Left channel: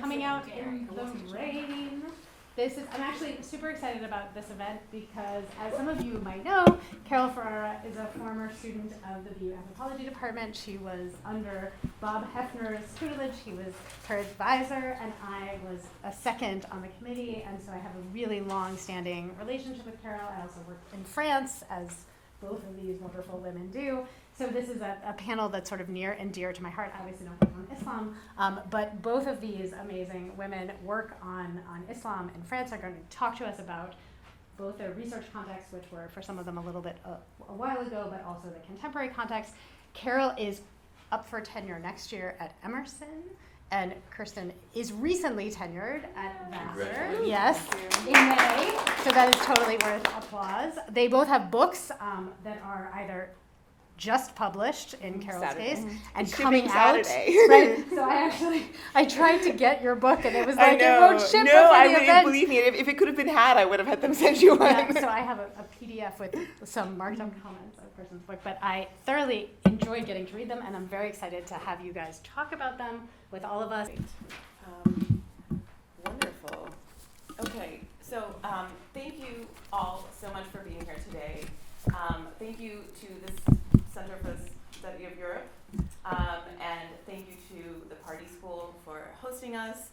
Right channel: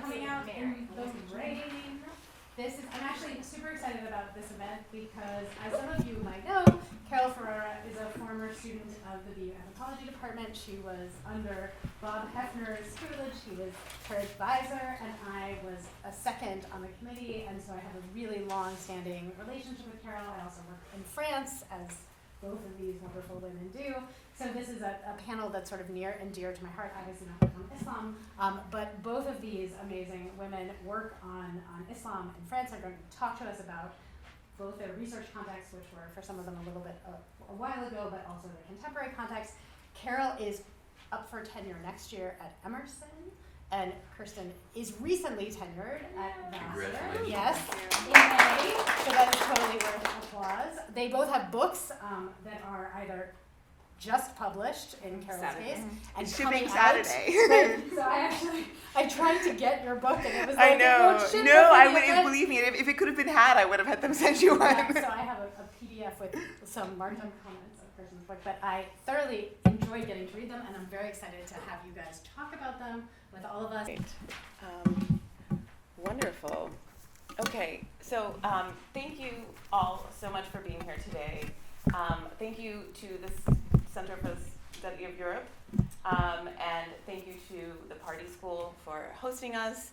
coming out in the rain. I'm actually super excited about this event because, as some of you might know, Carol Ferrara is a former student of the BU Anthropology Department. She was under Bob Hefner's tutelage. He was her advisor, and I was a second on the committee, and so I have a really long-standing relationship with Carol. I also work in France, as both of these wonderful women do. So this is a panel that's sort of near and dear to my heart, obviously not on Islam, but both of these amazing women work on Islam in France. Are going to talk to us about both their research contexts, which were for some of them a little bit a while ago, but also the contemporary context. Carol is up for tenure next year at Emerson, and Kirsten is recently tenured at Vassar. Yes, in May, so that is totally worth applause. They both have books that are either just published in Carol's Saturday. case And shipping Saturday. Right. So I tried to get your book, and it was like, I know. it won't ship No, I before the wouldn't event. believe me. If it could have been had, I would have had them send you one. Yeah, so I have a PDF with some marked up comments of Kirsten's book, but I thoroughly enjoyed getting to read them, and I'm very excited to have you guys talk about them with all of us. Wonderful. Okay, so thank you all so much for being here today. Thank you to the Center for the Study of Europe, and thank you to the Pardee School for hosting us.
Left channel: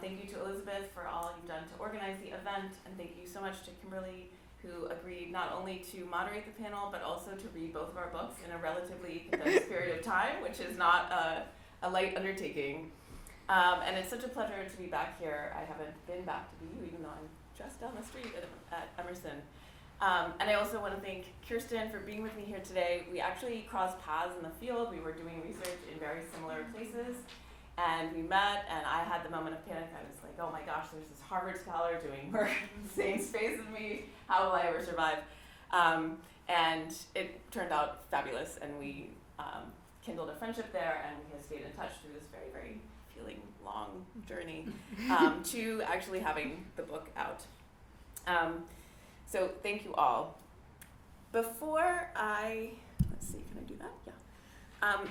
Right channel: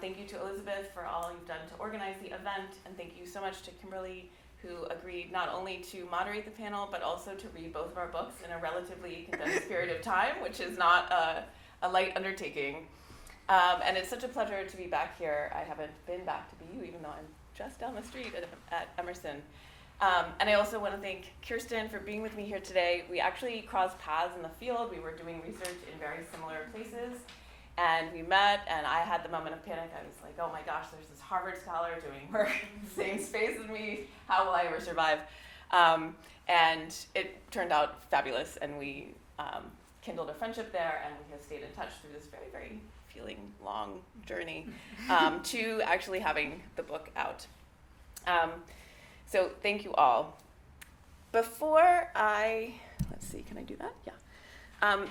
Thank you to Elizabeth for all you've done to organize the event, and thank you so much to Kimberly, who agreed not only to moderate the panel, but also to read both of our books in a relatively condensed period of time, which is not a light undertaking. And it's such a pleasure to be back here. I haven't been back to BU, even though I'm just down the street at Emerson. And I also want to thank Kirsten for being with me here today. We actually crossed paths in the field. We were doing research in very similar places, and we met, and I had the moment of panic. I was like, oh my gosh, there's this Harvard scholar doing work in the same space as me. How will I ever survive? And it turned out fabulous, and we kindled a friendship there, and we have stayed in touch through this very, very feeling long journey to actually having the book out. So thank you all. Before let's see, can I do that? Yeah.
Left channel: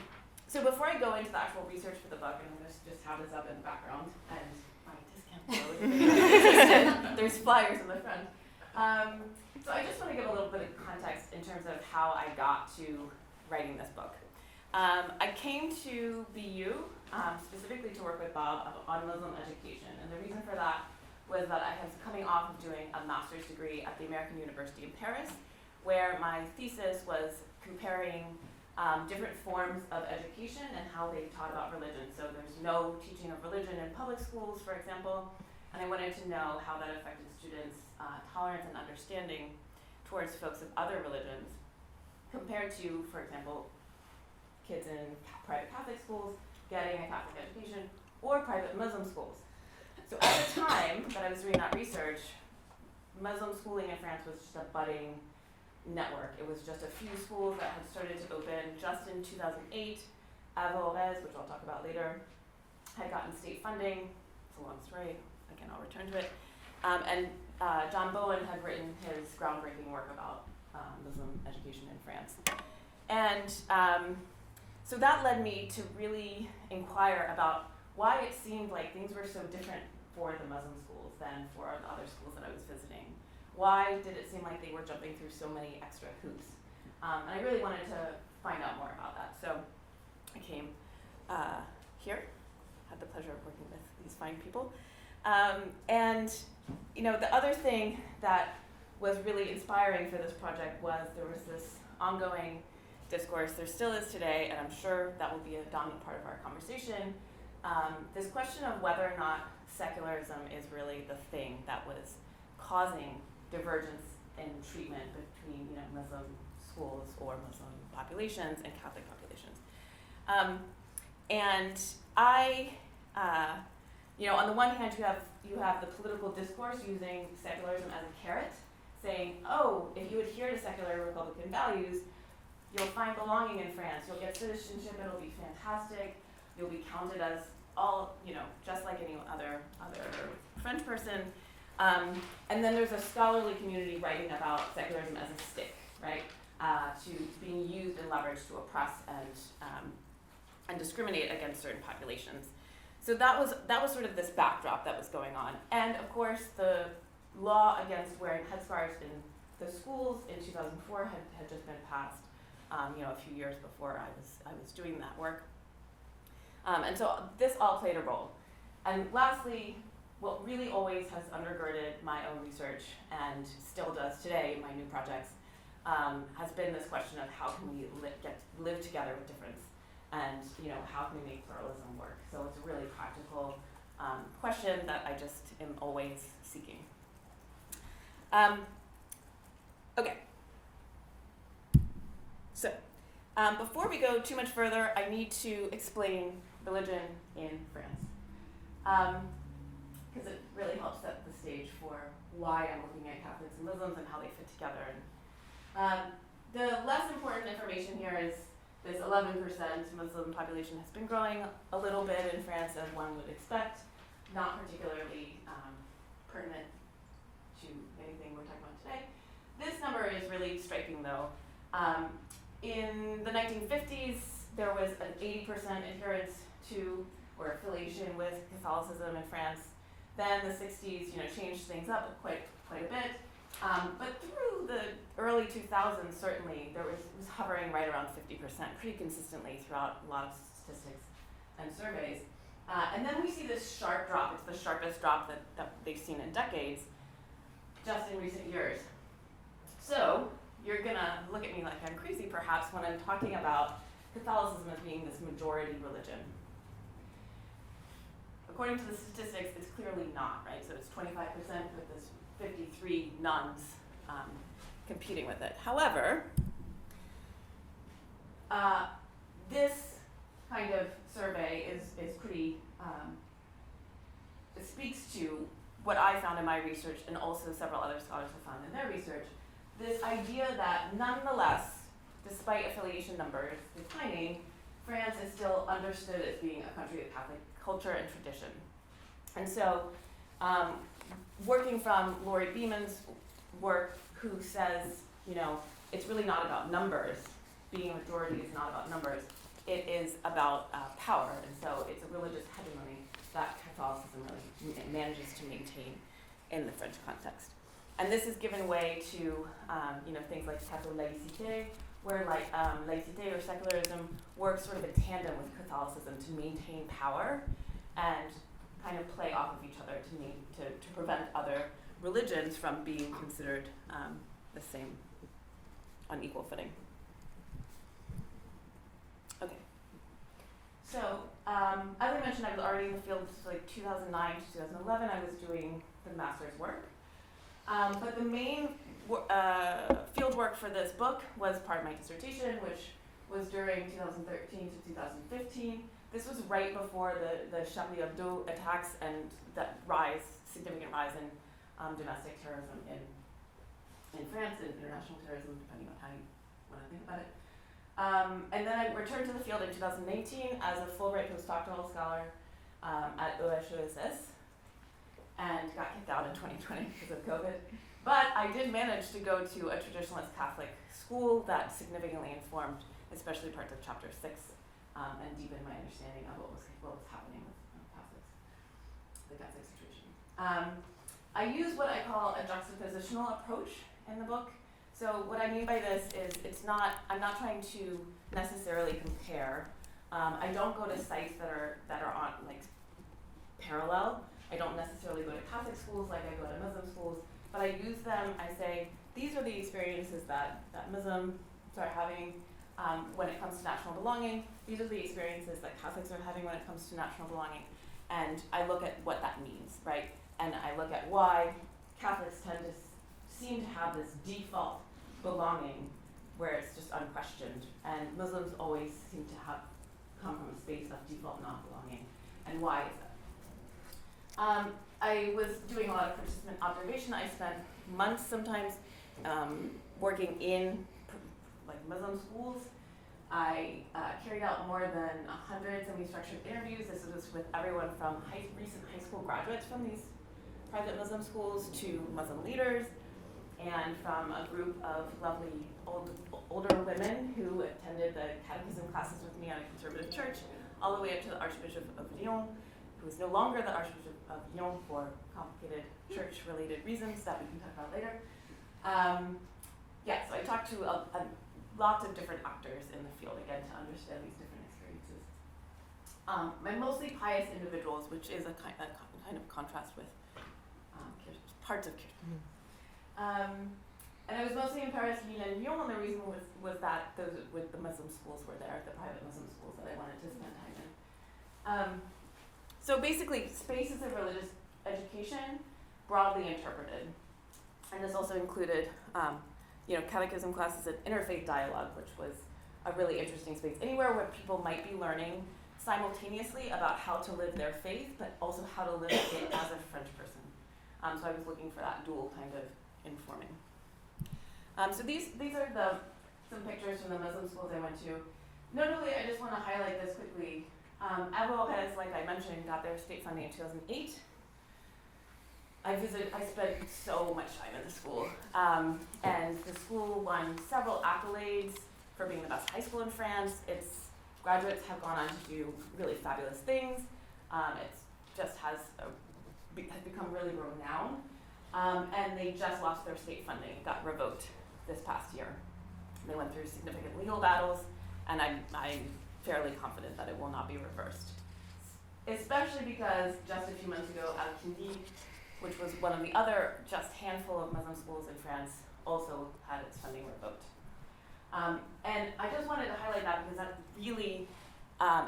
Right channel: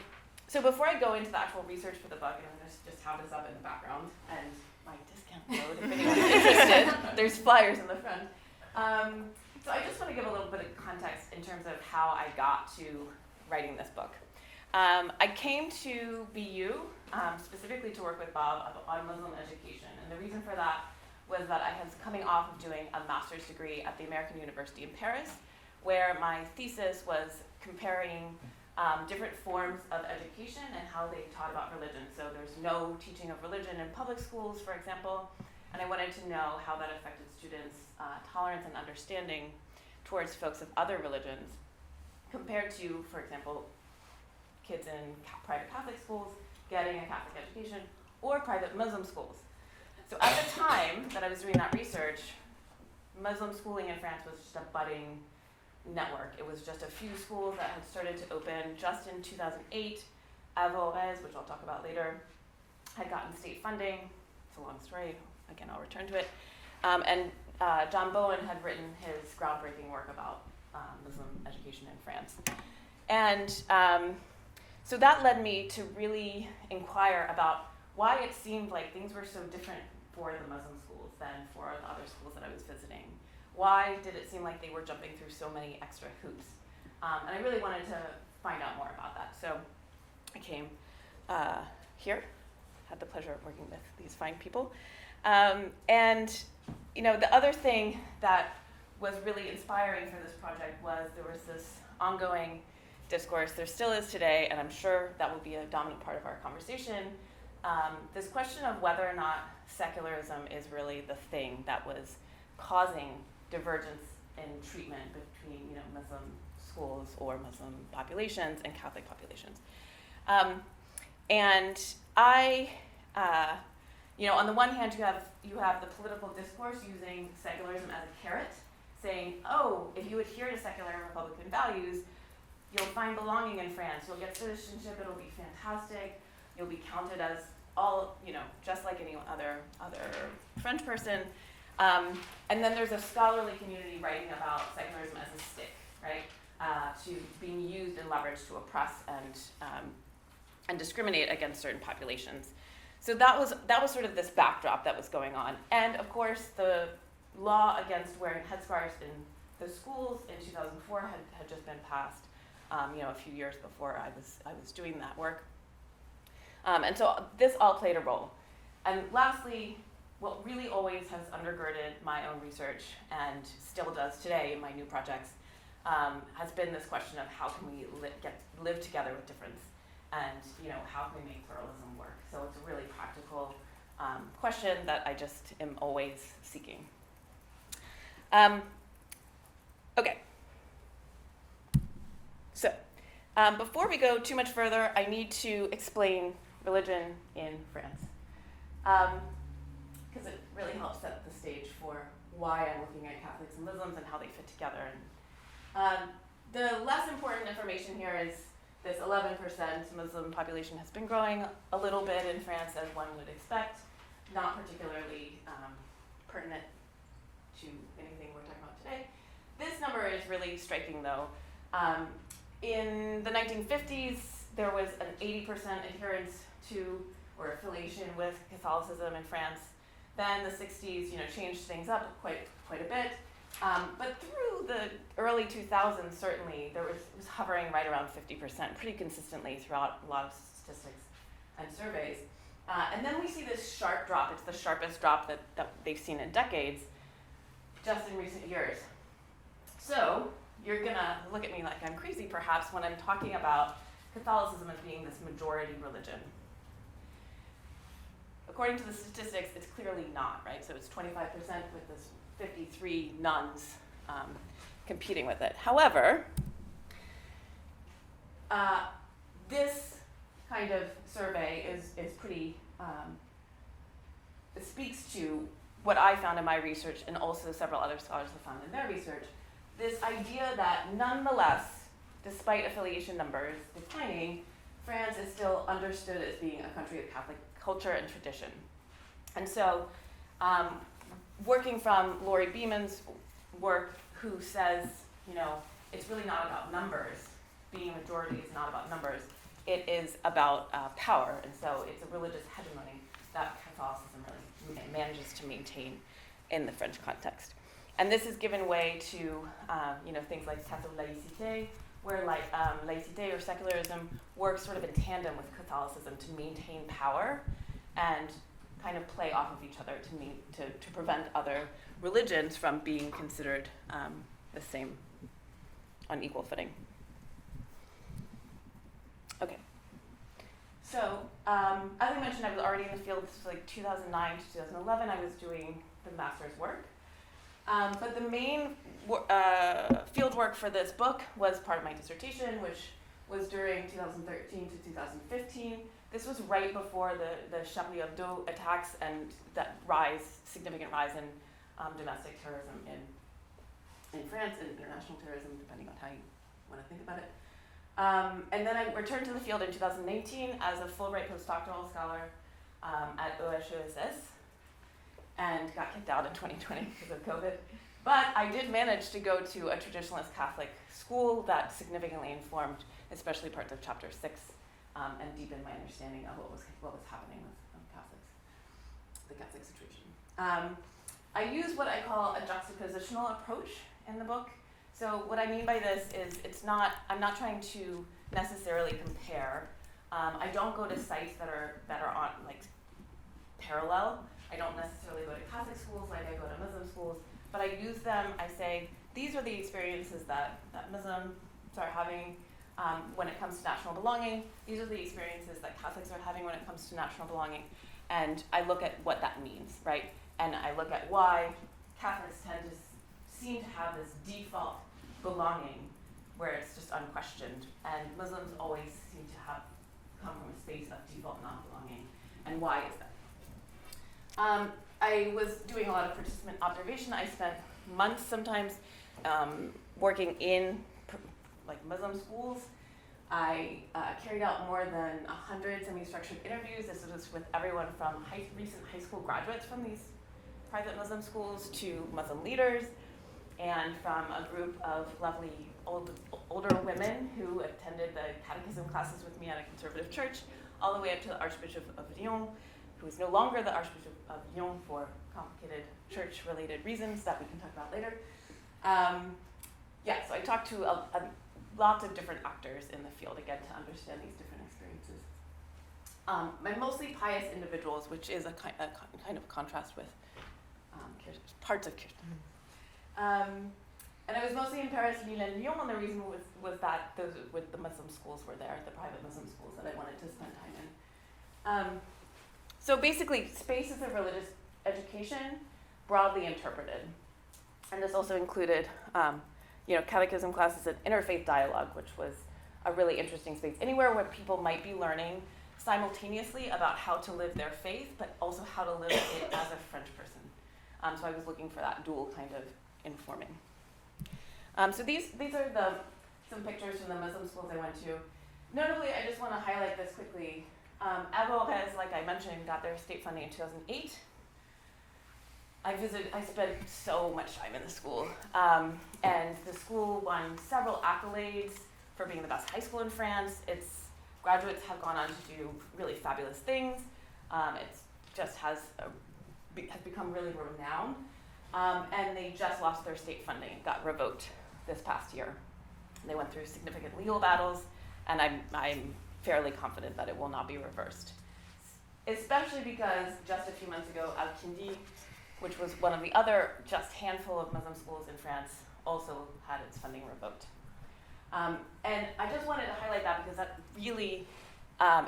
So before I go into the actual research for the book, and I'm going to just have this up in the background, and my discount code, there's flyers in the front. So I just want to give a little bit of context in terms of how I got to writing this book. I came to BU specifically to work with Bob on Muslim education, and the reason for that was that I was coming off of doing a master's degree at the American University in Paris, where my thesis was comparing different forms of education and how they taught about religion. So there's no teaching of religion in public schools, for example, and I wanted to know how that affected students' tolerance and understanding towards folks of other religions compared to, for example, kids in private Catholic schools getting a Catholic education or private Muslim schools. So at the time that I was doing that research, Muslim schooling in France was just a budding network. It was just a few schools that had started to open just in 2008. Avorez, which I'll talk about later, had gotten state funding. It's a long story. Again, I'll return to it. And John Bowen had written his groundbreaking work about Muslim education in France. And so that led me to really inquire about why it seemed like things were so different for the Muslim schools than for the other schools that I was visiting. Why did it seem like they were jumping through so many extra hoops? And I really wanted to find out more about that. So I came here, had the pleasure of working with these fine people. And you know, the other thing that was really inspiring for this project was there was this ongoing discourse, there still is today, and I'm sure that will be a dominant part of our conversation, this question of whether or not secularism is really the thing that was causing divergence in treatment between, you know, Muslim schools or Muslim populations and Catholic populations. And I, you know, on the one hand, you have the political discourse using secularism as a carrot, saying, oh, if you adhere to secular Republican values, you'll find belonging in France, you'll get citizenship, it'll be fantastic, you'll be counted as all, you know, just like any other French person. And then there's a scholarly community writing about secularism as a stick, right? To being used and leveraged to oppress and discriminate against certain populations. So that was sort of this backdrop that was going on. And of course, the law against wearing headscarves in the schools in 2004 had just been passed, a few years before I was doing that work. And so this all played a role. And lastly, what really always has undergirded my own research and still does today in my new projects has been this question of how can we live together with difference, and how can we make pluralism work. So it's a really practical question that I just am always seeking. Okay. So before we go too much further, I need to explain religion in France, because it really helps set the stage for why I'm looking at Catholics and Muslims and how they fit together. And the less important information here is this 11% Muslim population has been growing a little bit in France, as one would expect, not particularly pertinent to anything we're talking about today. This number is really striking, though. In the 1950s, there was an 80% adherence to or affiliation with Catholicism in France. Then the 60s, changed things up quite a bit. But through the early 2000s, certainly, it was hovering right around 50%, pretty consistently throughout a lot of statistics and surveys. And then we see this sharp drop. It's the sharpest drop that they've seen in decades, just in recent years. So you're gonna look at me like I'm crazy, perhaps, when I'm talking about Catholicism as being this majority religion. According to the statistics, it's clearly not, right? So it's 25% with this 53 nuns competing with it. However, this kind of survey is pretty, it speaks to what I found in my research, and also several other scholars have found in their research, this idea that nonetheless, despite affiliation numbers declining, France is still understood as being a country of Catholic culture and tradition. And so, working from Laurie Beeman's work, who says, it's really not about numbers. Being a majority is not about numbers. It is about power, and so it's a religious hegemony that Catholicism really manages to maintain in the French context. And this has given way to, things like Catholicism, where laïcité or secularism works sort of in tandem with Catholicism to maintain power and kind of play off of each other to prevent other religions from being considered the same on equal footing. Okay. So, as I mentioned, I was already in the field. This was like 2009 to 2011. I was doing the master's work. But the main field work for this book was part of my dissertation, which was during 2013 to 2015. This was right before the Charlie Hebdo attacks and that significant rise in domestic terrorism in France, and international terrorism, depending on how you want to think about it. And then I returned to the field in 2018 as a Fulbright postdoctoral scholar at EHESS, and got kicked out in 2020 because of COVID. But I did manage to go to a traditionalist Catholic school that significantly informed, especially parts of Chapter 6, and deepened my understanding of what was happening with Catholics, the Catholic situation. I use what I call a juxtapositional approach in the book. So what I mean by this is I'm not trying to necessarily compare. I don't go to sites that are on parallel. I don't necessarily go to Catholic schools like I go to Muslim schools, but I use them. I say, these are the experiences that Muslims are having when it comes to national belonging. These are the experiences that Catholics are having when it comes to national belonging. And I look at what that means, right? And I look at why Catholics tend to seem to have this default belonging where it's just unquestioned, and Muslims always seem to come from a space of default non-belonging. And why is that? I was doing a lot of participant observation. I spent months sometimes working in Muslim schools. I carried out more than 100 semi-structured interviews. This was with everyone from recent high school graduates from these private Muslim schools to Muslim leaders, and from a group of lovely older women who attended the catechism classes with me at a conservative church, all the way up to the Archbishop of Lyon, who is no longer the Archbishop of Lyon for complicated church-related reasons that we can talk about later. So I talked to lots of different actors in the field, again, to understand these different experiences. My mostly pious individuals, which is a kind of contrast with parts of Kirsten. And I was mostly in Paris, Lille, and Lyon, and the reason was that the Muslim schools were there, the private Muslim schools that I wanted to spend time in. So basically, space is a religious education, broadly interpreted. And this also included, catechism classes and interfaith dialogue, which was a really interesting space. Anywhere where people might be learning simultaneously about how to live their faith, but also how to live it as a French person. So I was looking for that dual kind of informing. So these are some pictures from the Muslim schools I went to. Notably, I just want to highlight this quickly. Abu Lopez, like I mentioned, got their state funding in 2008. I spent so much time in the school. And the school won several accolades for being the best high school in France. Its graduates have gone on to do really fabulous things. It just has become really renowned. And they just lost their state funding, got revoked this past year. They went through significant legal battles, and I'm fairly confident that it will not be reversed. Especially because just a few months ago, Al-Kindi, which was one of the other just handful of Muslim schools in France, also had its funding revoked. And I just wanted to highlight that because that really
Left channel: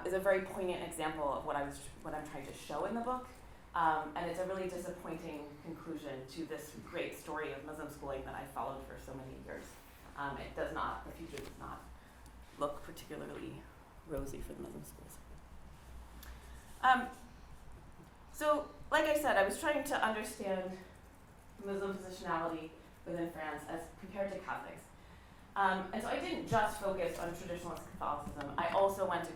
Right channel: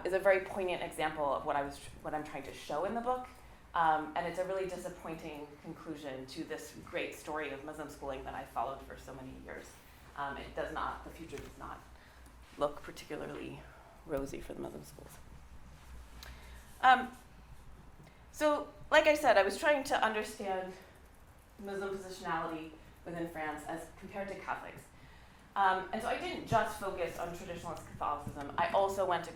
is a very poignant example of what I'm trying to show in the book. And it's a really disappointing conclusion to this great story of Muslim schooling that I followed for so many years. The future does not look particularly rosy for the Muslim schools. So, like I said, I was trying to understand Muslim positionality within France as compared to Catholics. And so I didn't just focus on traditionalist Catholicism. I also went to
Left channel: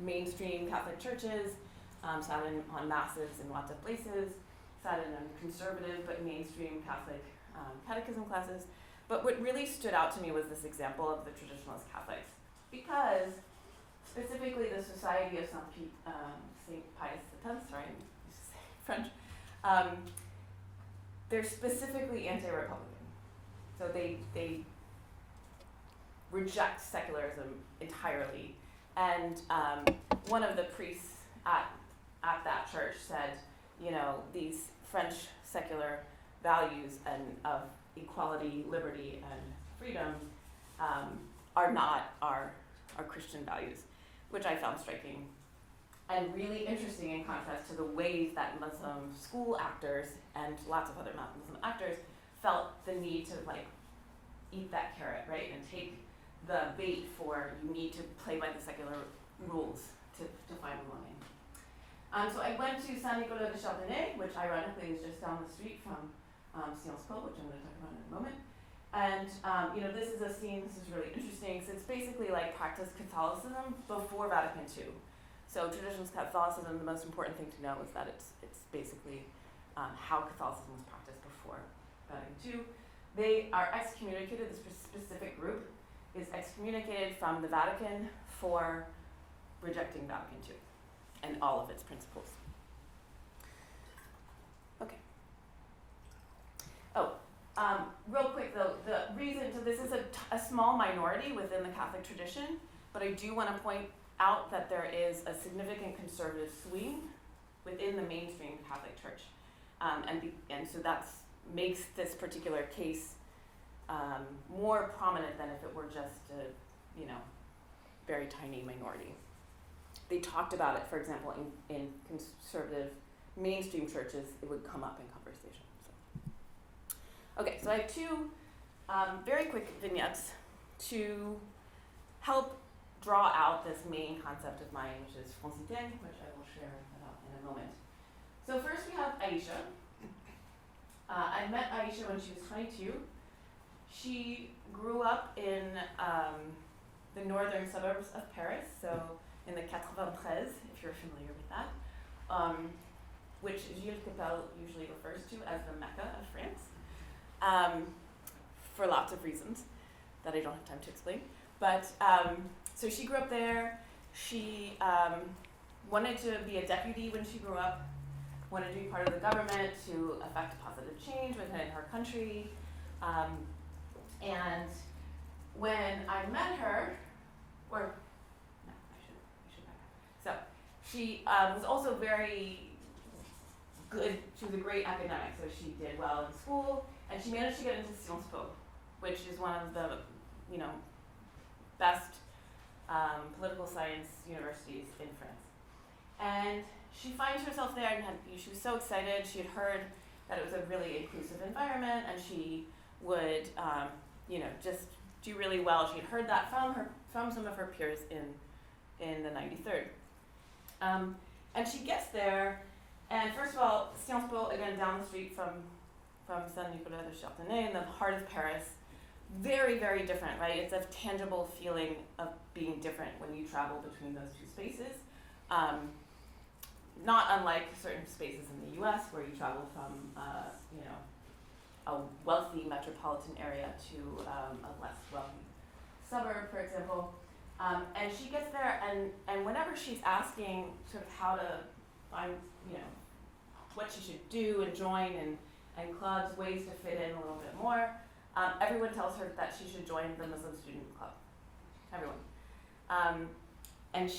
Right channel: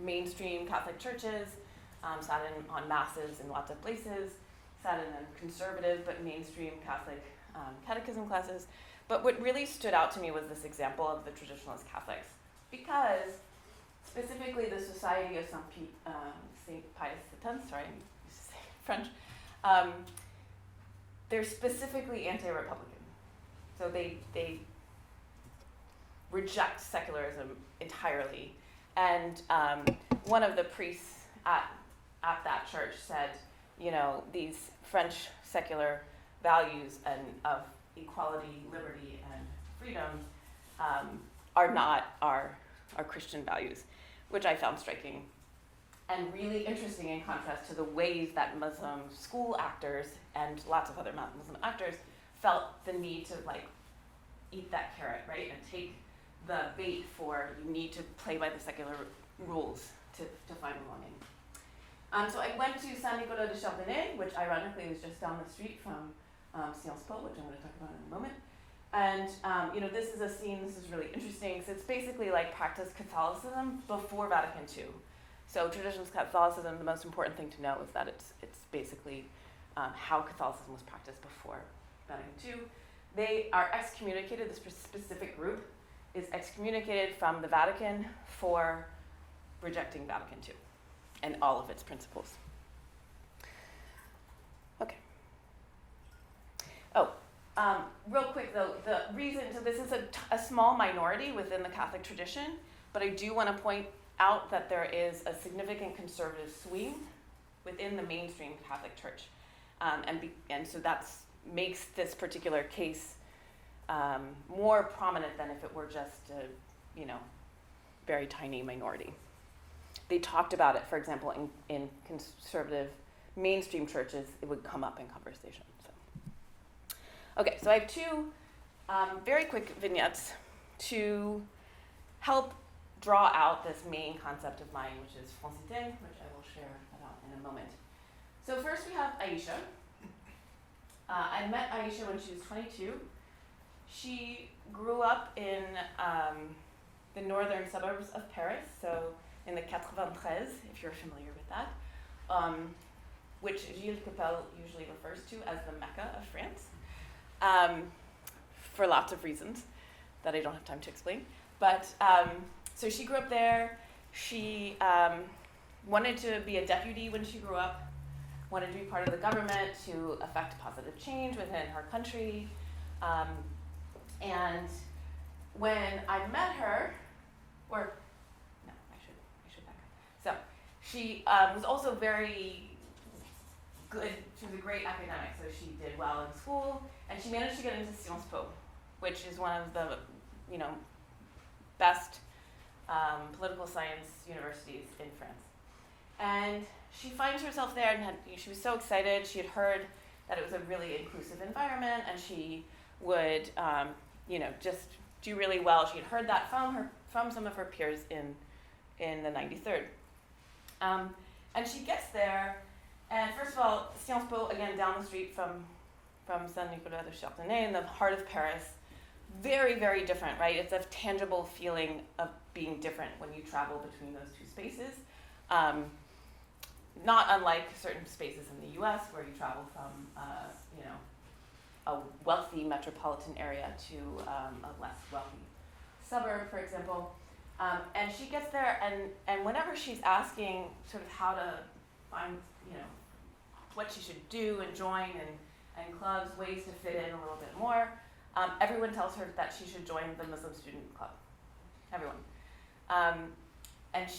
mainstream Catholic churches, sat in on masses in lots of places, sat in conservative but mainstream Catholic catechism classes. But what really stood out to me was this example of the traditionalist Catholics, because specifically the Society of Saint Pius X, sorry, I'm used to saying French, they're specifically anti-Republican. So they reject secularism entirely. And one of the priests at that church said, these French secular values and of equality, liberty, and freedom are not our Christian values, which I found striking and really interesting in contrast to the ways that Muslim school actors and lots of other Muslim actors felt the need to eat that carrot, right, and take the bait for you need to play by the secular rules to find belonging. So I went to Saint-Nicolas de Chardonnay, which ironically was just down the street from Sciences Po, which I'm going to talk about in a moment. And this is a scene, this is really interesting. So it's basically like practice Catholicism before Vatican II. So traditionalist Catholicism, the most important thing to know is that it's basically how Catholicism was practiced before Vatican II. They are excommunicated, this specific group is excommunicated from the Vatican for rejecting Vatican II and all of its principles. Okay. Real quick though, the reason, so this is a small minority within the Catholic tradition, but I do want to point out that there is a significant conservative swing within the mainstream Catholic Church. And so that makes this particular case more prominent than if it were just a, very tiny minority. They talked about it, for example, in conservative mainstream churches, it would come up in conversation. Okay, so I have two very quick vignettes to help draw out this main concept of mine, which is francité, which I will share about in a moment. So first we have Aisha. I met Aisha when she was 22. She grew up in the northern suburbs of Paris, so in the 93, if you're familiar with that, which Gilles Capel usually refers to as the Mecca of France, for lots of reasons that I don't have time to explain. But so she grew up there. She wanted to be a deputy when she grew up, wanted to be part of the government to affect positive change within her country. And when I met her, or no, I should back up. So she was also very good. She was a great academic, so she did well in school, and she managed to get into Sciences Po, which is one of the, best political science universities in France. And she finds herself there, and she was so excited. She had heard that it was a really inclusive environment, and she would, just do really well. She had heard that from some of her peers in the 93rd. And she gets there, and first of all, Sciences Po, again, down the street from Saint-Nicolas de Chardonnay in the heart of Paris. Very, very different, right? It's a tangible feeling of being different when you travel between those two spaces. Not unlike certain spaces in the US where you travel from, a wealthy metropolitan area to a less wealthy suburb, for example. And she gets there, and whenever she's asking sort of how to find, what she should do and join and clubs, ways to fit in a little bit more, everyone tells her that she should join the Muslim Student Club. Everyone. And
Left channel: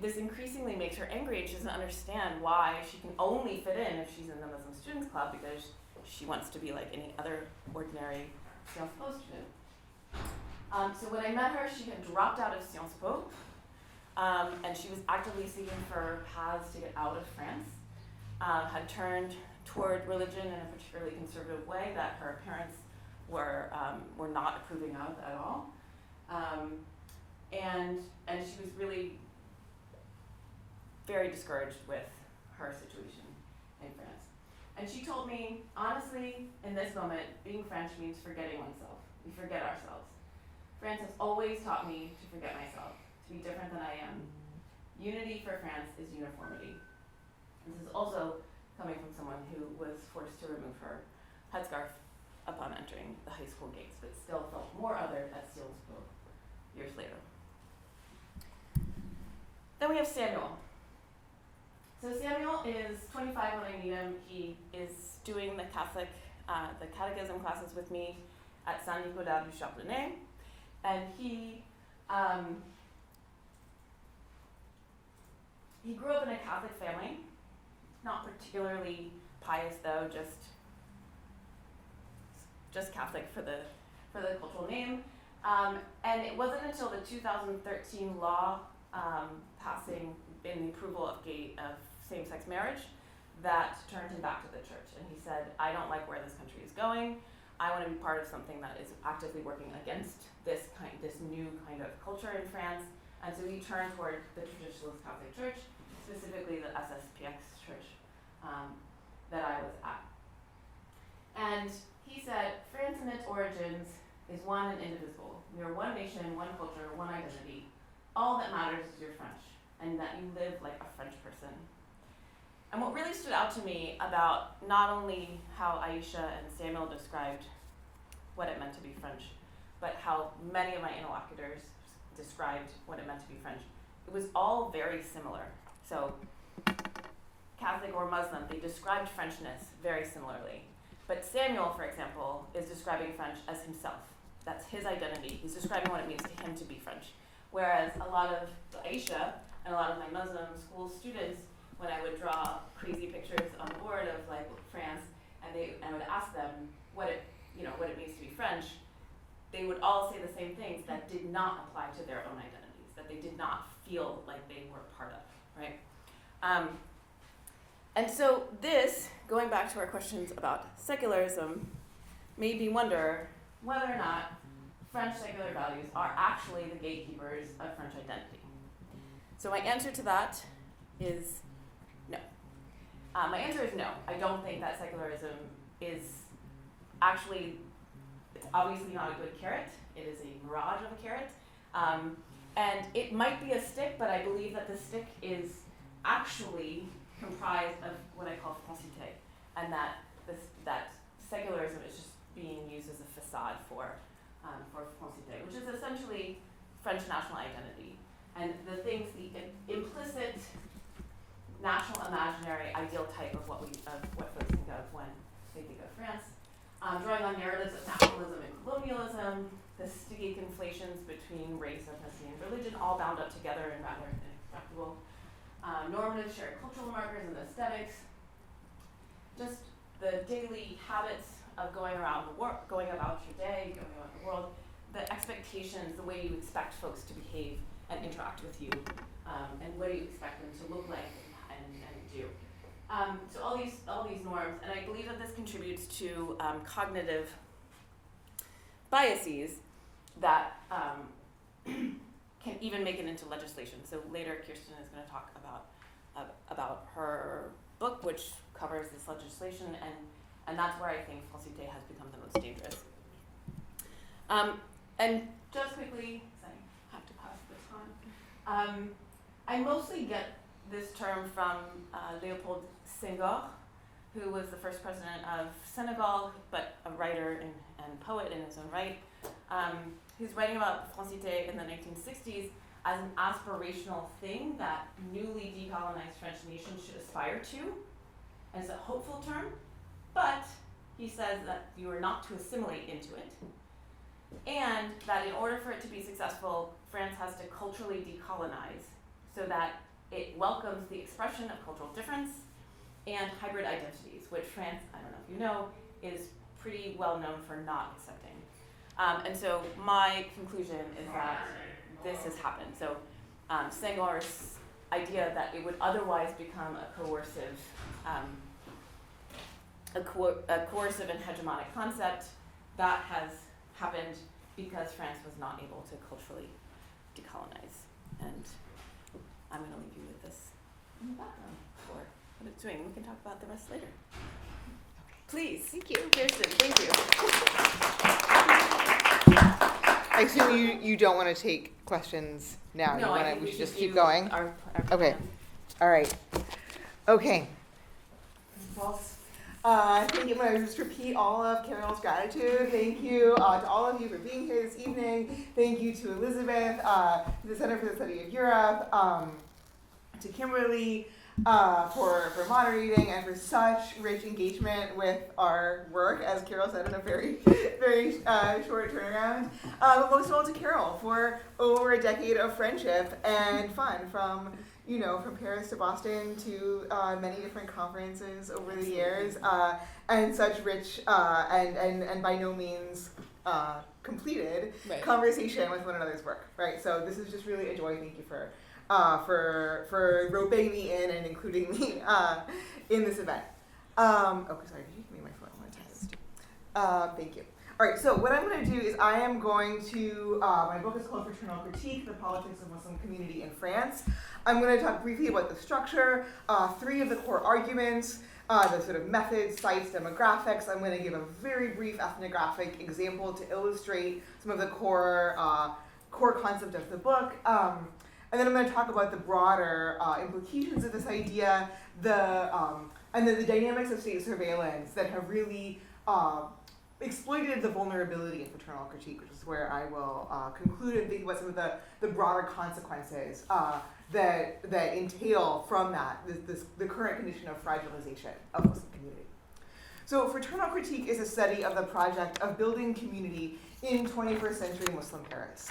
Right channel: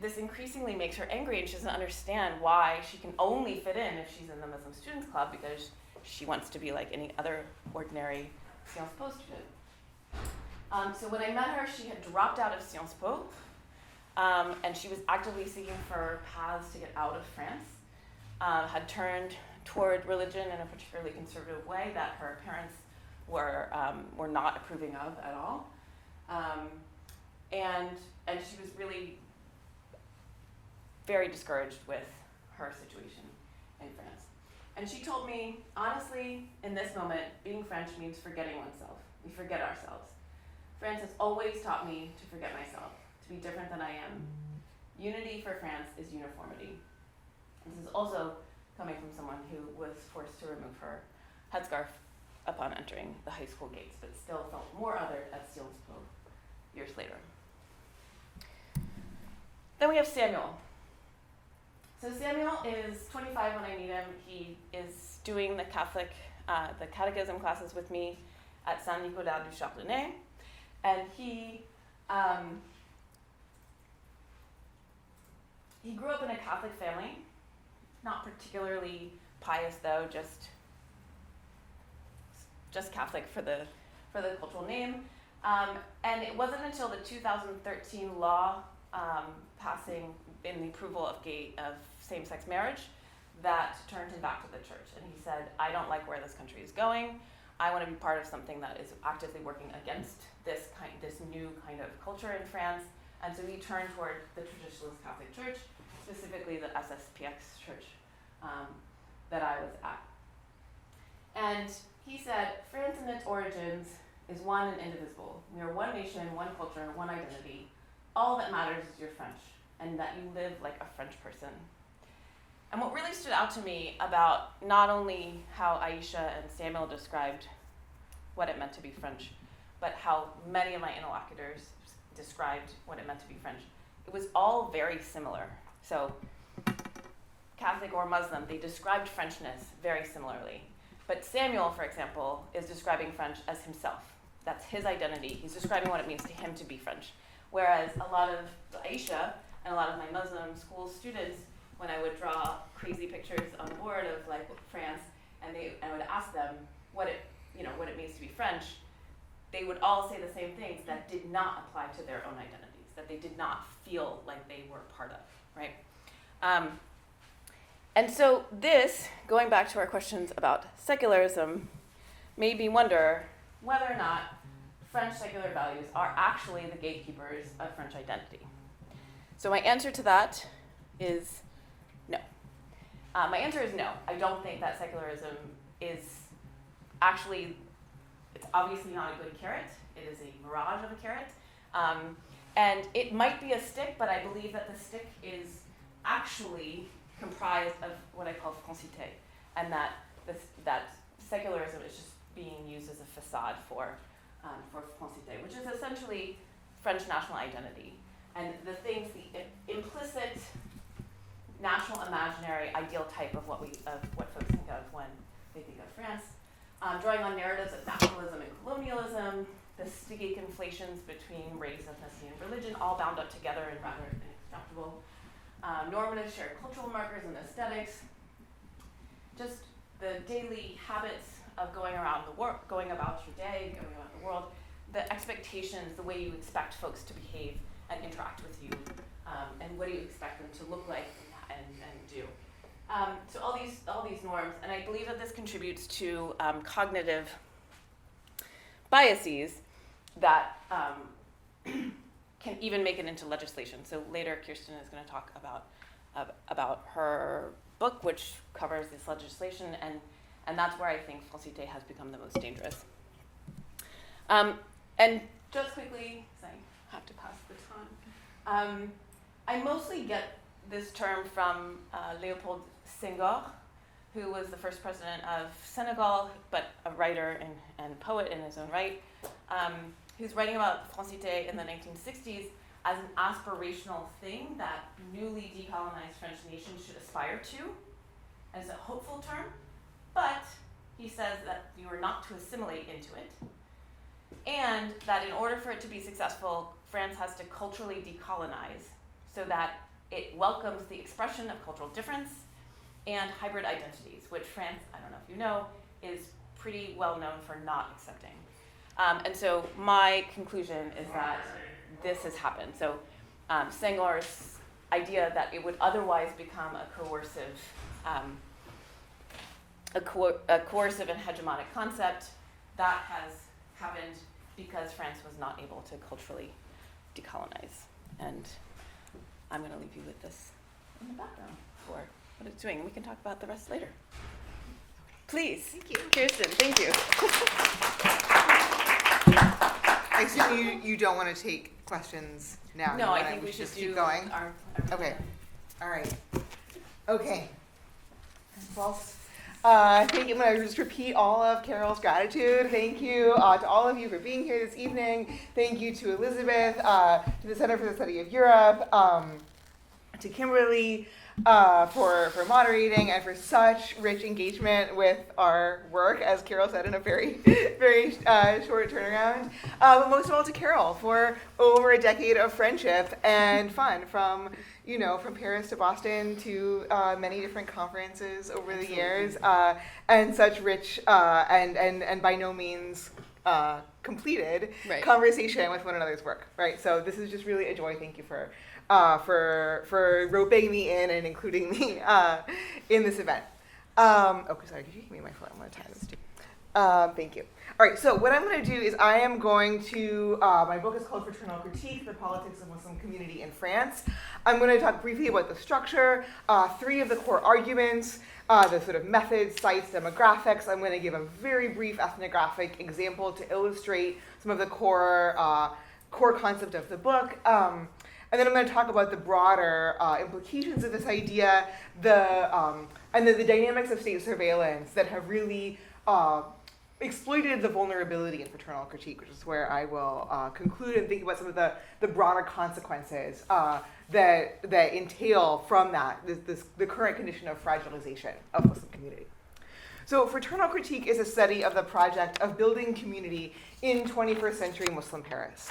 this increasingly makes her angry, and she doesn't understand why she can only fit in if she's in the Muslim Students Club, because she wants to be like any other ordinary Sciences Po student. So when I met her, she had dropped out of Sciences Po, and she was actively seeking for paths to get out of France, had turned toward religion in a particularly conservative way that her parents were not approving of at all. And she was really very discouraged with her situation in France. And she told me, honestly, in this moment, being French means forgetting oneself. We forget ourselves. France has always taught me to forget myself, to be different than I am. Unity for France is uniformity. And this is also coming from someone who was forced to remove her headscarf upon entering the high school gates, but still felt more othered at Sciences Po years later. Then we have Samuel. So Samuel is 25 when I meet him. He is doing the catechism classes with me at Saint-Nicolas du Chardonnay, and he grew up in a Catholic family, not particularly pious though, just Catholic for the cultural name. And it wasn't until the 2013 law passing in the approval of same-sex marriage that turned him back to the church. And he said, I don't like where this country is going. I want to be part of something that is actively working against this new kind of culture in France. And so he turned toward the traditionalist Catholic Church, specifically the SSPX church that I was at. And he said, France in its origins is one and indivisible. We are one nation, one culture, one identity. All that matters is you're French, and that you live like a French person. And what really stood out to me about not only how Aisha and Samuel described what it meant to be French, but how many of my interlocutors described what it meant to be French, it was all very similar. So Catholic or Muslim, they described Frenchness very similarly. But Samuel, for example, is describing French as himself. That's his identity. He's describing what it means to him to be French. Whereas a lot of Aisha and a lot of my Muslim school students, when I would draw crazy pictures on the board of like France, and I would ask them what it means to be French, they would all say the same things that did not apply to their own identities, that they did not feel like they were part of, right? And so this, going back to our questions about secularism, made me wonder whether or not French secular values are actually the gatekeepers of French identity. So my answer to that is no. My answer is no. I don't think that secularism is actually, it's obviously not a good carrot. It is a mirage of a carrot. And it might be a stick, but I believe that the stick is actually comprised of what I call francité, and that secularism is just being used as a facade for francité, which is essentially French national identity. And the implicit national imaginary ideal type of what folks think of when they think of France, drawing on narratives of nationalism and colonialism, the sticky conflations between race, ethnicity, and religion, all bound up together in rather inextractable normative shared cultural markers and aesthetics, just the daily habits of going around the world, going about your day, going about the world, the expectations, the way you expect folks to behave and interact with you, and what do you expect them to look like and do. So all these norms, and I believe that this contributes to cognitive biases that can even make it into legislation. So later, Kirsten is going to talk about her book, which covers this legislation, and that's where I think falsité has become the most dangerous. And just quickly, because I have to pass this on, I mostly get this term from Léopold Senghor, who was the first president of Senegal, but a writer and poet in his own right, who's writing about falsité in the 1960s as an aspirational thing that newly decolonized French nations should aspire to, and it's a hopeful term, but he says that you are not to assimilate into it, and that in order for it to be successful, France has to culturally decolonize so that it welcomes the expression of cultural difference and hybrid identities, which France, I don't know if you know, is pretty well known for not accepting. And so my conclusion is that this has happened. So Senghor's idea that it would otherwise become a coercive and hegemonic concept, that has happened because France was not able to culturally decolonize. And I'm going to leave you with this in the background for what it's doing. We can talk about the rest later. Please. Thank you. Kirsten, thank you. I assume you don't want to take questions now. No, I think we should just do keep going. Our Okay. plan. All right. Okay. Thank you. I'm going to just repeat all of Carol's gratitude. Thank you to all of you for being here this evening. Thank you to Elizabeth, to the Center for the Study of Europe, to Kimberly for moderating and for such rich engagement with our work, as Carol said, in a very, very short turnaround. But most of all to Carol for over a decade of friendship and fun from Paris to Boston to many different conferences over the years, and such rich and by no means completed conversation with one another's work, right? So this is just really a joy. Thank you for roping me in and including me in this event. Sorry, could you give me my phone? I'm going to tie this too. Thank you. All right, so what I'm going to do is I am going to, my book is called Fraternal Critique, The Politics of Muslim Community in France. I'm going to talk briefly about the structure, 3 of the core arguments, the sort of methods, sites, demographics. I'm going to give a very brief ethnographic example to illustrate some of the core concept of the book. And then I'm going to talk about the broader implications of this idea, and the dynamics of state surveillance that have really exploited the vulnerability in fraternal critique, which is where I will conclude and think about some of the broader consequences that entail from that, the current condition of fragilization of Muslim community. So fraternal critique is a study of the project of building community in 21st century Muslim Paris.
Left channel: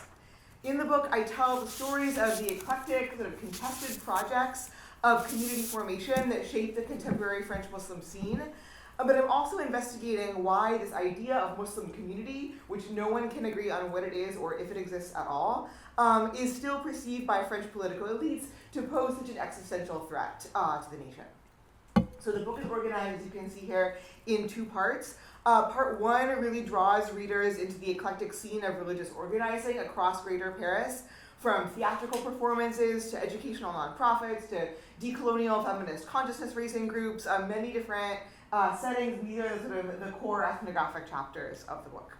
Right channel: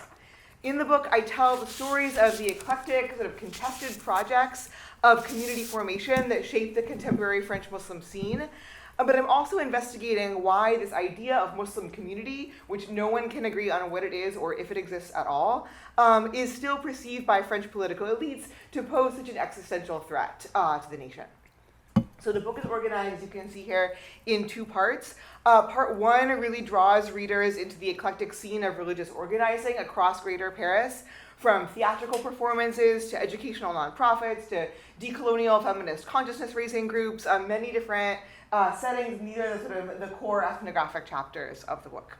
In the book, I tell the stories of the eclectic, sort of contested projects of community formation that shaped the contemporary French Muslim scene. But I'm also investigating why this idea of Muslim community, which no one can agree on what it is or if it exists at all, is still perceived by French political elites to pose such an existential threat to the nation. So the book is organized, as you can see here, in 2 parts. Part 1 really draws readers into the eclectic scene of religious organizing across Greater Paris, from theatrical performances to educational nonprofits to decolonial feminist consciousness-raising groups, many different settings. These are the core ethnographic chapters of the book.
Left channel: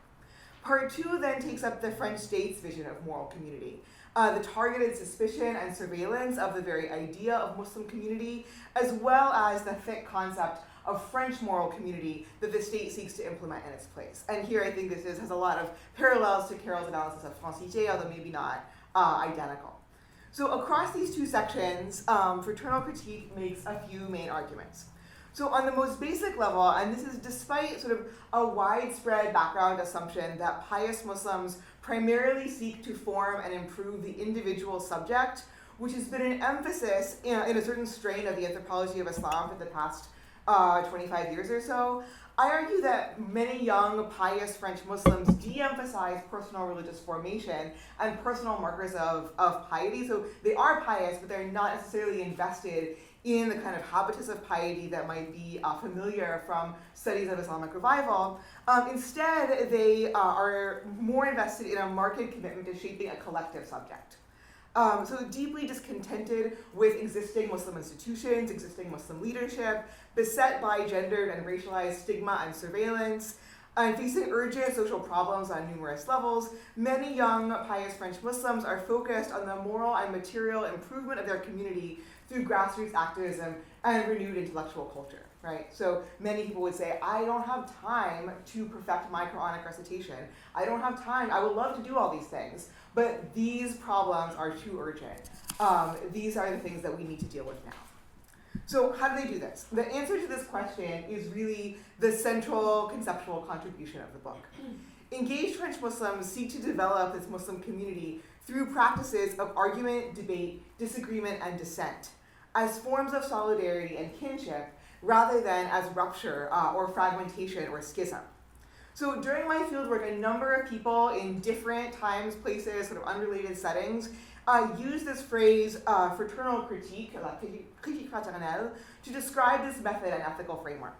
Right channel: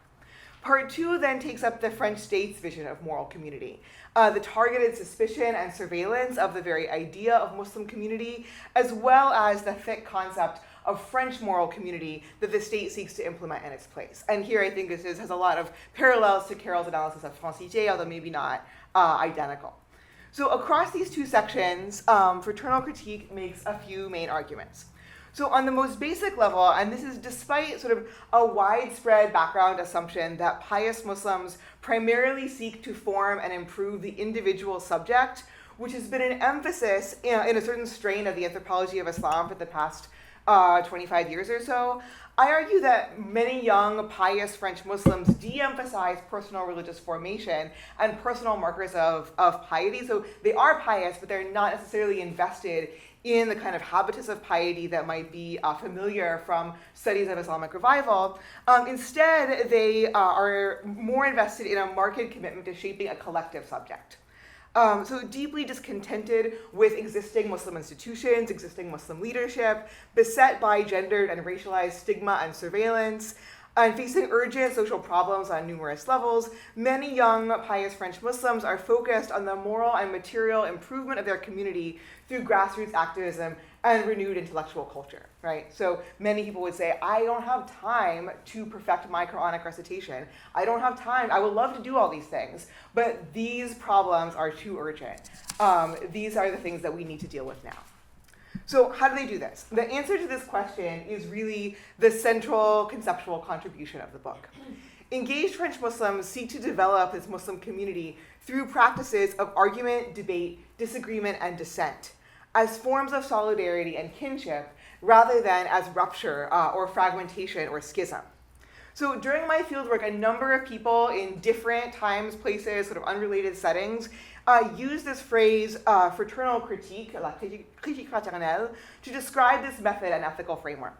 Part 2 then takes up the French state's vision of moral community, the targeted suspicion and surveillance of the very idea of Muslim community, as well as the thick concept of French moral community that the state seeks to implement in its place. And here I think has a lot of parallels to Carol's analysis of francité, although maybe not identical. So across these two sections, fraternal critique makes a few main arguments. So on the most basic level, and this is despite sort of a widespread background assumption that pious Muslims primarily seek to form and improve the individual subject, which has been an emphasis in a certain strain of the anthropology of Islam for the past 25 years or so, I argue that many young, pious French Muslims de-emphasize personal religious formation and personal markers of piety. So they are pious, but they're not necessarily invested in the kind of habitus of piety that might be familiar from studies of Islamic revival. Instead, they are more invested in a marked commitment to shaping a collective subject. So deeply discontented with existing Muslim institutions, existing Muslim leadership, beset by gendered and racialized stigma and surveillance, and facing urgent social problems on numerous levels, many young pious French Muslims are focused on the moral and material improvement of their community through grassroots activism and renewed intellectual culture, right? So many people would say, I don't have time to perfect my Quranic recitation. I don't have time. I would love to do all these things, but these problems are too urgent. These are the things that we need to deal with now. So how do they do this? The answer to this question is really the central conceptual contribution of the book. Engaged French Muslims seek to develop this Muslim community through practices of argument, debate, disagreement, and dissent as forms of solidarity and kinship rather than as rupture or fragmentation or schism. So during my fieldwork, a number of people in different times, places, sort of unrelated settings use this phrase fraternal critique, la critique fraternelle, to describe this method and ethical framework.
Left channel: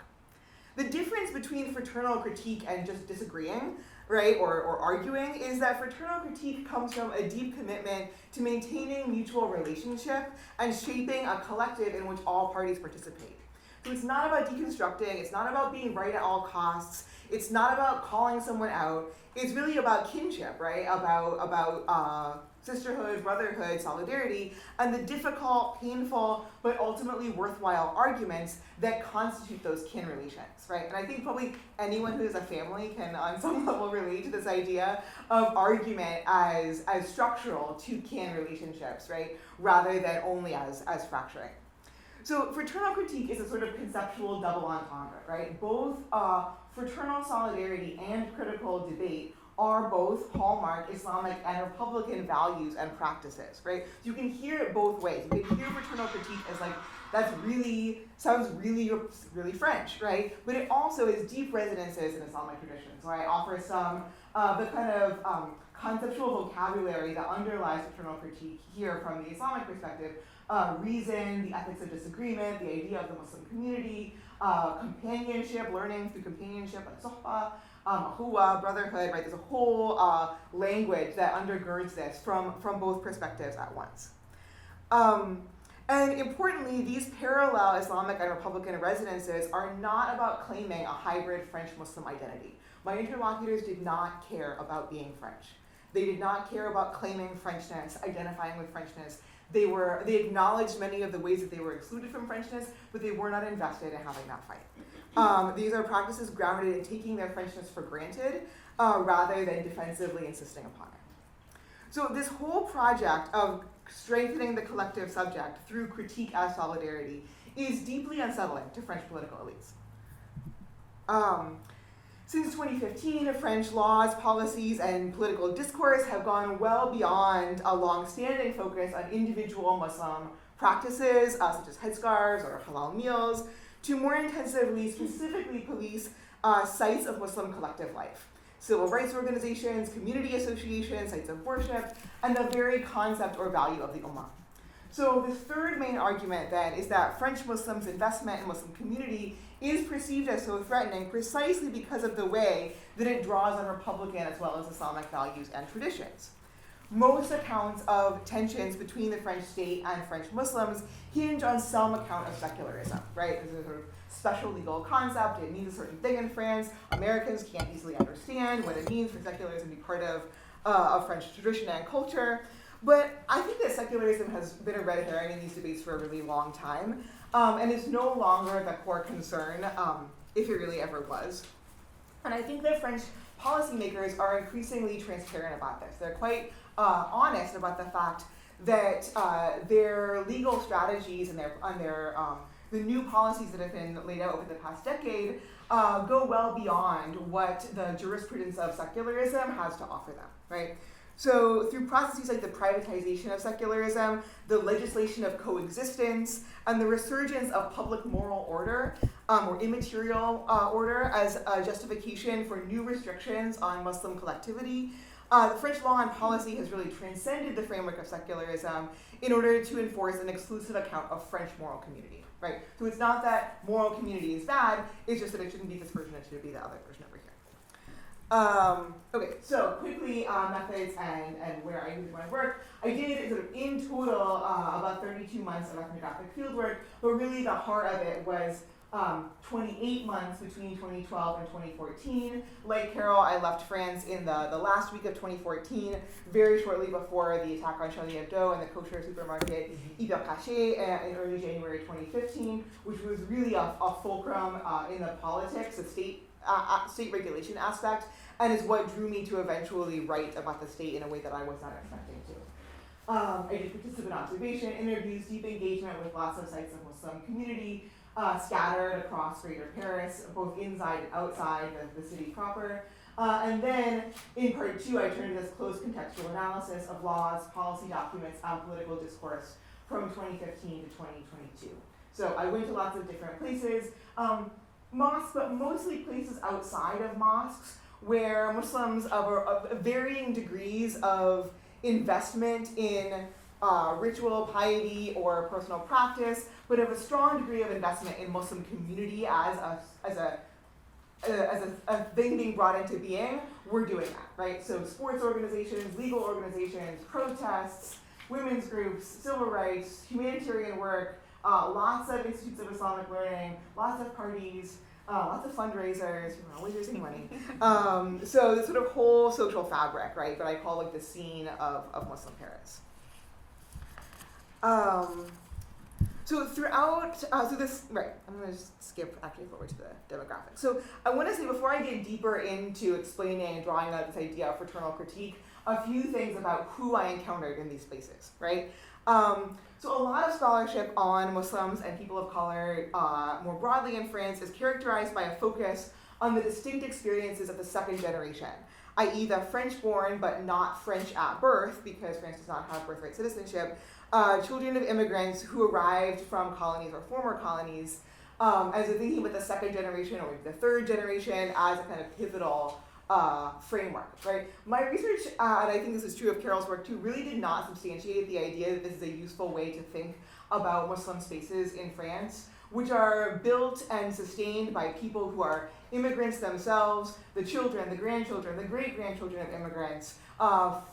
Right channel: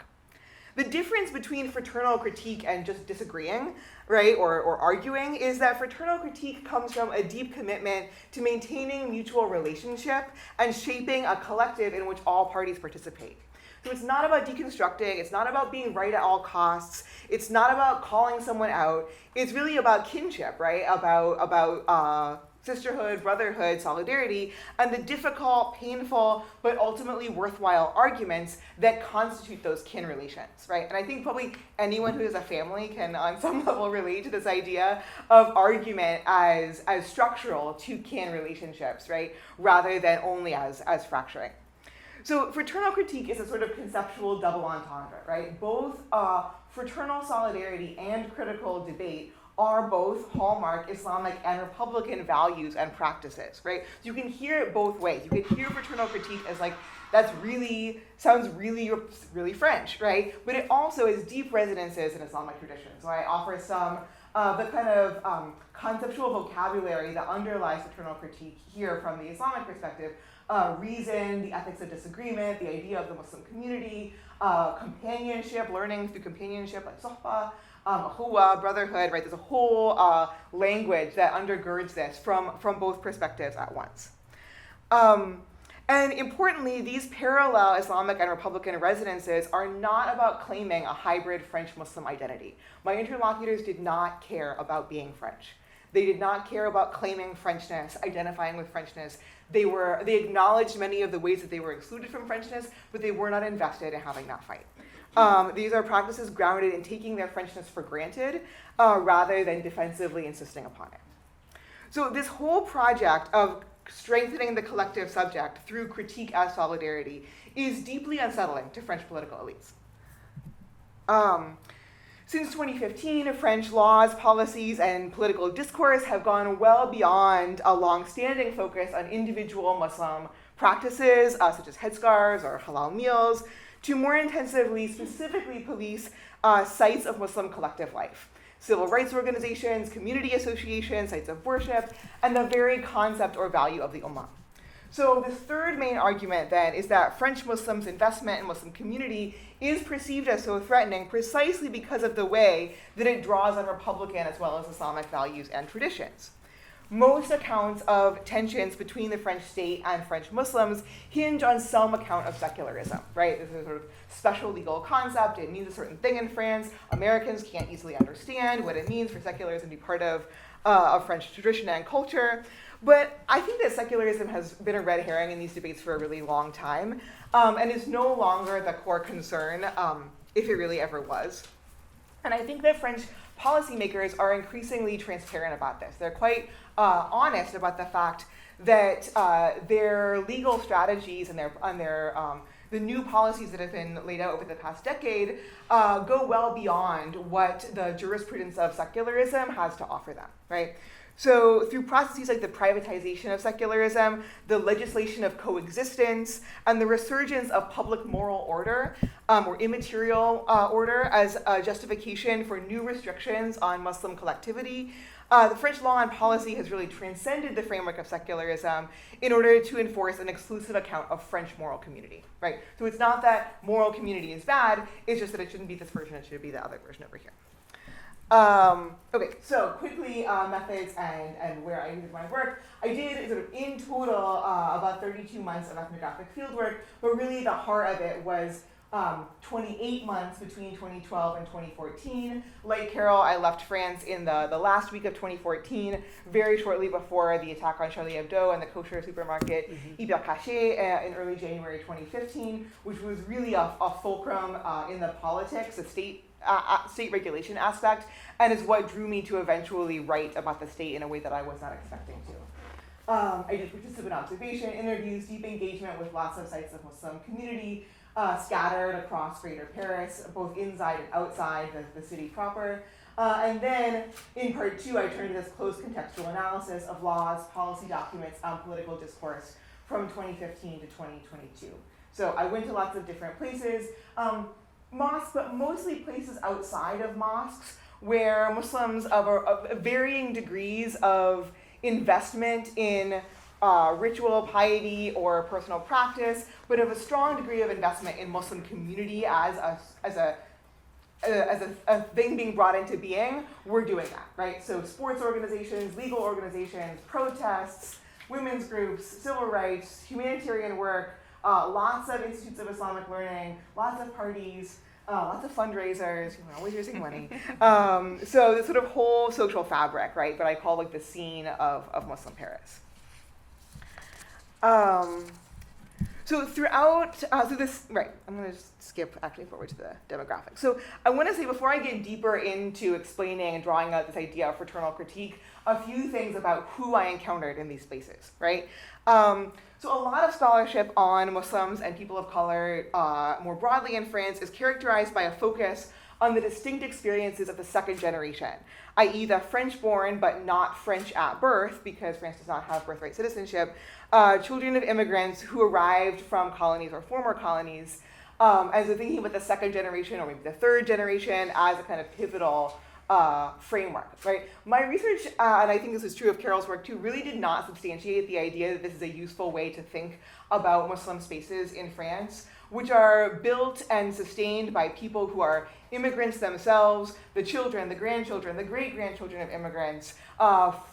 The difference between fraternal critique and just disagreeing, right, or arguing, is that fraternal critique comes from a deep commitment to maintaining mutual relationship and shaping a collective in which all parties participate. So it's not about deconstructing, it's not about being right at all costs, it's not about calling someone out, it's really about kinship, right, about sisterhood, brotherhood, solidarity, and the difficult, painful, but ultimately worthwhile arguments that constitute those kin relations, right? And I think probably anyone who has a family can on some level relate to this idea of argument as structural to kin relationships, right? Rather than only as fracturing. So fraternal critique is a sort of conceptual double entendre, right? Both fraternal solidarity and critical debate are both hallmark Islamic and Republican values and practices, right? So you can hear it both ways. You can hear fraternal critique as like, sounds really French, right? But it also has deep resonances in Islamic tradition. So I offer some the kind of conceptual vocabulary that underlies fraternal critique here from the Islamic perspective. Reason, the ethics of disagreement, the idea of the Muslim community, companionship, learning through companionship, like sohbah, huwa, brotherhood, right? There's a whole language that undergirds this from both perspectives at once. And importantly, these parallel Islamic and Republican resonances are not about claiming a hybrid French-Muslim identity. My interlocutors did not care about being French. They did not care about claiming Frenchness, identifying with Frenchness. They acknowledged many of the ways that they were excluded from Frenchness, but they were not invested in having that fight. These are practices grounded in taking their Frenchness for granted rather than defensively insisting upon it. So this whole project of strengthening the collective subject through critique as solidarity is deeply unsettling to French political elites. Since 2015, French laws, policies, and political discourse have gone well beyond a long-standing focus on individual Muslim practices, such as headscarves or halal meals, to more intensively, specifically police sites of Muslim collective life, civil rights organizations, community associations, sites of worship, and the very concept or value of the ummah. So the third main argument then is that French Muslims' investment in Muslim community is perceived as so threatening precisely because of the way that it draws on Republican as well as Islamic values and traditions. Most accounts of tensions between the French state and French Muslims hinge on some account of secularism, right? This is a sort of special legal concept. It means a certain thing in France. Americans can't easily understand what it means for secularism to be part of French tradition and culture. But I think that secularism has been a red herring in these debates for a really long time, and is no longer the core concern, if it really ever was. And I think that French policymakers are increasingly transparent about this. They're quite honest about the fact that their legal strategies and the new policies that have been laid out over the past decade go well beyond what the jurisprudence of secularism has to offer them, right? So through processes like the privatization of secularism, the legislation of coexistence, and the resurgence of public moral order, or immaterial order as a justification for new restrictions on Muslim collectivity, the French law and policy has really transcended the framework of secularism in order to enforce an exclusive account of French moral community, right? So it's not that moral community is bad, it's just that it shouldn't be this version, it should be the other version over here. Okay, so quickly methods and where I did my work. I did sort of in total about 32 months of ethnographic fieldwork, but really the heart of it was 28 months between 2012 and 2014. Like Carol, I left France in the last week of 2014, very shortly before the attack on Charlie Hebdo and the kosher supermarket Hyper Caché in early January 2015, which was really a fulcrum in the politics, the state regulation aspect, and is what drew me to eventually write about the state in a way that I was not expecting to. I did participant observation, interviews, deep engagement with lots of sites of Muslim community, scattered across Greater Paris, both inside and outside the city proper. And then in part two, I turned to this close contextual analysis of laws, policy documents, political discourse from 2015 to 2022. So I went to lots of different places, mosques, but mostly places outside of mosques where Muslims of varying degrees of investment in ritual, piety, or personal practice, but of a strong degree of investment in Muslim community as a thing being brought into being, we're doing that, right? So sports organizations, legal organizations, protests, women's groups, civil rights, humanitarian work, lots of institutes of Islamic learning, lots of parties, lots of fundraisers, we're always raising money. So the sort of whole social fabric, right, that I call like the scene of Muslim Paris. So throughout, I'm gonna just skip actually forward to the demographics. So I wanna say before I get deeper into explaining and drawing out this idea of fraternal critique, a few things about who I encountered in these spaces, right? So a lot of scholarship on Muslims and people of color more broadly in France is characterized by a focus on the distinct experiences of the second generation, i.e. the French-born but not French at birth, because France does not have birthright citizenship, children of immigrants who arrived from colonies or former colonies, as they're thinking about the second generation or maybe the third generation as a kind of pivotal framework, right? My research, and I think this is true of Carol's work too, really did not substantiate the idea that this is a useful way to think about Muslim spaces in France, which are built and sustained by people who are immigrants themselves, the children, the grandchildren, the great-grandchildren of immigrants,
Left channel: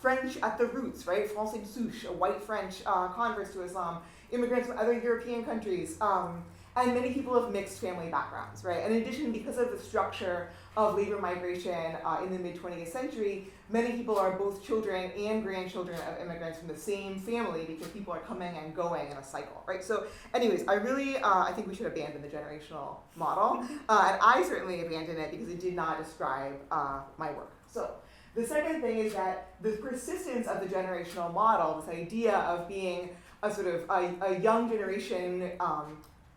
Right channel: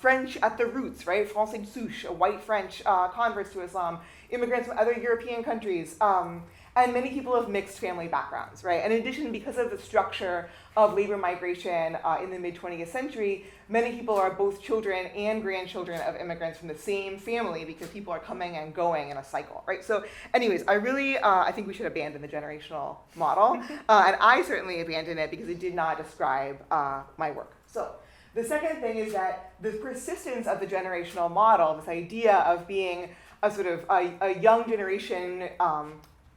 French at the roots, right? Français souche, white French converts to Islam, immigrants from other European countries, and many people of mixed family backgrounds, right? And in addition, because of the structure of labor migration in the mid-20th century, many people are both children and grandchildren of immigrants from the same family because people are coming and going in a cycle, right? So anyways, I think we should abandon the generational model, and I certainly abandoned it because it did not describe my work. So the second thing is that the persistence of the generational model, this idea of being a sort of a young generation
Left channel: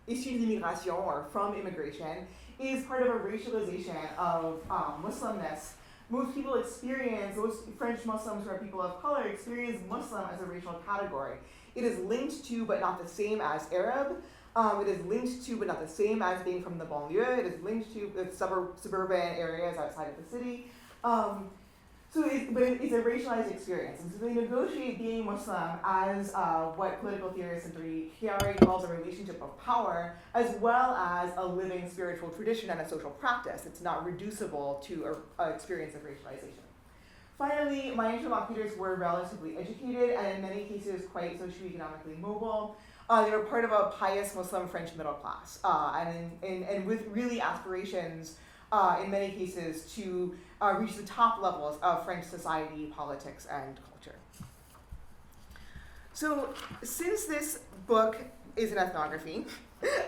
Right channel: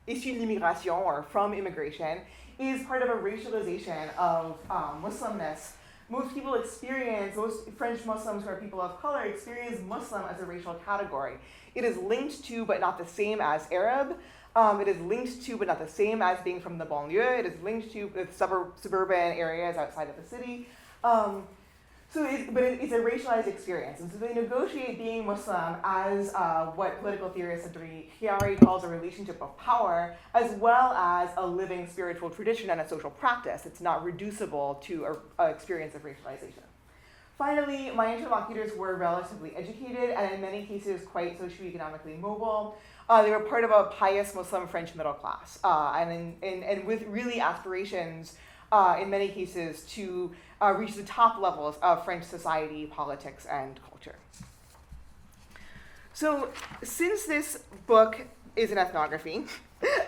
issu de l'immigration or from immigration, is part of a racialization of Muslimness. Most French Muslims who are people of color experience Muslim as a racial category. It is linked to but not the same as Arab. It is linked to but not the same as being from the banlieue. It is linked to suburban areas outside of the city. But it's a racialized experience. And so they negotiate being Muslim as what political theorist Chiari calls a relationship of power, as well as a living spiritual tradition and a social practice. It's not reducible to an experience of racialization. Finally, my interlocutors were relatively educated and in many cases quite socioeconomically mobile. They were part of a pious Muslim French middle class, and with really aspirations in many cases to reach the top levels of French society, politics, and culture. So since this book is an ethnography,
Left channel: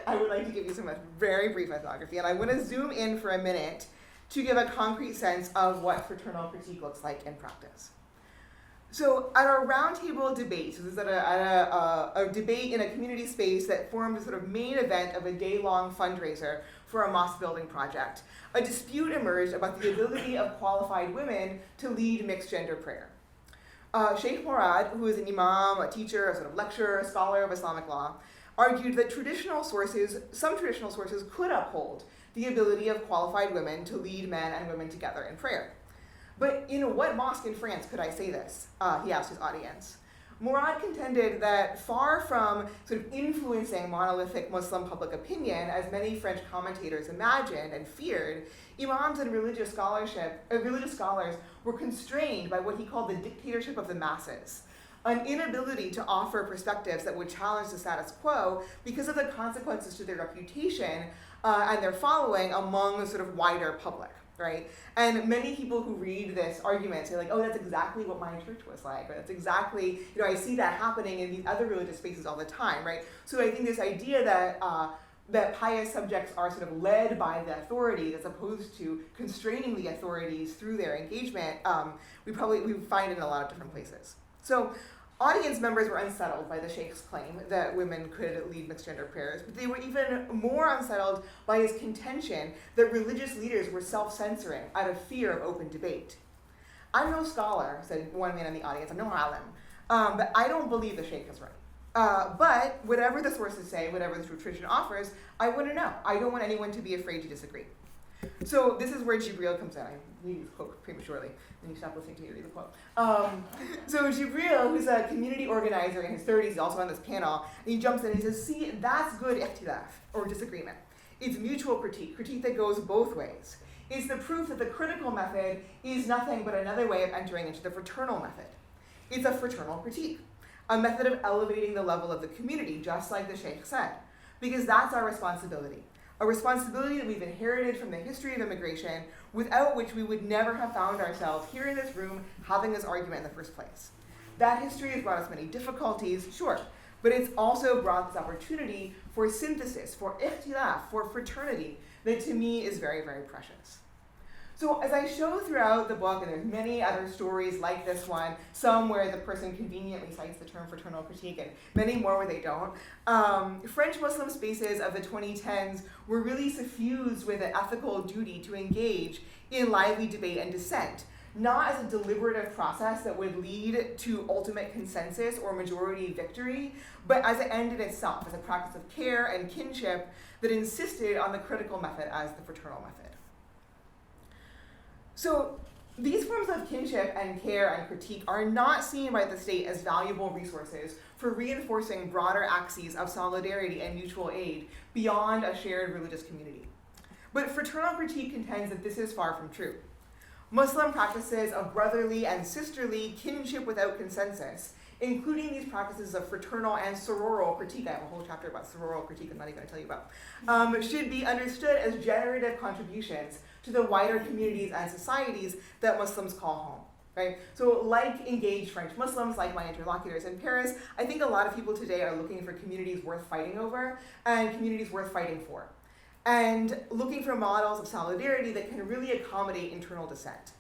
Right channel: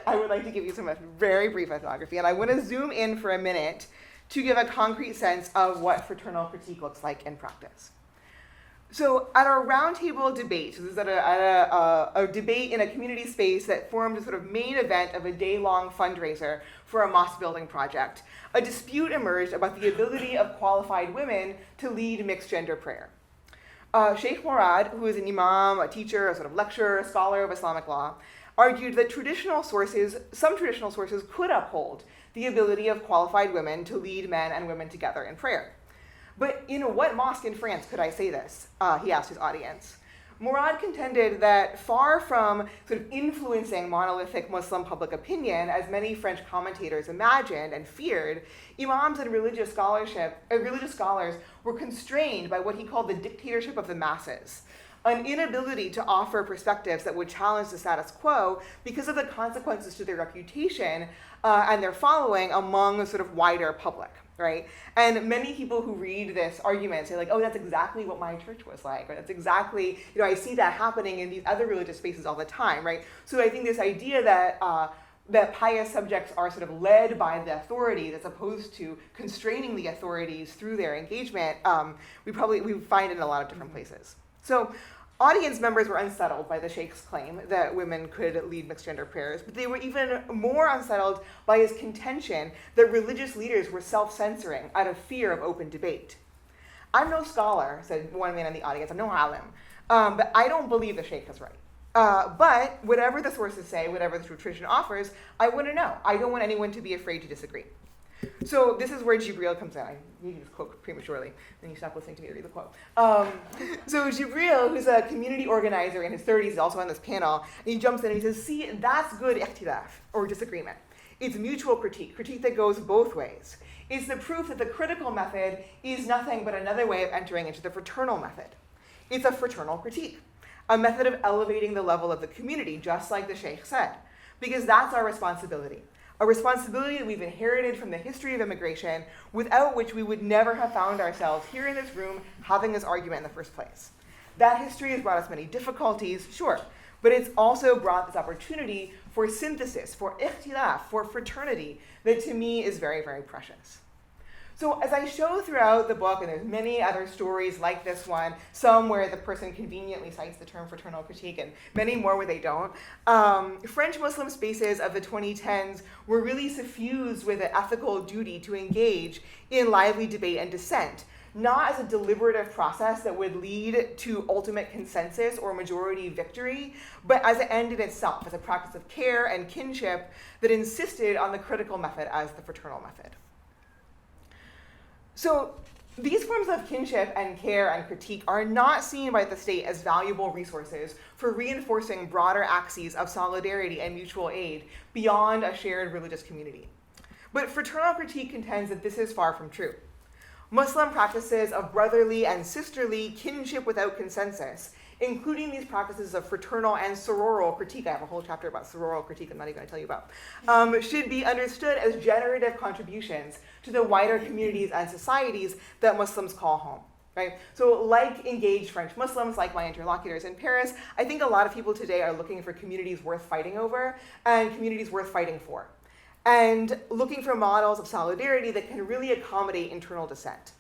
I would like to give you some very brief ethnography, and I want to zoom in for a minute to give a concrete sense of what fraternal critique looks like in practice. So at our roundtable debate, so this is at a debate in a community space that formed a sort of main event of a day-long fundraiser for a mosque building project, a dispute emerged about the ability of qualified women to lead mixed gender prayer. Sheikh Murad, who is an imam, a teacher, a sort of lecturer, a scholar of Islamic law, argued that some traditional sources could uphold the ability of qualified women to lead men and women together in prayer. But in what mosque in France could I say this? He asked his audience. Murad contended that far from sort of influencing monolithic Muslim public opinion, as many French commentators imagined and feared, imams and religious scholars were constrained by what he called the dictatorship of the masses, an inability to offer perspectives that would challenge the status quo because of the consequences to their reputation and their following among the sort of wider public. Right? And many people who read this argument say like, oh, that's exactly what my church was like, or that's exactly, I see that happening in these other religious spaces all the time, right? So I think this idea that that pious subjects are sort of led by the authorities as opposed to constraining the authorities through their engagement, we find it in a lot of different places. So audience members were unsettled by the Sheikh's claim that women could lead mixed gender prayers, but they were even more unsettled by his contention that religious leaders were self-censoring out of fear of open debate. I'm no scholar, said one man in the audience, I'm no alim, but I don't believe the Sheikh is right. But whatever the sources say, whatever the tradition offers, I want to know. I don't want anyone to be afraid to disagree. So this is where Jibril comes in. I need to quote prematurely, then you stop listening to me read the quote. So Jibril, who's a community organizer in his 30s, is also on this panel, and he jumps in and he says, see, that's good ikhtilaf, or disagreement. It's mutual critique that goes both ways. It's the proof that the critical method is nothing but another way of entering into the fraternal method. It's a fraternal critique, a method of elevating the level of the community, just like the Sheikh said, because that's our responsibility. A responsibility that we've inherited from the history of immigration, without which we would never have found ourselves here in this room having this argument in the first place. That history has brought us many difficulties, sure, but it's also brought this opportunity for synthesis, for ikhtilaf, for fraternity, that to me is very, very precious. So as I show throughout the book, and there's many other stories like this one, some where the person conveniently cites the term fraternal critique, and many more where they don't, French Muslim spaces of the 2010s were really suffused with an ethical duty to engage in lively debate and dissent, not as a deliberative process that would lead to ultimate consensus or majority victory, but as an end in itself, as a practice of care and kinship that insisted on the critical method as the fraternal method. So these forms of kinship and care and critique are not seen by the state as valuable resources for reinforcing broader axes of solidarity and mutual aid beyond a shared religious community. But fraternal critique contends that this is far from true. Muslim practices of brotherly and sisterly kinship without consensus, including these practices of fraternal and sororal critique, I have a whole chapter about sororal critique I'm not even going to tell you about, should be understood as generative contributions to the wider communities and societies that Muslims call home, right? So like engaged French Muslims, like my interlocutors in Paris, I think a lot of people today are looking for communities worth fighting over and communities worth fighting for, and looking for models of solidarity that can really accommodate internal dissent.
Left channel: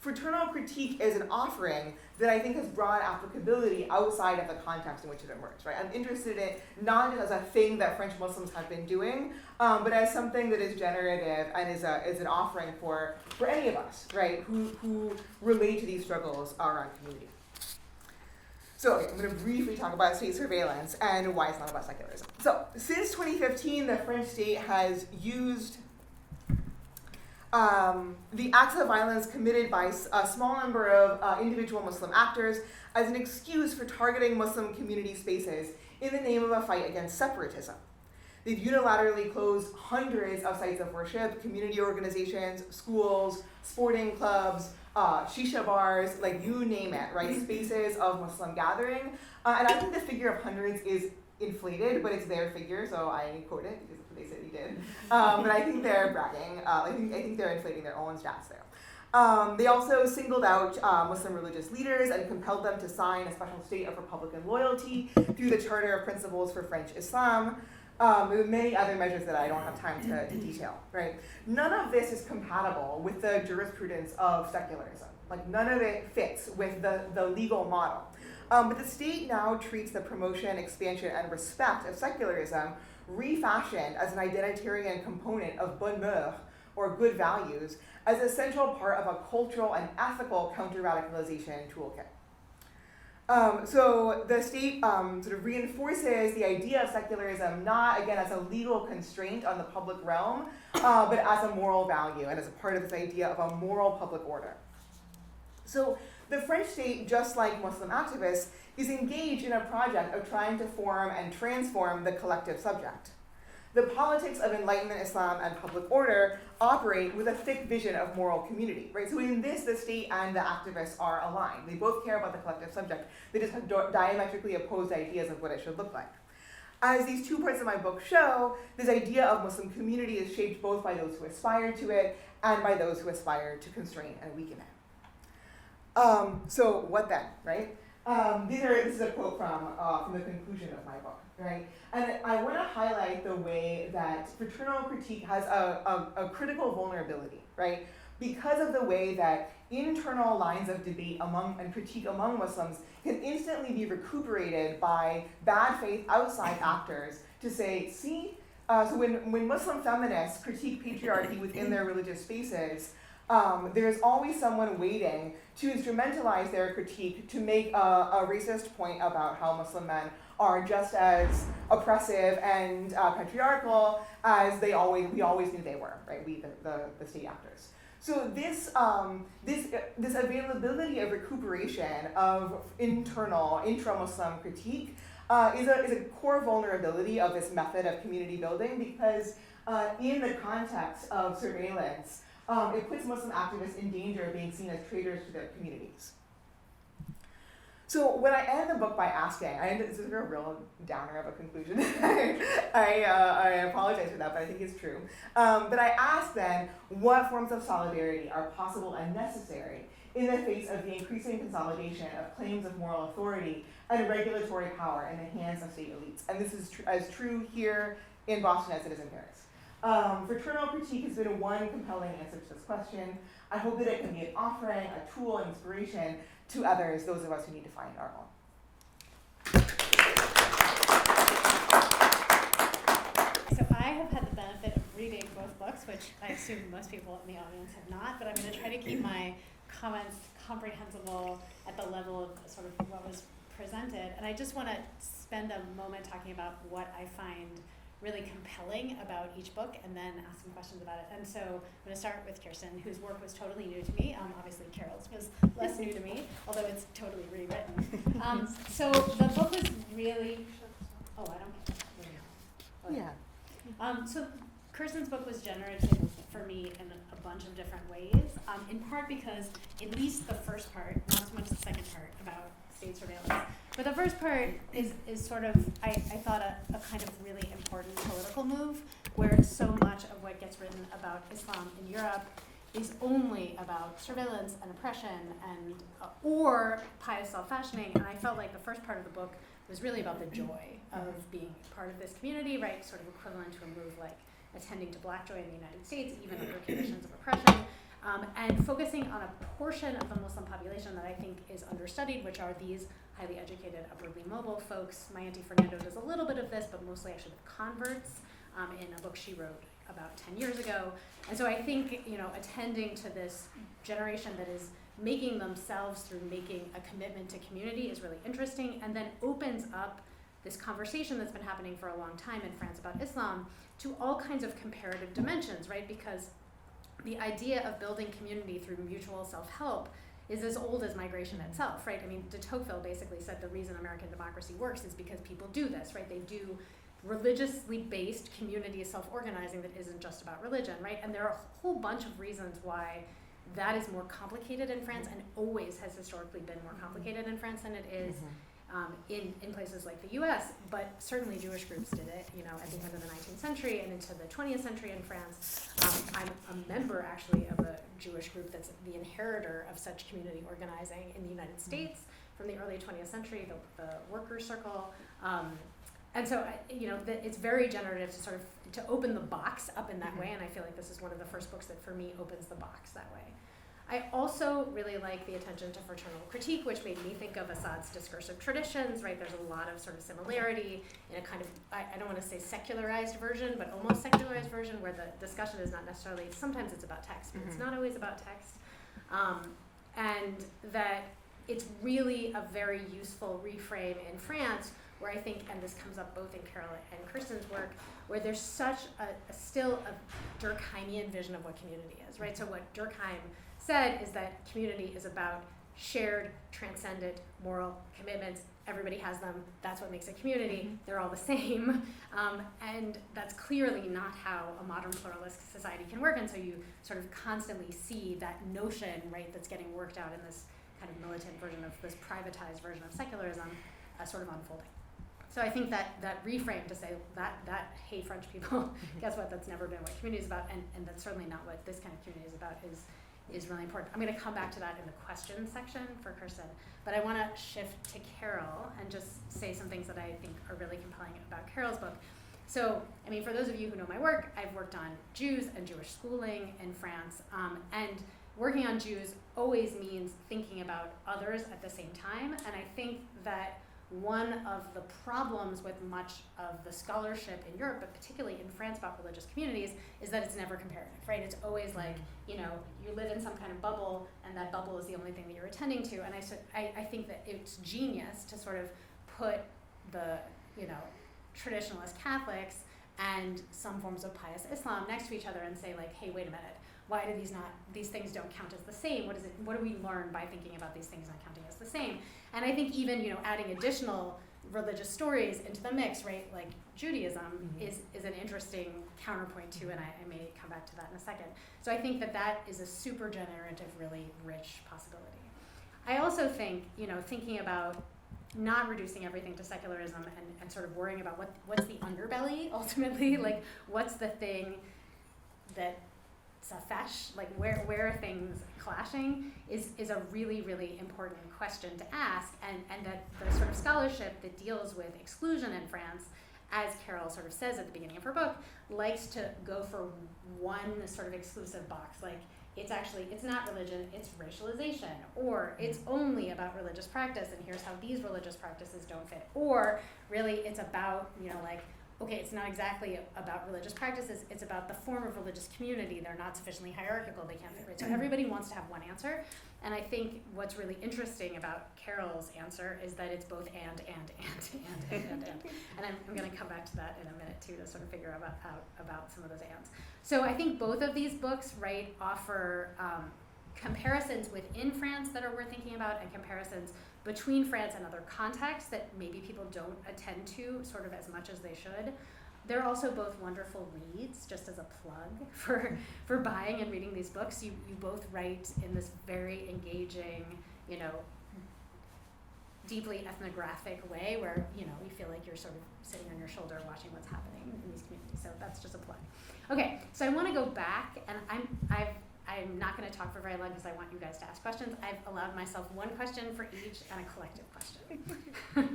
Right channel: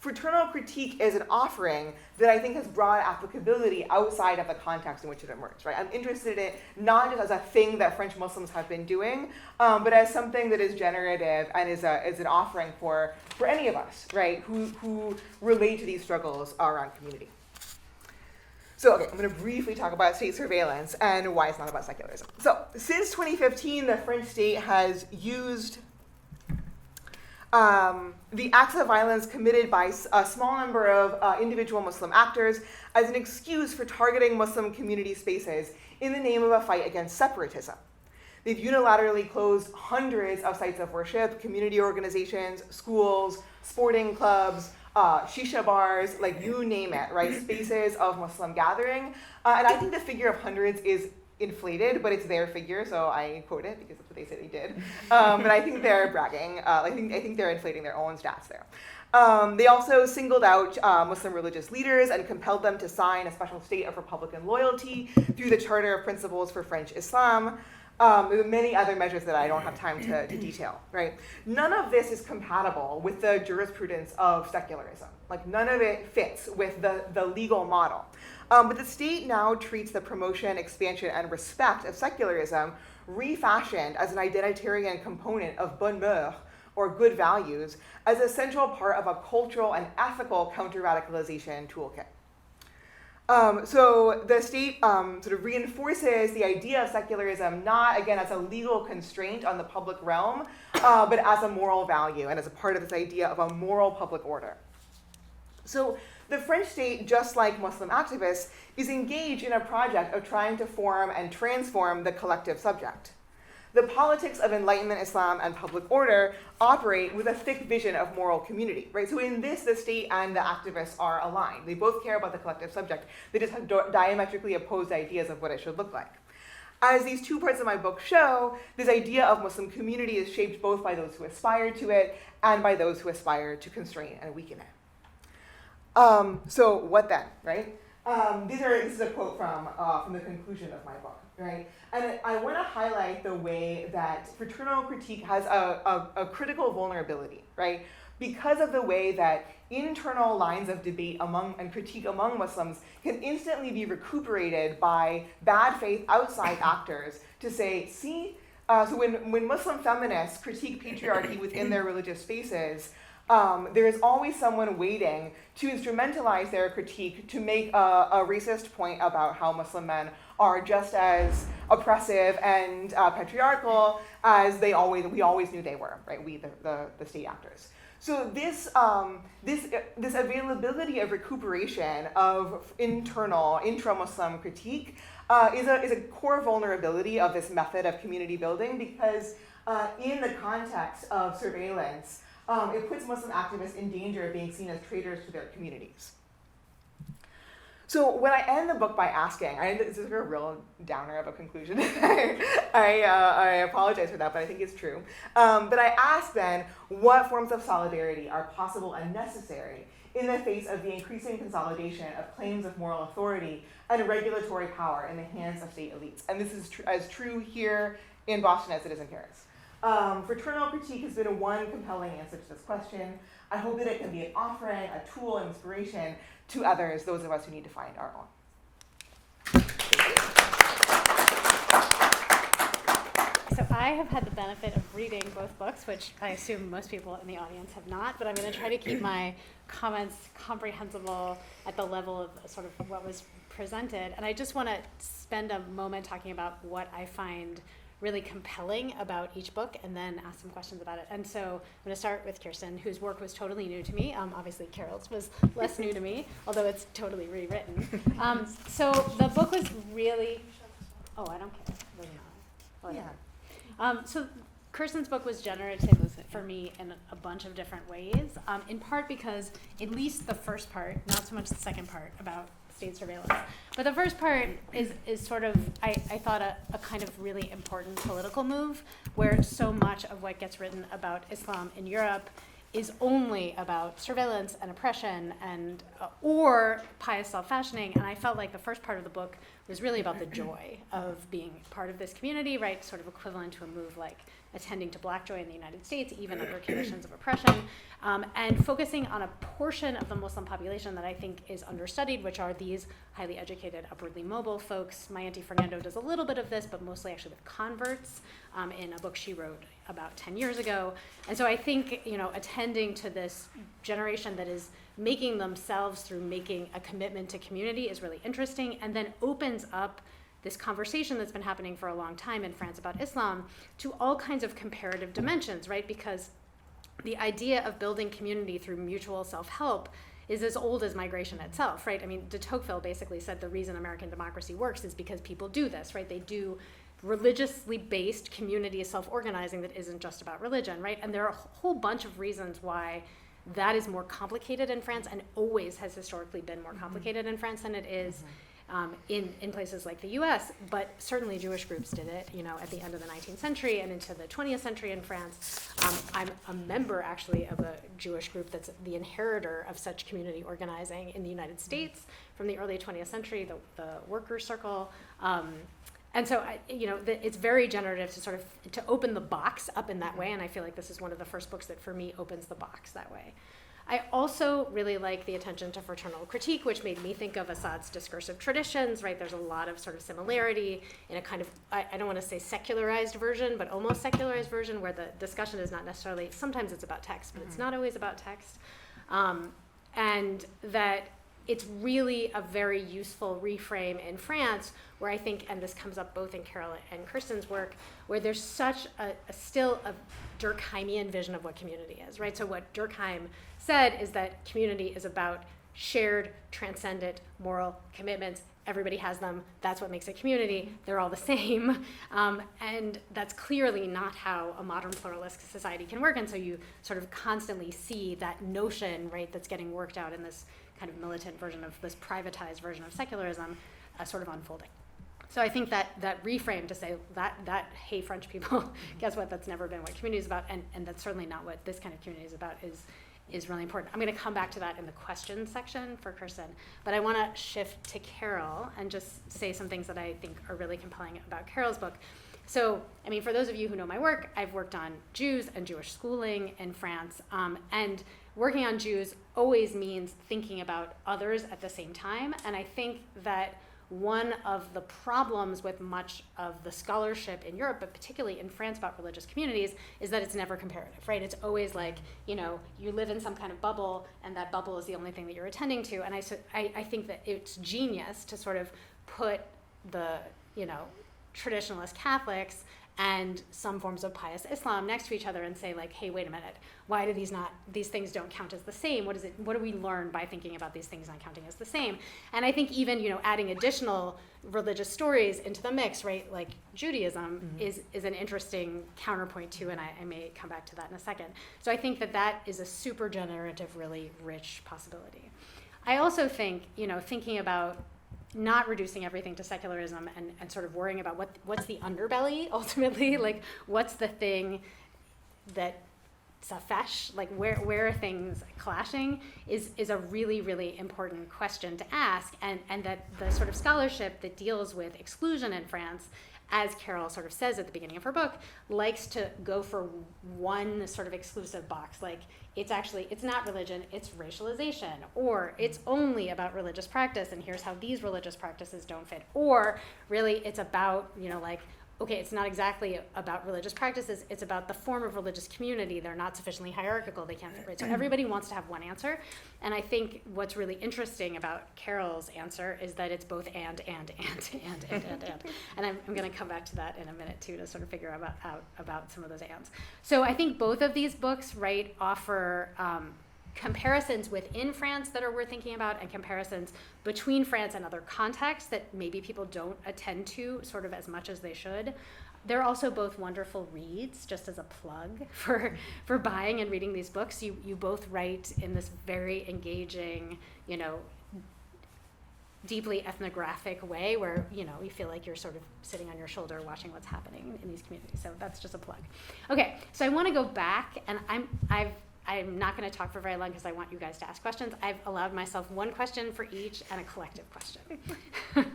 Fraternal critique is an offering that I think has broad applicability outside of the context in which it emerged, right? I'm interested in it not just as a thing that French Muslims have been doing, but as something that is generative and is an offering for any of us, right, who relate to these struggles around community. So, okay, I'm going to briefly talk about state surveillance and why it's not about secularism. So, since 2015, the French state has used the acts of violence committed by a small number of individual Muslim actors as an excuse for targeting Muslim community spaces in the name of a fight against separatism. They've unilaterally closed hundreds of sites of worship, community organizations, schools, sporting clubs, shisha bars, like you name it, right? Spaces of Muslim gathering. And I think the figure of hundreds is inflated, but it's their figure, so I quote it because that's what they said they did. But I think they're bragging. I think they're inflating their own stats there. They also singled out Muslim religious leaders and compelled them to sign a special state of Republican loyalty through the Charter of Principles for French Islam. There are many other measures that I don't have time to detail, right? None of this is compatible with the jurisprudence of secularism, Like none of it fits with the legal model. But the state now treats the promotion, expansion, and respect of secularism refashioned as an identitarian component of bonnes mœurs, or good values, as a central part of a cultural and ethical counter-radicalization toolkit. So the state sort of reinforces the idea of secularism not, again, as a legal constraint on the public realm, but as a moral value and as a part of this idea of a moral public order. So the French state, just like Muslim activists, is engaged in a project of trying to form and transform the collective subject. The politics of Enlightenment Islam and public order operate with a thick vision of moral community, right? So in this, the state and the activists are aligned. They both care about the collective subject. They just have diametrically opposed ideas of what it should look like. As these two parts of my book show, this idea of Muslim community is shaped both by those who aspire to it and by those who aspire to constrain and weaken it. So what then, right? This is a quote from the conclusion of my book, right? And I want to highlight the way that fraternal critique has a critical vulnerability, right? Because of the way that internal lines of debate and critique among Muslims can instantly be recuperated by bad faith outside actors to say, see, so when Muslim feminists critique patriarchy within their religious spaces, there's always someone waiting to instrumentalize their critique to make a racist point about how Muslim men are just as oppressive and patriarchal as we always knew they were, right? We, the state actors. So this availability of recuperation of intra-Muslim critique is a core vulnerability of this method of community building, because in the context of surveillance, it puts Muslim activists in danger of being seen as traitors to their communities. So when I end the book by asking, this is a real downer of a conclusion. I apologize for that, but I think it's true. But I ask then, what forms of solidarity are possible and necessary in the face of the increasing consolidation of claims of moral authority and regulatory power in the hands of state elites? And this is as true here in Boston as it is in Paris. Fraternal critique has been one compelling answer to this question. I hope that it can be an offering, a tool, an inspiration to others, those of us who need to find our own. So I have had the benefit of reading both books, which I assume most people in the audience have not, but I'm going to try to keep my comments comprehensible at the level of sort of what was presented. And I just want to spend a moment talking about what I find really compelling about each book, and then ask some questions about it. And so I'm going to start with Kirsten, whose work was totally new to me. Obviously Carol's was less new to me, although it's totally rewritten. So the book was really, I don't care. Yeah. So Kirsten's book was generative for me in a bunch of different ways, in part because at least the first part, not so much the second part about state surveillance, but the first part is sort of, I thought, a kind of really important political move, where so much of what gets written about Islam in Europe is only about surveillance and oppression and or pious self-fashioning, and I felt like the first part of the book was really about the joy of being part of this community, right? Sort of equivalent to a move like attending to Black Joy in the United States, even under conditions of oppression. And focusing on a portion of the Muslim population that I think is understudied, which are these highly educated, upwardly mobile folks. My Auntie Fernando does a little bit of this, but mostly actually with converts in a book she wrote about 10 years ago. And so I think, attending to this generation that is making themselves through making a commitment to community is really interesting, and then opens up this conversation that's been happening for a long time in France about Islam to all kinds of comparative dimensions, right? Because the idea of building community through mutual self-help is as old as migration itself, right? I mean, de Tocqueville basically said the reason American democracy works is because people do this, right? They do religiously based community self-organizing that isn't just about religion, right? And there are a whole bunch of reasons why that is more complicated in France, and always has historically been more complicated in France than it is in places like the US, but certainly Jewish groups did it, at the end of the 19th century and into the 20th century in France. I'm a member actually of a Jewish group that's the inheritor of such community organizing in the United States from the early 20th century, the Workers' Circle. And so, it's very generative to sort of, to open the box up in that way, and I feel like this is one of the first books that for me opens the box that way. I also really like the attention to fraternal critique, which made me think of Assad's discursive traditions, right? There's a lot of sort of similarity in a kind of, I don't want to say secularized version, but almost secularized version where the discussion is not necessarily, sometimes it's about text, but it's not always about text. And that it's really a very useful reframe in France where I think, and this comes up both in Carol and Kirsten's work, where there's such still a Durkheimian vision of what community is, right? So what Durkheim said is that community is about shared, transcendent, moral commitments. Everybody has them. That's what makes a community. They're all the same. And that's clearly not how a modern pluralist society can work. And so you sort of constantly see that notion, right, that's getting worked out in this kind of militant version of this privatized version of secularism sort of unfolding. So I think that reframe to say that hey, French people, guess what, that's never been what community is about, and that's certainly not what this kind of community is about, is really important. I'm going to come back to that in the question section for Kirsten, but I want to shift to Carol and just say some things that I think are really compelling about Carol's book. So, I mean, for those of you who know my work, I've worked on Jews and Jewish schooling in France, and working on Jews always means thinking about others at the same time, and I think that one of the problems with much of the scholarship in Europe, but particularly in France about religious communities, is that it's never comparative, right? It's always like, you live in some kind of bubble, and that bubble is the only thing that you're attending to. And I think that it's genius to sort of put the, traditionalist Catholics and some forms of pious Islam next to each other and say, like, hey, wait a minute. Why do these things don't count as the same? What do we learn by thinking about these things not counting as the same? And I think even, adding additional religious stories into the mix, right? Like Judaism is an interesting counterpoint too, and I may come back to that in a second. So I think that is a super generative, really rich possibility. I also think, thinking about not reducing everything to secularism and sort of worrying about what's the underbelly ultimately, like what's the thing that safesh, like where are things clashing is a really, really important question to ask, and that the sort of scholarship that deals with exclusion in France, as Carol sort of says at the beginning of her book, likes to go for one sort of exclusive box, like it's not religion, it's racialization, or it's only about religious practice, and here's how these religious practices don't fit, or really it's about, okay, it's not exactly about religious practices, it's about the form of religious community. They're not sufficiently hierarchical, they can't fit right. So everybody wants to have one answer. And I think what's really interesting about Carol's answer is that it's both and. And I'm going to come back to that in a minute too, to sort of figure out about some of those ands. So I think both of these books, right, offer comparisons within France that are worth thinking about, and comparisons between France and other contexts that maybe people don't attend to sort of as much as they should. They're also both wonderful reads, just as a plug for buying and reading these books. You both write in this very engaging, deeply ethnographic way where, you feel like you're sort of sitting on your shoulder watching what's happening in these communities. So that's just a plug. Okay, so I want to go back, and I'm not going to talk for very long because I want you guys to ask questions. I've allowed myself one question for each and a collective question.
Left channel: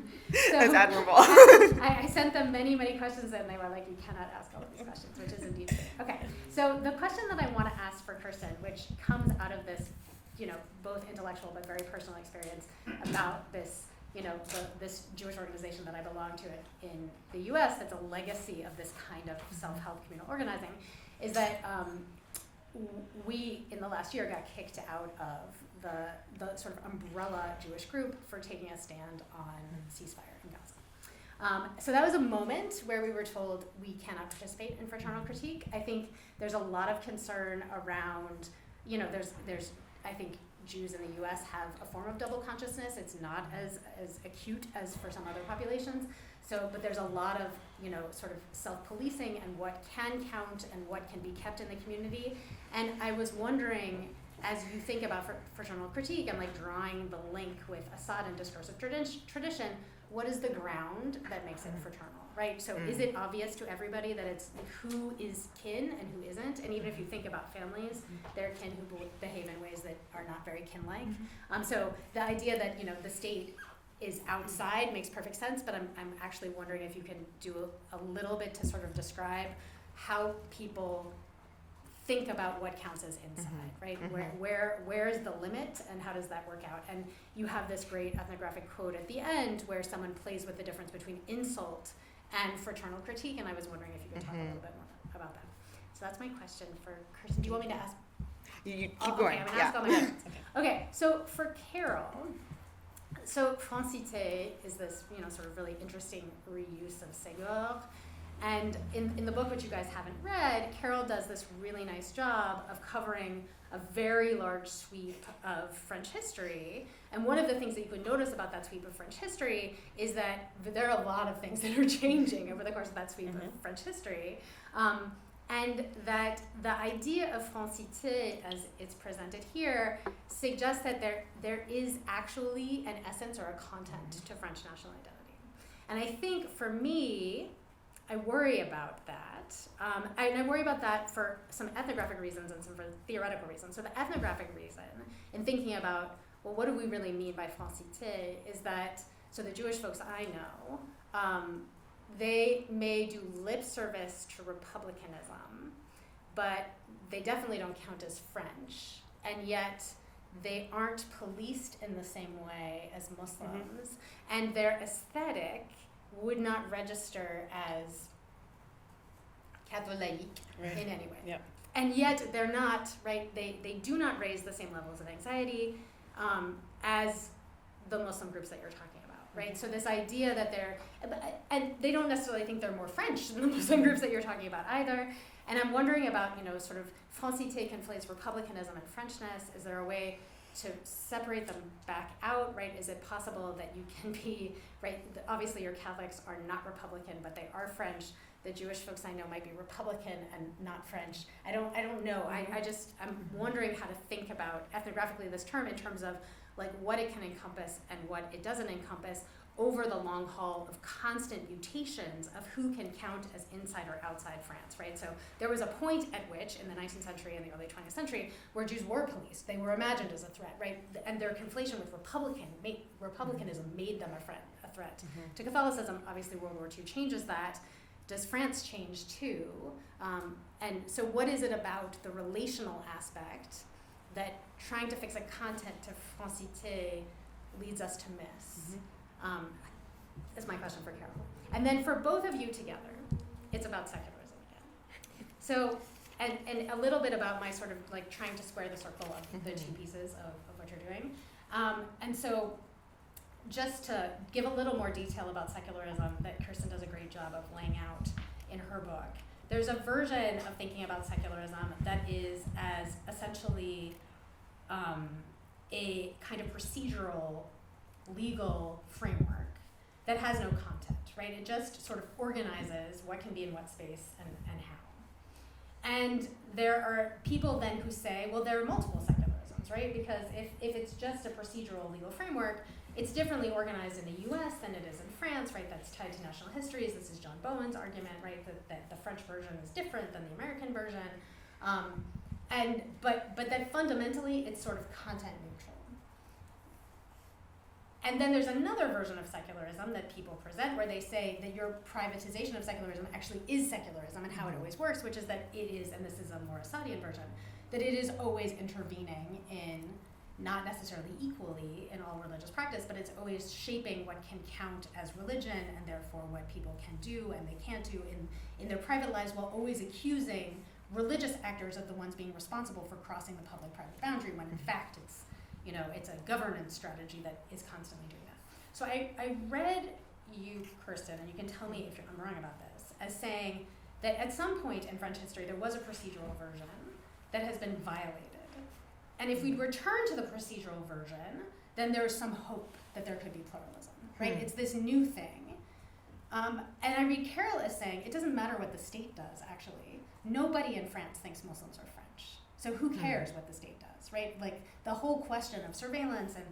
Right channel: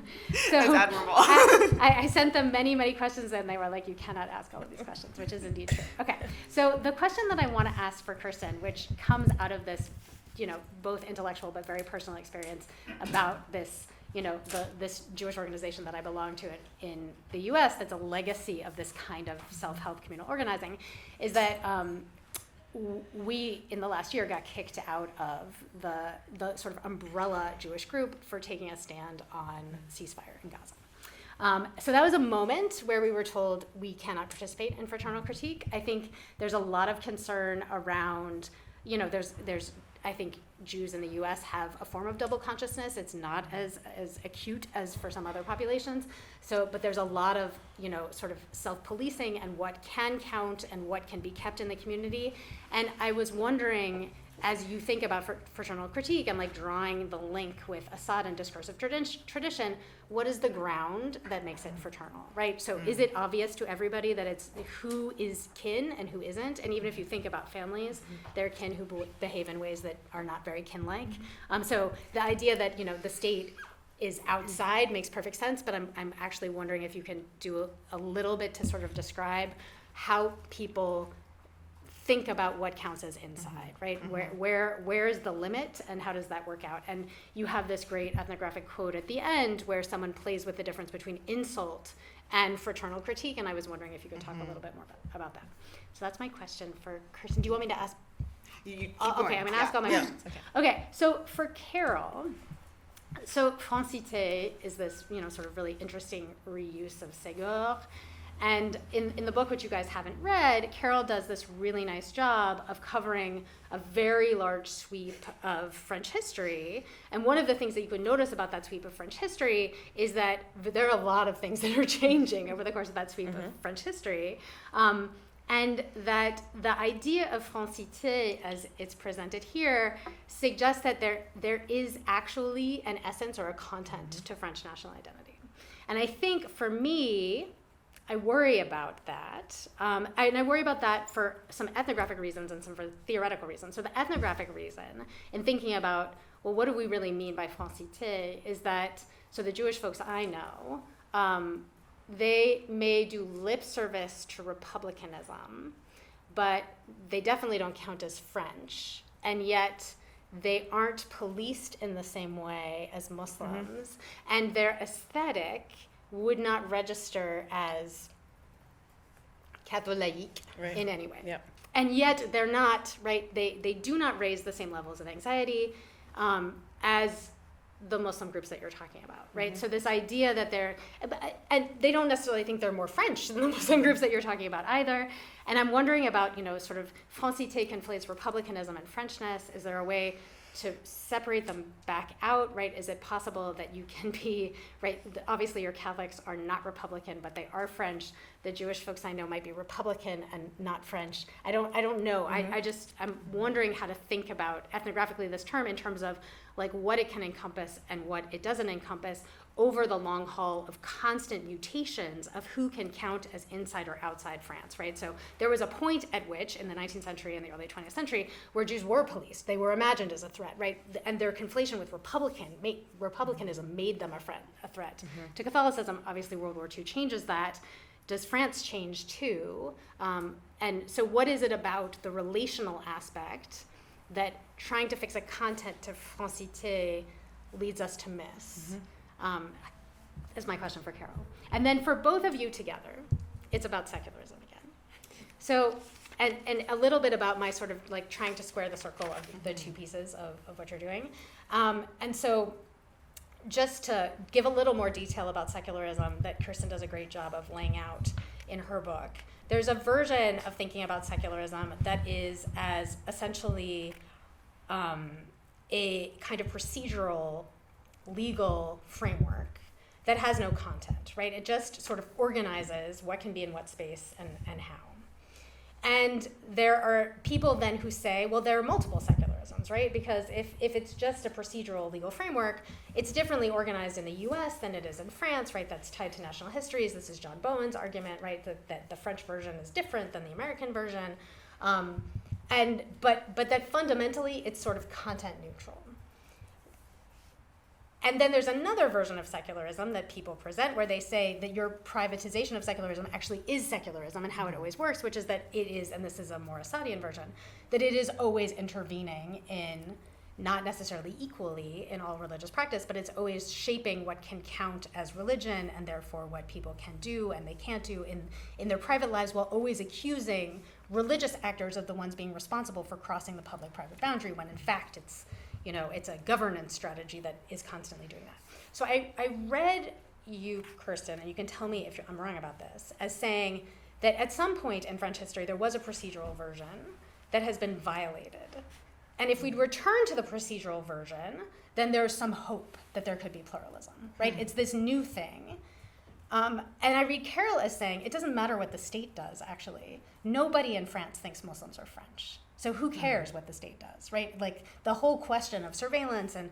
So that's admirable. I sent them many, many questions, and they were like, you cannot ask all of these questions, which is indeed true. Okay, so the question that I want to ask for Kirsten, which comes out of this, both intellectual but very personal experience about this, this Jewish organization that I belong to in the U.S. that's a legacy of this kind of self-help communal organizing, is that we, in the last year, got kicked out of the sort of umbrella Jewish group for taking a stand on ceasefire in Gaza. So that was a moment where we were told we cannot participate in fraternal critique. I think there's a lot of concern around, there's I think Jews in the U.S. have a form of double consciousness. It's not as acute as for some other populations. So, but there's a lot of, sort of self-policing and what can count and what can be kept in the community. And I was wondering, as you think about fraternal critique and like drawing the link with Assad and discursive tradition, what is the ground that makes it fraternal, right? So is it obvious to everybody that it's who is kin and who isn't? And even if you think about families, they're kin who behave in ways that are not very kin-like. So the idea that, the state is outside makes perfect sense, but I'm actually wondering if you can do a little bit to sort of describe how people think about what counts as inside, right? Where is the limit, and how does that work out? And you have this great ethnographic quote at the end where someone plays with the difference between insult and fraternal critique, and I was wondering if you could talk a little bit more about that. So that's my question for Kirsten. Do you want me to ask? You keep going. Okay, I'm gonna ask all my questions. Okay, so for Carol, so francité is this, sort of really interesting reuse of Ségur. And in the book, which you guys haven't read, Carol does this really nice job of covering a very large sweep of French history. And one of the things that you could notice about that sweep of French history is that there are a lot of things that are changing over the course of that sweep of French history. And that the idea of francité, as it's presented here, suggests that there is actually an essence or a content to French national identity. And I think for me, I worry about that. And I worry about that for some ethnographic reasons and some for theoretical reasons. So the ethnographic reason in thinking about, well, what do we really mean by francité is that, so the Jewish folks I know, they may do lip service to republicanism, but they definitely don't count as French. And yet they aren't policed in the same way as Muslims. And their aesthetic would not register as Catholic in any way. Yep. And yet they're not, right, they do not raise the same levels of anxiety as the Muslim groups that you're talking about, right? So this idea that and they don't necessarily think they're more French than the Muslim groups that you're talking about either. And I'm wondering about, sort of francité conflates republicanism and Frenchness. Is there a way to separate them back out, right? Is it possible that you can be, right, obviously your Catholics are not Republican, but they are French. The Jewish folks I know might be Republican and not French. I don't know. I'm wondering how to think about ethnographically this term in terms of like what it can encompass and what it doesn't encompass over the long haul of constant mutations of who can count as inside or outside France, right? So there was a point at which, in the 19th century and the early 20th century, where Jews were policed. They were imagined as a threat, right? And their conflation with republicanism made them a threat. To Catholicism, obviously World War II changes that. Does France change too? And so what is it about the relational aspect that trying to fix a content to francité leads us to miss? Is my question for Carol. And then for both of you together, it's about secularism again. So, and a little bit about my sort of like trying to square the circle of the two pieces of what you're doing. And so just to give a little more detail about secularism that Kirsten does a great job of laying out in her book, there's a version of thinking about secularism that is as essentially a kind of procedural legal framework that has no content, right? It just sort of organizes what can be in what space and how. And there are people then who say, well, there are multiple secularisms, right? Because if it's just a procedural legal framework, it's differently organized in the US than it is in France, right? That's tied to national histories. This is John Bowen's argument, right? That the French version is different than the American version. But that fundamentally it's sort of content neutral. And then there's another version of secularism that people present where they say that your privatization of secularism actually is secularism and how it always works, which is that it is, and this is a more Assadian version, that it is always intervening in, not necessarily equally in all religious practice, but it's always shaping what can count as religion and therefore what people can do and they can't do in their private lives, while always accusing religious actors of the ones being responsible for crossing the public-private boundary, when in fact it's a governance strategy that is constantly doing that. So I read you, Kirsten, and you can tell me if I'm wrong about this, as saying that at some point in French history there was a procedural version that has been violated. And if we'd return to the procedural version, then there's some hope that there could be pluralism, right? It's this new thing. And I read Carol as saying, it doesn't matter what the state does, actually. Nobody in France thinks Muslims are French. So who cares what the state does, right? Like the whole question of surveillance and,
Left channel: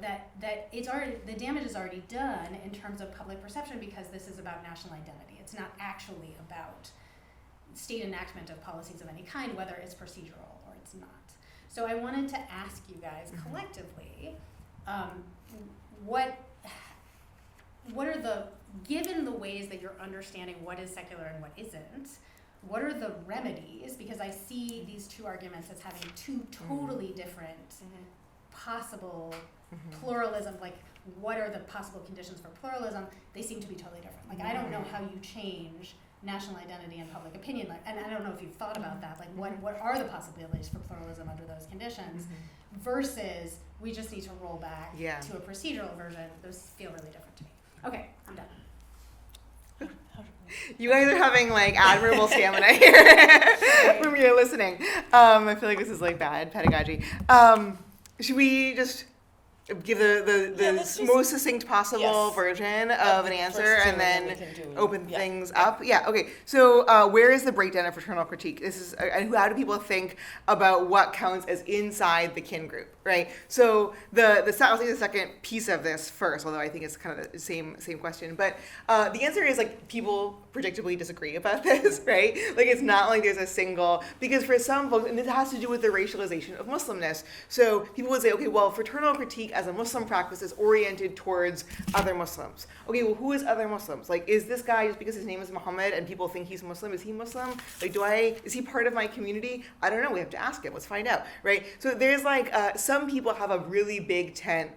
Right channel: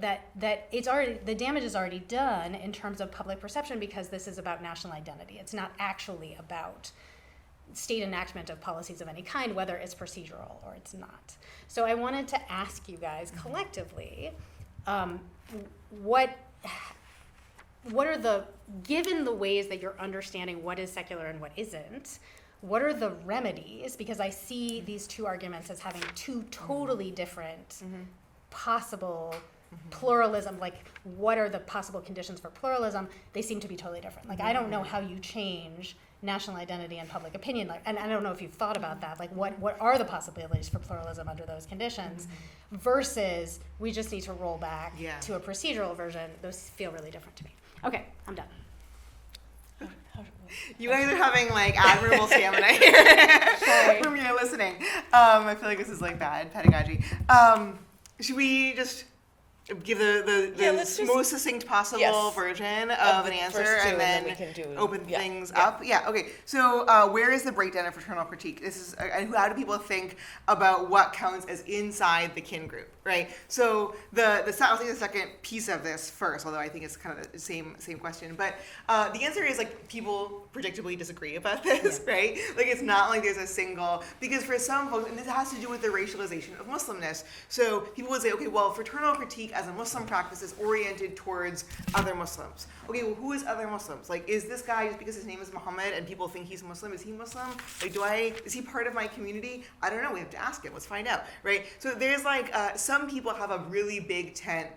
that it's already, the damage is already done in terms of public perception because this is about national identity. It's not actually about state enactment of policies of any kind, whether it's procedural or it's not. So I wanted to ask you guys collectively, what are the, given the ways that you're understanding what is secular and what isn't, what are the remedies? Because I see these two arguments as having two totally different possible pluralism, like what are the possible conditions for pluralism? They seem to be totally different. Like I don't know how you change national identity and public opinion, like, and I don't know if you've thought about that, like what are the possibilities for pluralism under those conditions versus we just need to roll back to a procedural version. Those feel really different to me. Okay, I'm done. You guys are having like admirable stamina here from your listening. I feel like this is like bad pedagogy. Should we just give the most succinct possible version of an answer and then open things up? Yeah, okay. So where is the breakdown of fraternal critique? This is, and how do people think about what counts as inside the kin group, right? So I'll take the second piece of this first, although I think it's kind of the same question. But the answer is like people predictably disagree about this, right? Like it's not like there's a single, because for some folks, and this has to do with the racialization of Muslimness. So people would say, okay, well, fraternal critique as a Muslim practice is oriented towards other Muslims. Okay, well, who is other Muslims? Like, is this guy, just because his name is Muhammad and people think he's Muslim, is he Muslim? Like, is he part of my community? I don't know, we have to ask him, let's find out, right? So there's like, some people have a really big tent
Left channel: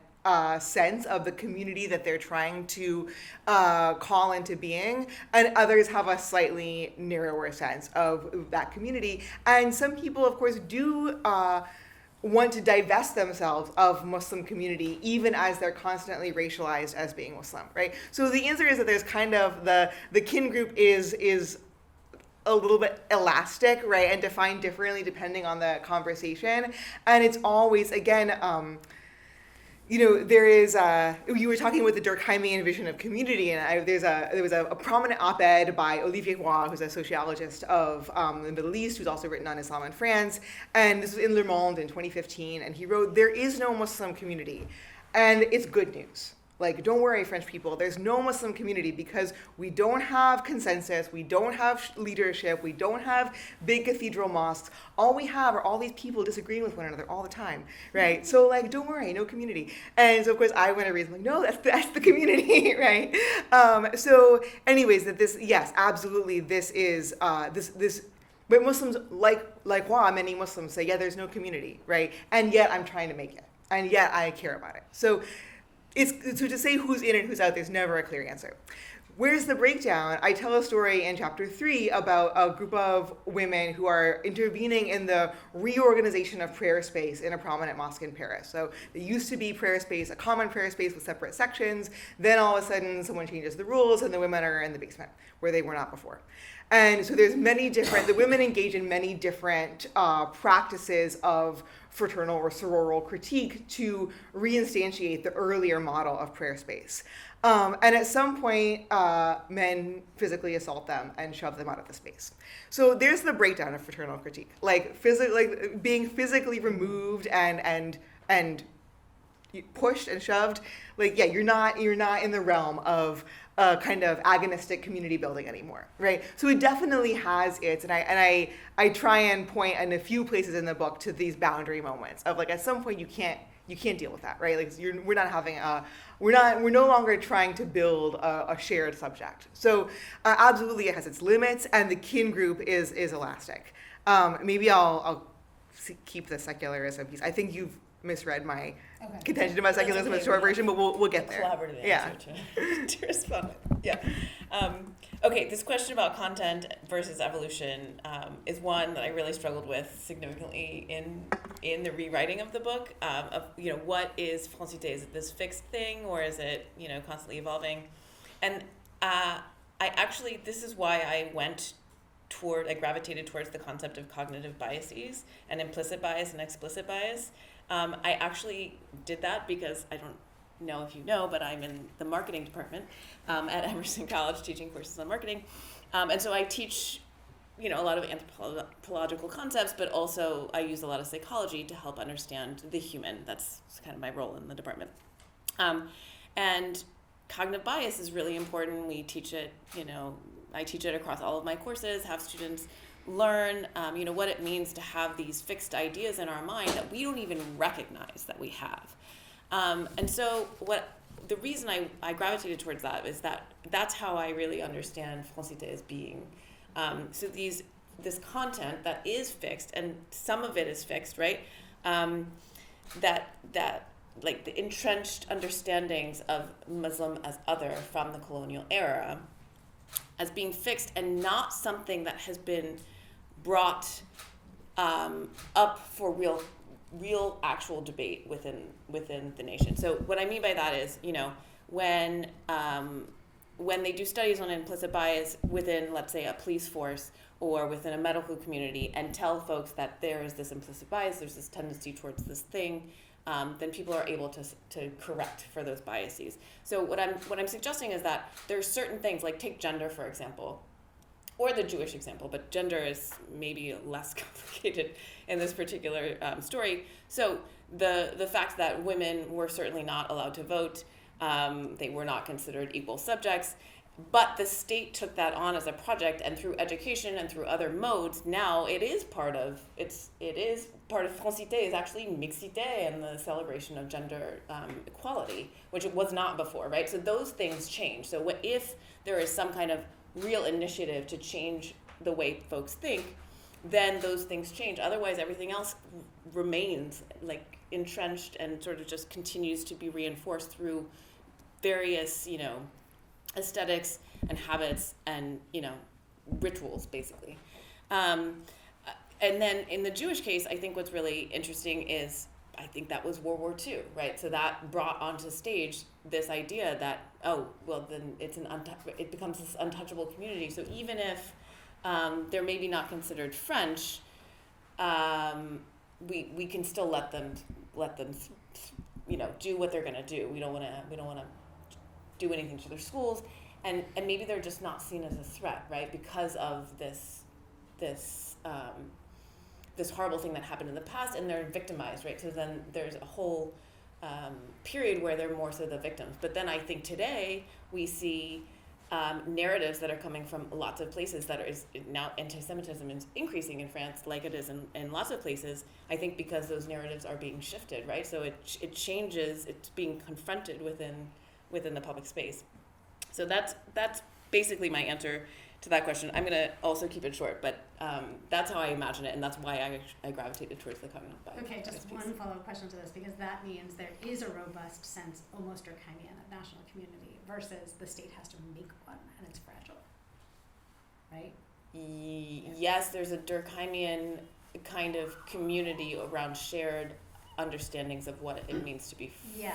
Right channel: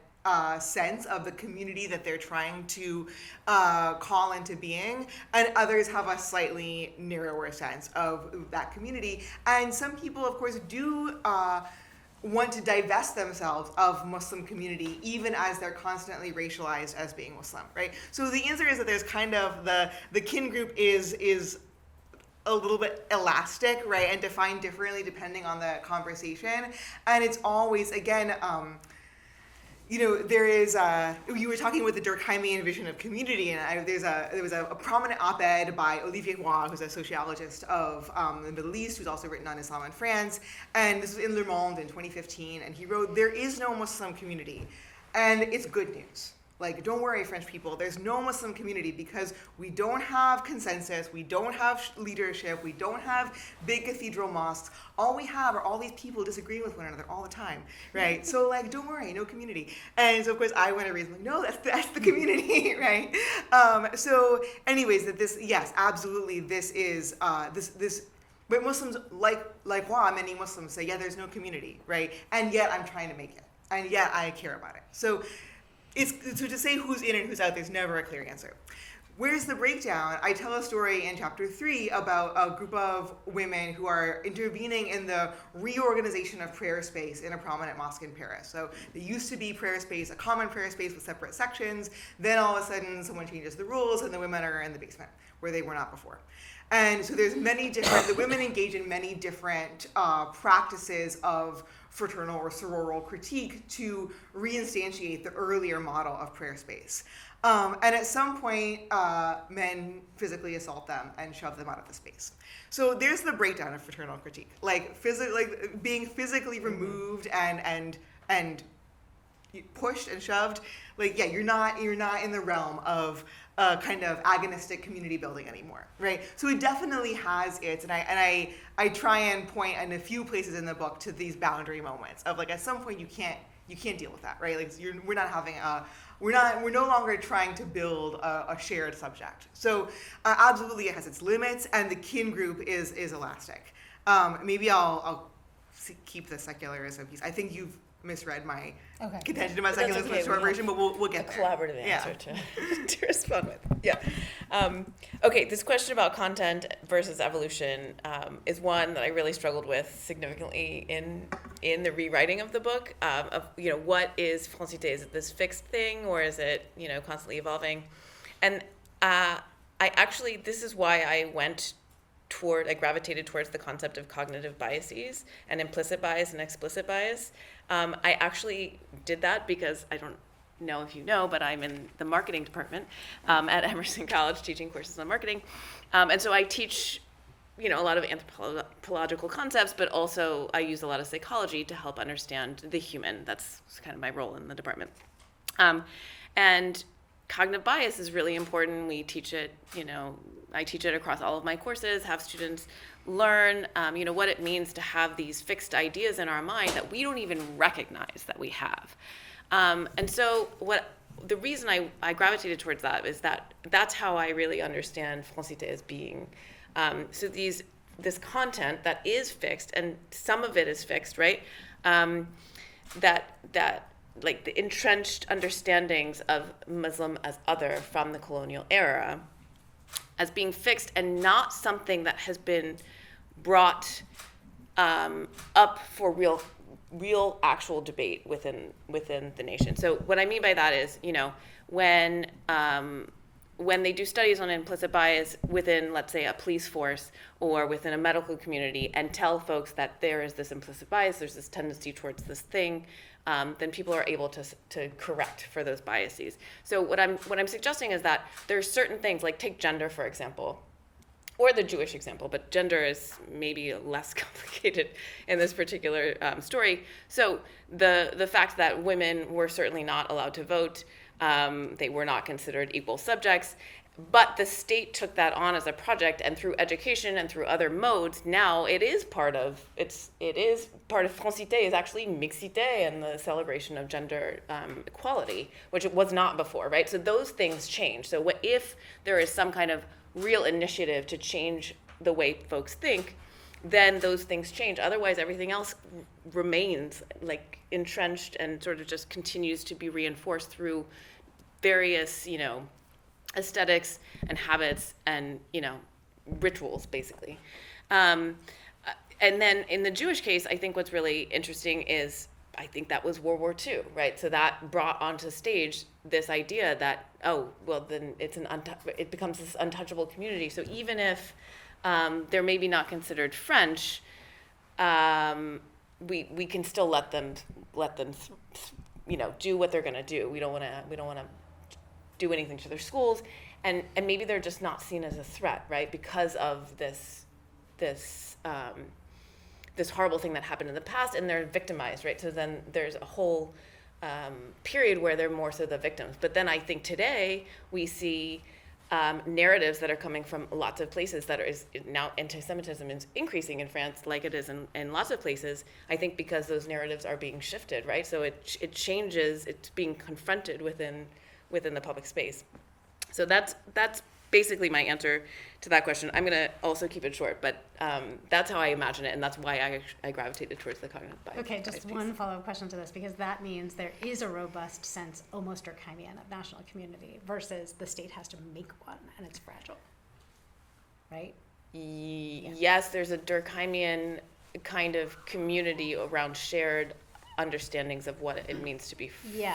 sense of the community that they're trying to call into being, and others have a slightly narrower sense of that community. And some people, of course, do want to divest themselves of Muslim community, even as they're constantly racialized as being Muslim, right? So the answer is that there's kind of the kin group is a little bit elastic, right, and defined differently depending on the conversation. And it's always, again, there is, you were talking with the Durkheimian vision of community, and there was a prominent op-ed by Olivier Roy, who's a sociologist of the Middle East, who's also written on Islam and France, and this was in Le Monde in 2015, and he wrote, "There is no Muslim community, and it's good news. Like, don't worry, French people, there's no Muslim community because we don't have consensus, we don't have leadership, we don't have big cathedral mosques. All we have are all these people disagreeing with one another all the time, right? So, like, don't worry, no community." And so, of course, I went to reason, like, no, that's the community, right? So, anyways, that this, yes, absolutely, this is, but Muslims, like Roy, many Muslims say, yeah, there's no community, right? And yet I'm trying to make it, and yet I care about it. So to say who's in and who's out, there's never a clear answer. Where's the breakdown? I tell a story in chapter 3 about a group of women who are intervening in the reorganization of prayer space in a prominent mosque in Paris. So there used to be prayer space, a common prayer space with separate sections. Then all of a sudden someone changes the rules and the women are in the basement where they were not before. And so there's the women engage in many different practices of fraternal or sororal critique to reinstantiate the earlier model of prayer space. And at some point, men physically assault them and shove them out of the space. So there's the breakdown of fraternal critique, like being physically removed and pushed and shoved. Like, yeah, you're not in the realm of kind of agonistic community building anymore, right? So it definitely has its, and I try and point in a few places in the book to these boundary moments of like at some point you can't deal with that, right? Like we're no longer trying to build a shared subject. So absolutely it has its limits, and the kin group is elastic. Maybe I'll keep the secularism piece. I think you've misread my contention about secularism in a short version, but we'll get there. Collaborative answer to respond with. Yeah. Okay, this question about content versus evolution is one that I really struggled with significantly in the rewriting of the book. What is Francité? Is it this fixed thing, or is it constantly evolving? And this is why I gravitated towards the concept of cognitive biases and implicit bias and explicit bias. I actually did that because I don't know if you know, but I'm in the marketing department at Emerson College teaching courses on marketing. And so I teach, a lot of anthropological concepts, but also I use a lot of psychology to help understand the human. That's kind of my role in the department. And cognitive bias is really important. We teach it, I teach it across all of my courses, have students learn, what it means to have these fixed ideas in our mind that we don't even recognize that we have. And so the reason I gravitated towards that is that's how I really understand Francité as being. So these this content that is fixed, and some of it is fixed, right? That like the entrenched understandings of Muslim as other from the colonial era as being fixed and not something that has been brought up for real actual debate within the nation. So what I mean by that is, when they do studies on implicit bias within, let's say, a police force or within a medical community, and tell folks that there is this implicit bias, there's this tendency towards this thing, then people are able to correct for those biases. So what I'm suggesting is that there's certain things, like take gender, for example, or the Jewish example, but gender is maybe less complicated in this particular story. So the fact that women were certainly not allowed to vote, they were not considered equal subjects, but the state took that on as a project, and through education and through other modes, now it is part of francité, is actually mixité, and the celebration of gender equality, which it was not before, right? So those things change. So if there is some kind of real initiative to change the way folks think, then those things change. Otherwise, everything else remains like entrenched and sort of just continues to be reinforced through various, aesthetics and habits and, rituals, basically. And then in the Jewish case, I think what's really interesting is, I think that was World War II, right? So that brought onto stage this idea that, then it becomes this untouchable community. So even if they're maybe not considered French, we can still let them do what they're going to do. We don't want to do anything to their schools, and maybe they're just not seen as a threat, right? Because of this horrible thing that happened in the past, and they're victimized, right? So then there's a whole period where they're more so the victims. But then I think today we see narratives that are coming from lots of places that is now anti-Semitism is increasing in France, like it is in lots of places. I think because those narratives are being shifted, right? So it changes. It's being confronted within the public space. So that's basically my answer to that question. I'm going to also keep it short, but that's how I imagine it, and that's why I gravitated towards the cognitive bias. Okay, just one follow-up question to this, because that means there is a robust sense, almost Durkheimian, of national community versus the state has to make one, and it's fragile, right? Yes, there's a Durkheimian kind of community around shared understandings of what it means to be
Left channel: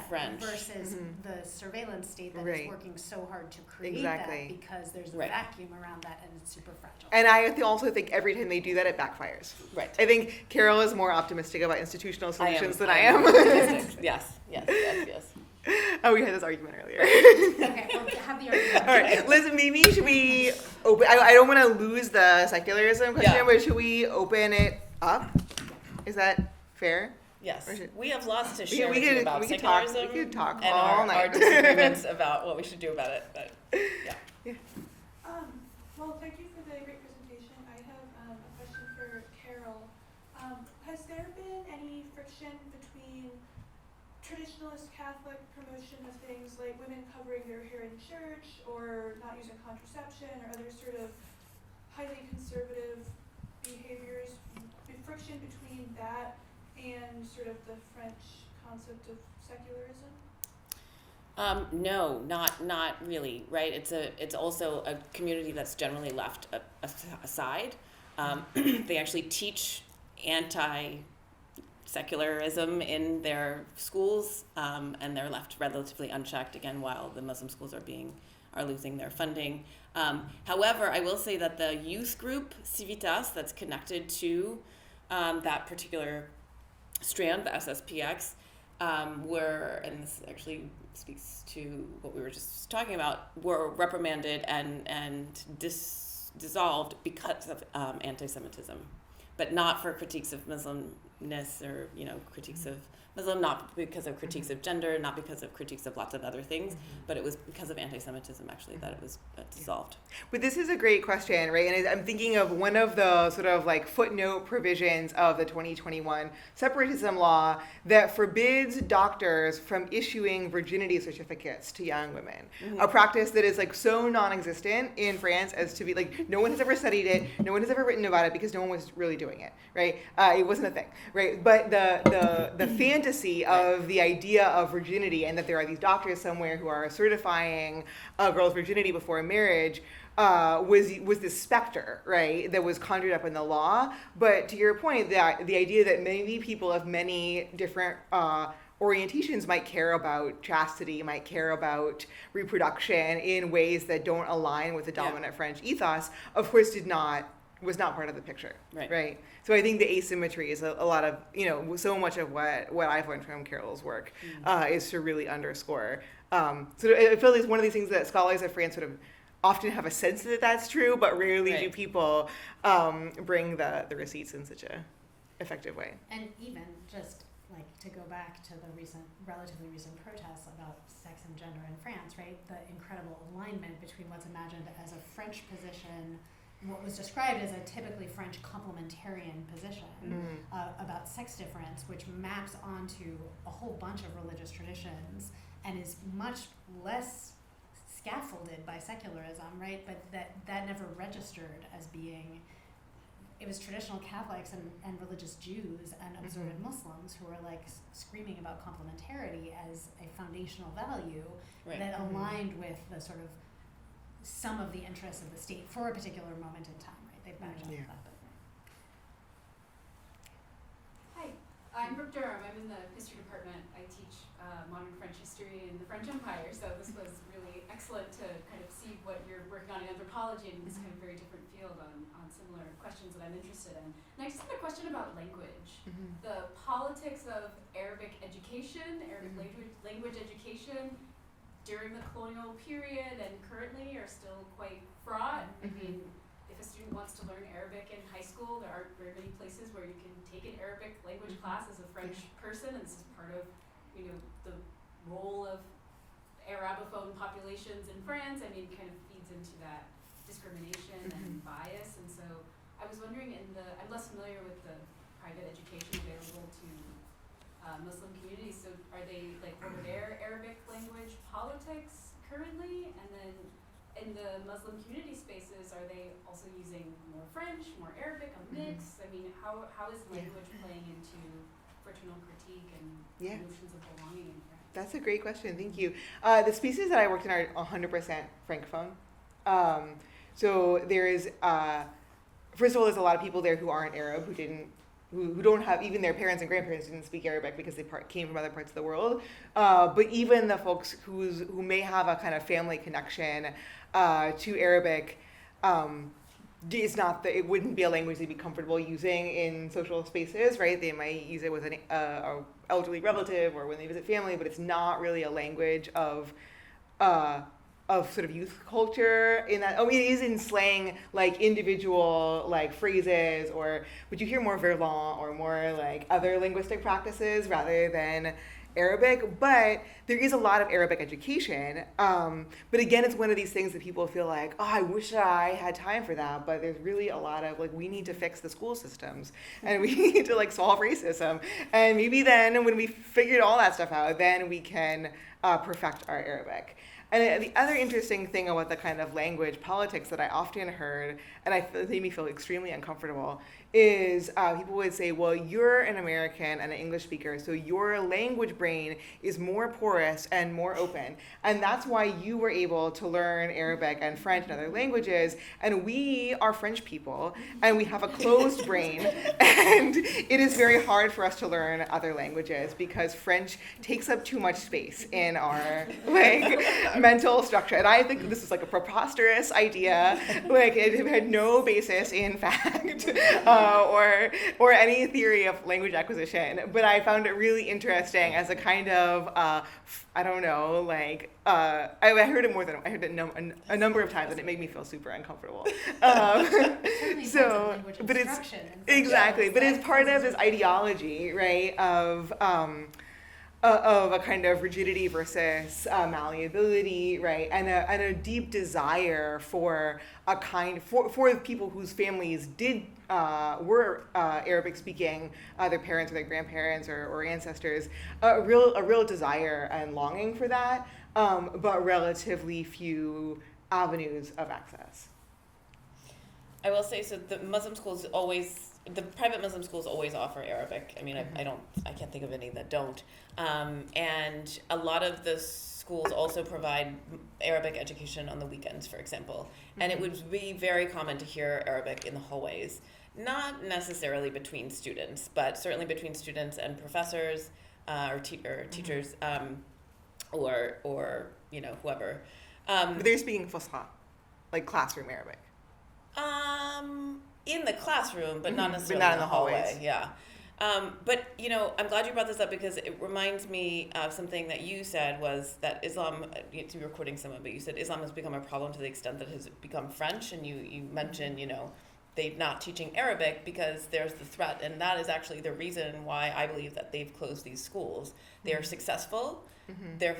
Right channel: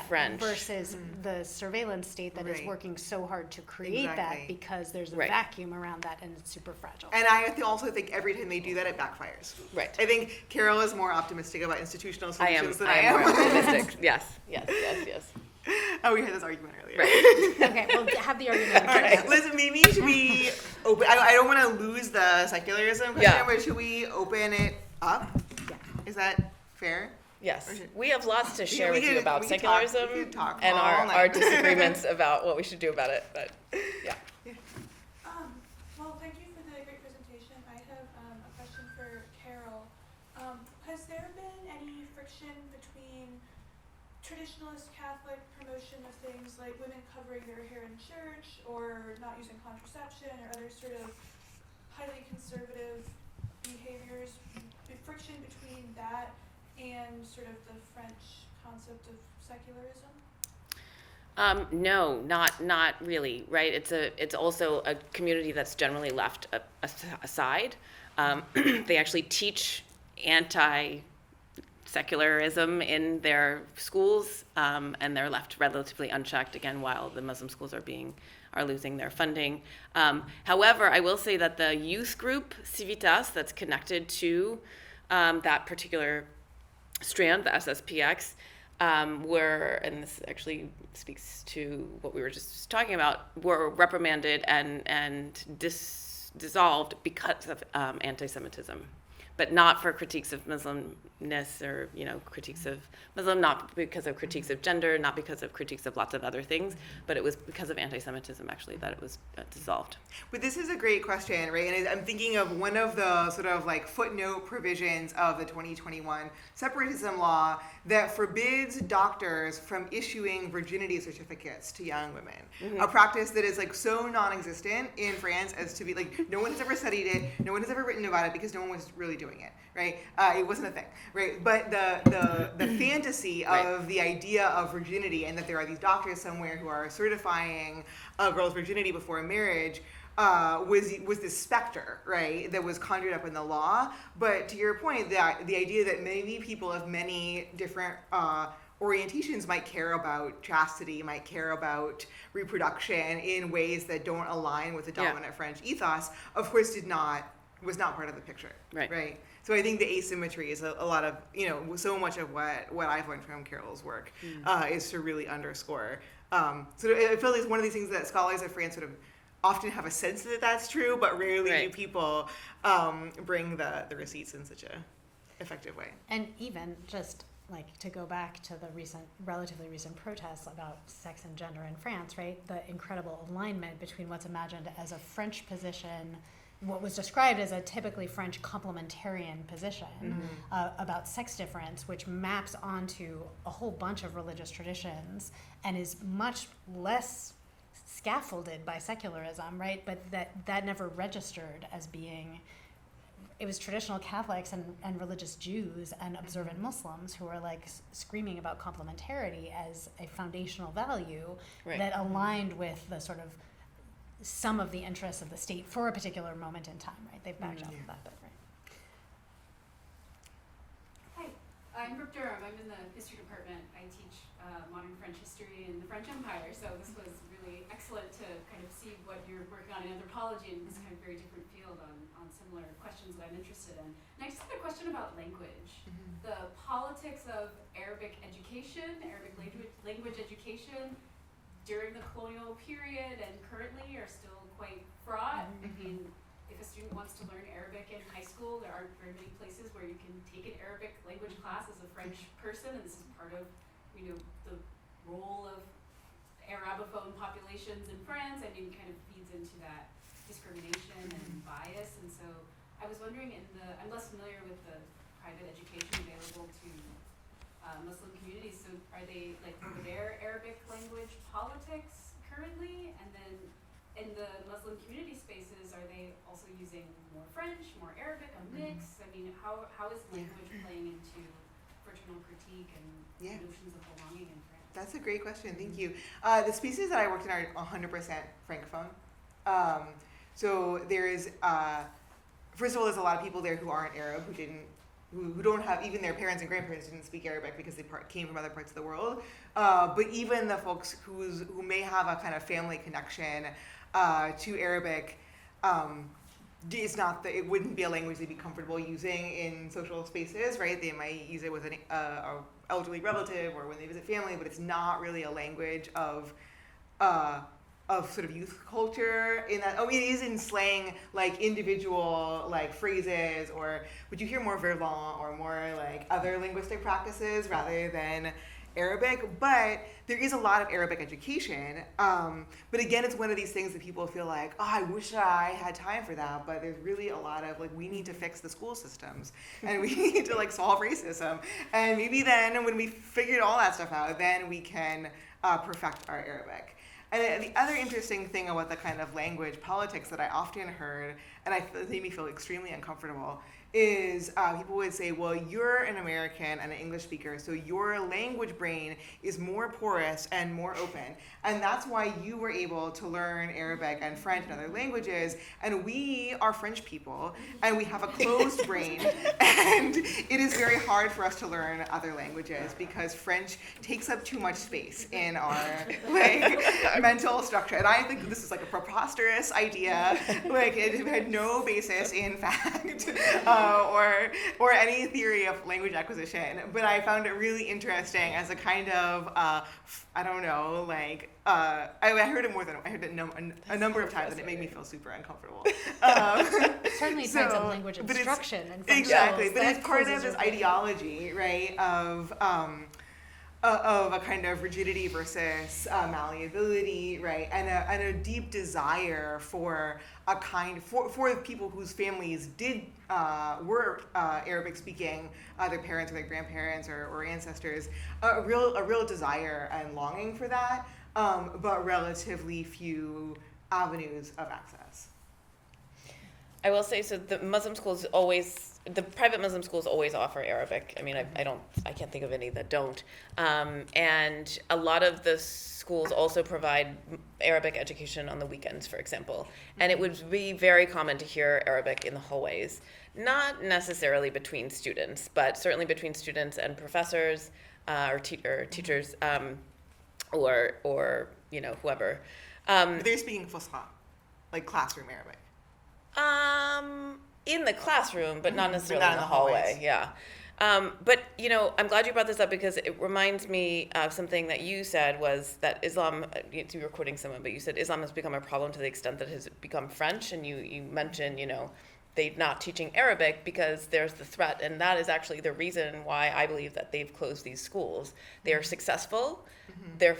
French. Versus the surveillance state that is working so hard to create that because there's a vacuum around that, and it's super fragile. And I also think every time they do that, it backfires. Right. I think Carol is more optimistic about institutional solutions than I am. am. More optimistic. Yes. Oh, we had this argument earlier. Right. Okay, we'll have the argument. All right, Liz, maybe should we open, I don't want to lose the secularism question, but should we open it up? Yeah. Is that fair? Yes, we have lots to share with you about We secularism could talk and all our night. disagreements about what we should do about it. But Well, thank you for the great presentation. I have a question for Carol. Has there been any friction between traditionalist Catholic promotion of things like women covering their hair in church or not using contraception or other sort of highly conservative behaviors, friction between that and sort of the French concept of secularism? No, not really, right? It's also a community that's generally left aside. They actually teach anti-secularism in their schools, and they're left relatively unchecked again while the Muslim schools are losing their funding. However, I will say that the youth group Civitas that's connected to that particular strand, the SSPX, and this actually speaks to what we were just talking about, were reprimanded and dissolved because of anti-Semitism. but not for critiques of Muslimness or, critiques of Muslim, not because of critiques of gender, not because of critiques of lots of other things, but it was because of anti-Semitism, actually, that it was dissolved. But this is a great question, right? And I'm thinking of one of the sort of like footnote provisions of the 2021 separatism law that forbids doctors from issuing virginity certificates to young women. A practice that is like so non-existent in France as to be like, no one has ever studied it, no one has ever written about it because no one was really doing it, right? It wasn't a thing, right? But the fantasy of the idea of virginity and that there are these doctors somewhere who are certifying a girl's virginity before marriage was this specter, right, that was conjured up in the law. But to your point, the idea that maybe people of many different orientations might care about chastity, might care about reproduction in ways that don't align with the dominant French ethos, of course was not part of the picture, right? So I think the asymmetry is a lot of, so much of what I've learned from Carol's work is to really underscore. So I feel like it's one of these things that scholars of France sort of often have a sense that that's true, but rarely do people bring the receipts in such a effective way. And even just like to go back to the relatively recent protests about sex and gender in France, right? The incredible alignment between what's imagined as a French position, what was described as a typically French complementarian position about sex difference, which maps onto a whole bunch of religious traditions and is much less scaffolded by secularism, right? But that never registered as being, it was traditional Catholics and religious Jews and observant Muslims who were like screaming about complementarity as a foundational value that aligned with the sort of some of the interests of the state for a particular moment in time, right? They've backed up that, but Hi, I'm Brooke Durham. I'm in the history department. I teach modern French history in the French Empire, so this was really excellent to kind of see what you're working on in anthropology in this kind of very different field on similar questions that I'm interested in. And I just had a question about language. The politics of Arabic education, Arabic language education, during the colonial period and currently are still quite fraught. I mean, if a student wants to learn Arabic in high school, there aren't very many places where you can take an Arabic language class as a French person, and this is part of, the role of Arabophone populations in France. I mean, kind of feeds into that discrimination and bias, and so I was wondering I'm less familiar with the private education available to Muslim communities, so are they, what are their Arabic language politics currently? And then in the Muslim community spaces, are they also using more French, more Arabic, a mix? I mean, how is language playing into fraternal critique and notions of belonging in France? That's a great question, thank you. The species that I worked in are 100% Francophone. So there is, first of all, there's a lot of people there who aren't Arab, who don't have, even their parents and grandparents didn't speak Arabic because they came from other parts of the world. But even the folks who may have a kind of family connection to Arabic, it's not that it wouldn't be a language they'd be comfortable using in social spaces, right? They might use it with an elderly relative or when they visit family, but it's not really a language of sort of youth culture in that. It is in slang, like individual like phrases, but you hear more verlan or more like other linguistic practices rather than Arabic. But there is a lot of Arabic education. But again, it's one of these things that people feel like, I wish I had time for that. But there's really a lot of we need to fix the school systems and we need to solve racism. And maybe then when we figured all that stuff out, then we can perfect our Arabic. And the other interesting thing about the kind of language politics that I often heard, and it made me feel extremely uncomfortable, is people would say, well, you're an American and an English speaker, so your language brain is more porous and more open. And that's why you were able to learn Arabic and French and other languages. And we are French people, and we have a closed brain. And it is very hard for us to learn other languages because French takes up too much space in our mental structure. And I think this is a preposterous idea. It had no basis in fact. or any theory of language acquisition, but I found it really interesting as a kind of I don't know, like I heard it a number of times, and it made me feel super uncomfortable. Certainly parts of language but it's instruction and exactly, functions but that it's part of causes this you- ideology, right, of a kind of rigidity versus malleability, right, and a deep desire for a kind for people whose families were Arabic speaking, their parents or their grandparents or ancestors, a real desire and longing for that, but relatively few avenues of access. I will say, so the private Muslim schools always offer Arabic. I mean, I can't think of any that don't. And a lot of the schools also provide Arabic education on the weekends, for example. And it would be very common to hear Arabic in the hallways, not necessarily between students, but certainly between students and professors or teachers or whoever. But they're speaking Fusha, like classroom Arabic. In the classroom, but not necessarily not in the hallway. Yeah. But, I'm glad you brought this up because it reminds me of something that you said was that Islam, you were quoting someone, but you said Islam has become a problem to the extent that it has become French. And you mentioned, they're not teaching Arabic because there's the threat. And that is actually the reason why I believe that they've closed these schools. They are successful. They're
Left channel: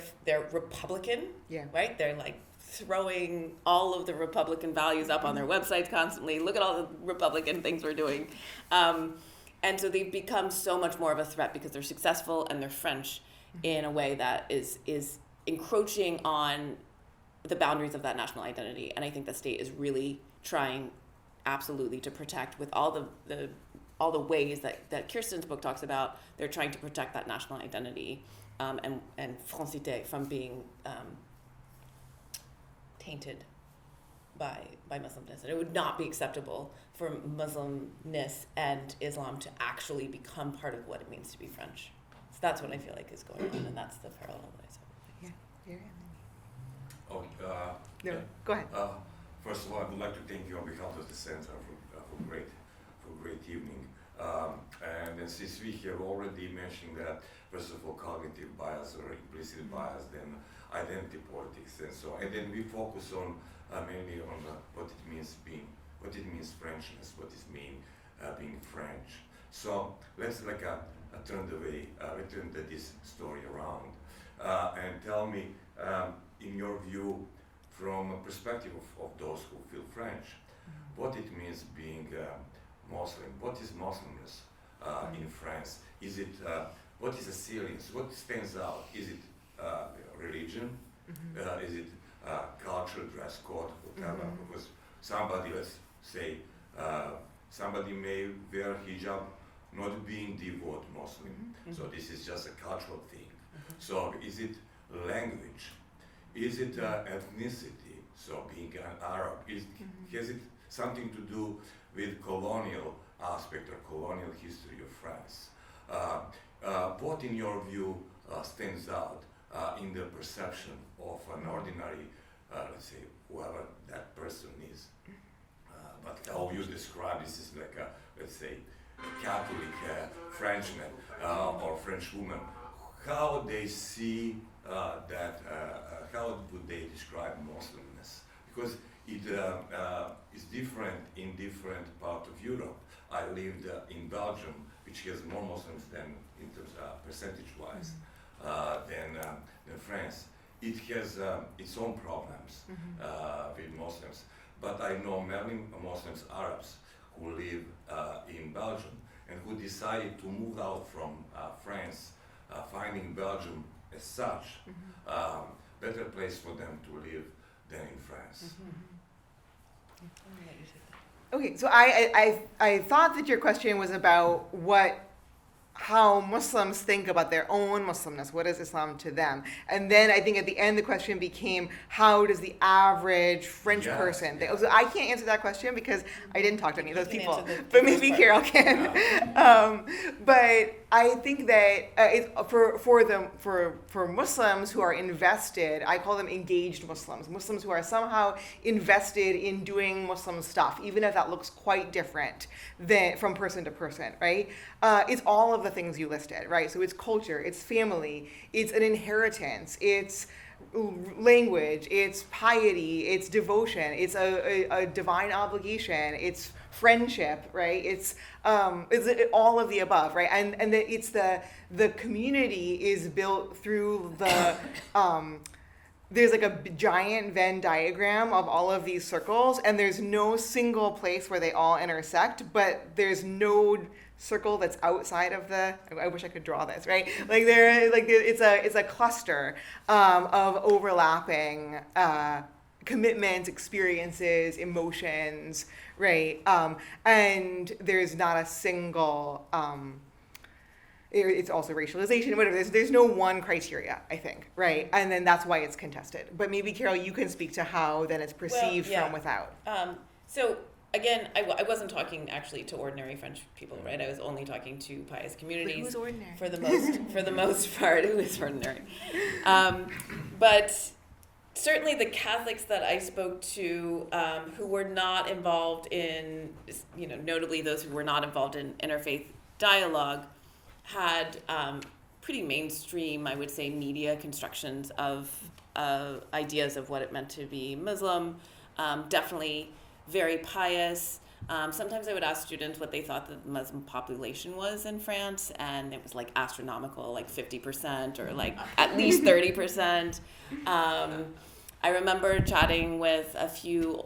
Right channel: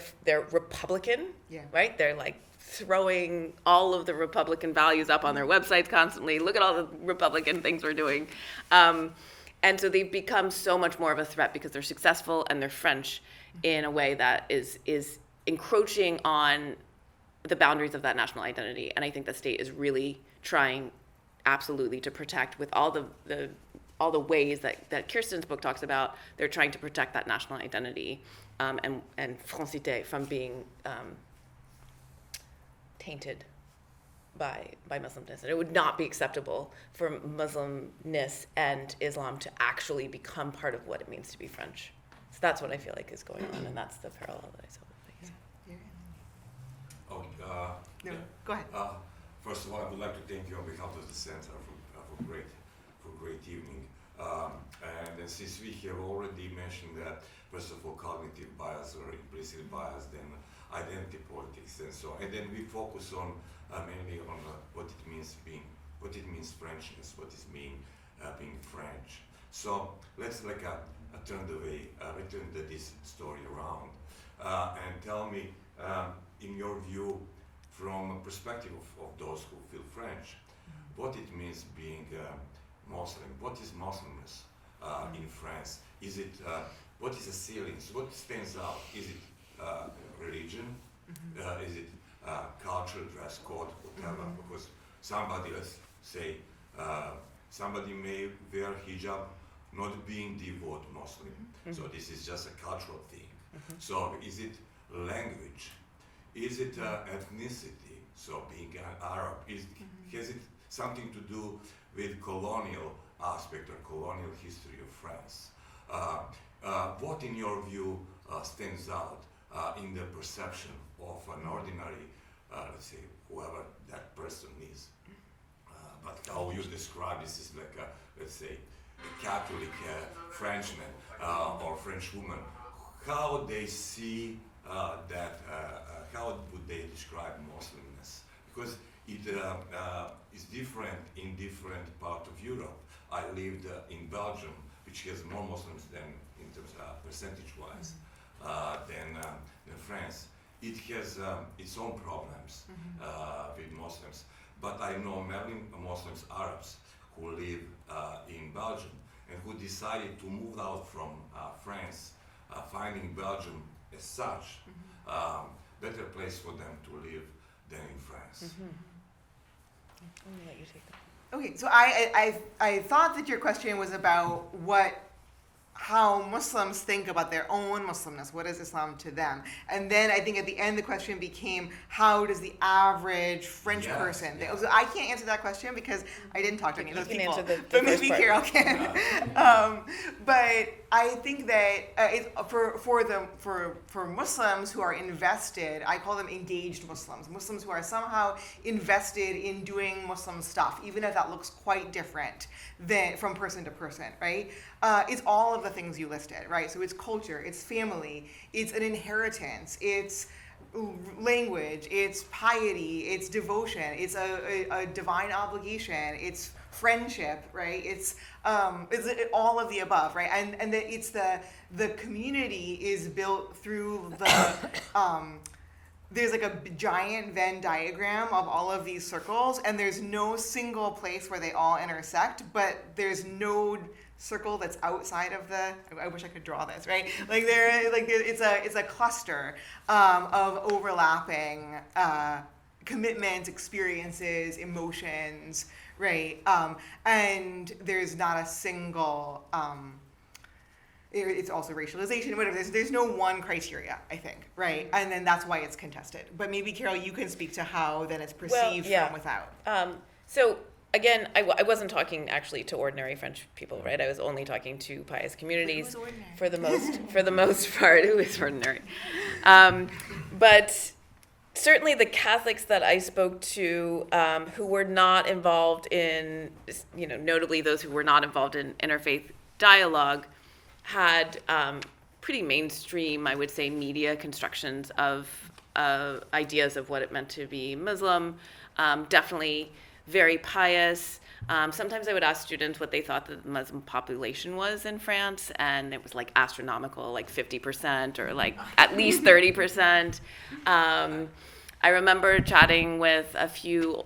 Republican, right? They're like throwing all of the Republican values up on their websites constantly. Look at all the Republican things we're doing. And so they've become so much more of a threat because they're successful and they're French in a way that is encroaching on the boundaries of that national identity. And I think the state is really trying absolutely to protect with all the ways that Kirsten's book talks about. They're trying to protect that national identity and francité from being tainted by Muslimness. And it would not be acceptable for Muslimness and Islam to actually become part of what it means to be French. So that's what I feel like is going on, and that's the parallel that I saw with things. No, go ahead. First of all, I would like to thank you on behalf of the Center for great evening. And since we have already mentioned that, first of all, cognitive bias or implicit bias, then identity politics, and so, and then we focus on mainly on what it means Frenchness, what it means being French. So let's turn this story around and tell me, in your view, from a perspective of those who feel French, what it means being Muslim. What is Muslimness in France? Is it what is the ceiling? What stands out? Is it religion? Is it culture, dress code, whatever? Because somebody, let's say, somebody may wear hijab not being devout Muslim. So this is just a cultural thing. So is it language? Is it ethnicity? So being an Arab, has it something to do with colonial aspect or colonial history of France? What, in your view, stands out in the perception of an ordinary, let's say, whoever that person is? But how you describe this is like a, let's say, Catholic Frenchman or French woman. How they see that? How would they describe Muslimness? Because it is different in different parts of Europe. I lived in Belgium, which has more Muslims than, in terms percentage-wise, than France. It has its own problems with Muslims. But I know many Muslims, Arabs, who live in Belgium and who decided to move out from France, finding Belgium as such better place for them to live than in France. I'm gonna let you take that. Okay, so I thought that your question was about what how Muslims think about their own Muslimness. What is Islam to them? And then I think at the end the question became, how does the average French person think? So I can't answer that question because I didn't talk to any of those You can people, answer the but first maybe part. Carol can. But I think that it's for Muslims who are invested, I call them engaged Muslims, Muslims who are somehow invested in doing Muslim stuff, even if that looks quite different than from person to person, right? It's all of the things you listed, right? So it's culture, it's family, it's an inheritance, it's language, it's piety, it's devotion, it's a divine obligation, it's friendship, right? It's all of the above, right? And it's the community is built through the there's like a giant Venn diagram of all of these circles, and there's no single place where they all intersect, but there's no circle that's outside of the. I wish I could draw this, right? It's a cluster of overlapping commitments, experiences, emotions, right? And there's not a single. It's also racialization, whatever. There's no one criteria, I think, right? And then that's why it's contested. But maybe, Carol, you can speak to how then it's perceived from without. So again, I wasn't talking actually to ordinary French people, right? I was only talking to pious communities. Who's ordinary? For the most part, who is ordinary. But certainly the Catholics that I spoke to who were not involved in, notably those who were not involved in interfaith dialogue, had pretty mainstream, I would say, media constructions of ideas of what it meant to be Muslim, definitely very pious. Sometimes I would ask students what they thought the Muslim population was in France, and it was like astronomical, like 50% or like at least 30%. I remember chatting with a few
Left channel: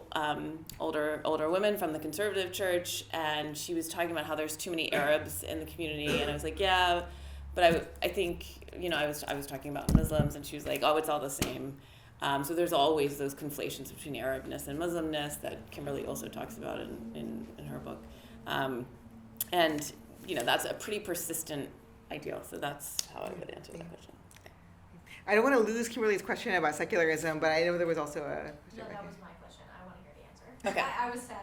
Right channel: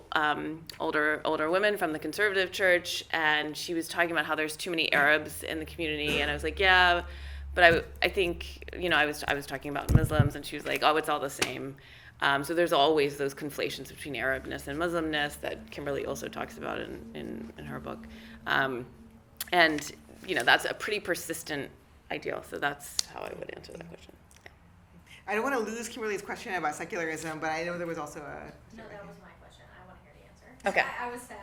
older women from the conservative church, and she was talking about how there's too many Arabs in the community, and I was like, yeah, but I think, I was talking about Muslims, and she was like, oh, it's all the same. So there's always those conflations between Arabness and Muslimness that Kimberly also talks about in her book. And, that's a pretty persistent ideal, so that's how I would answer that question. I don't want to lose Kimberly's question about secularism, but I know there was also a question. No, that was my question. I want to hear the answer. Okay. I was sad.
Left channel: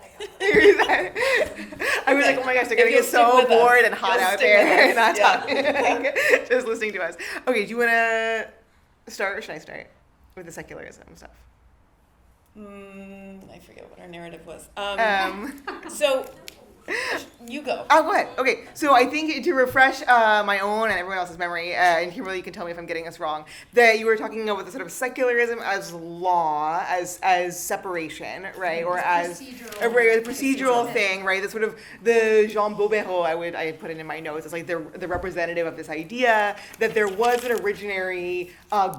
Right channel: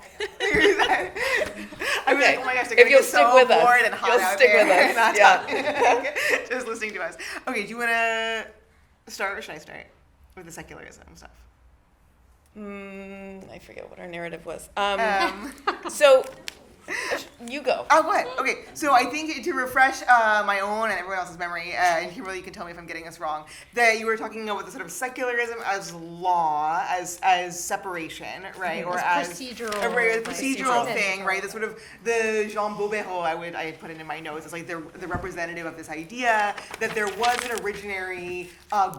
I was like, oh my gosh, they're If going to you'll get stick so with us. bored and hot You'll out stick with there us. not Yeah. talking, just listening to us. Okay, do you want to start, or should I start with the secularism stuff? I forget what our narrative was. Um, So you go. Oh, go ahead. Okay, so I think to refresh my own and everyone else's memory, and Kimberly, you can tell me if I'm getting this wrong, that you were talking about the sort of secularism as law, as separation, right, or as a procedural thing, right? The sort of the Jean Bobéro, I had put it in my notes. It's like the representative of this idea that there was an originary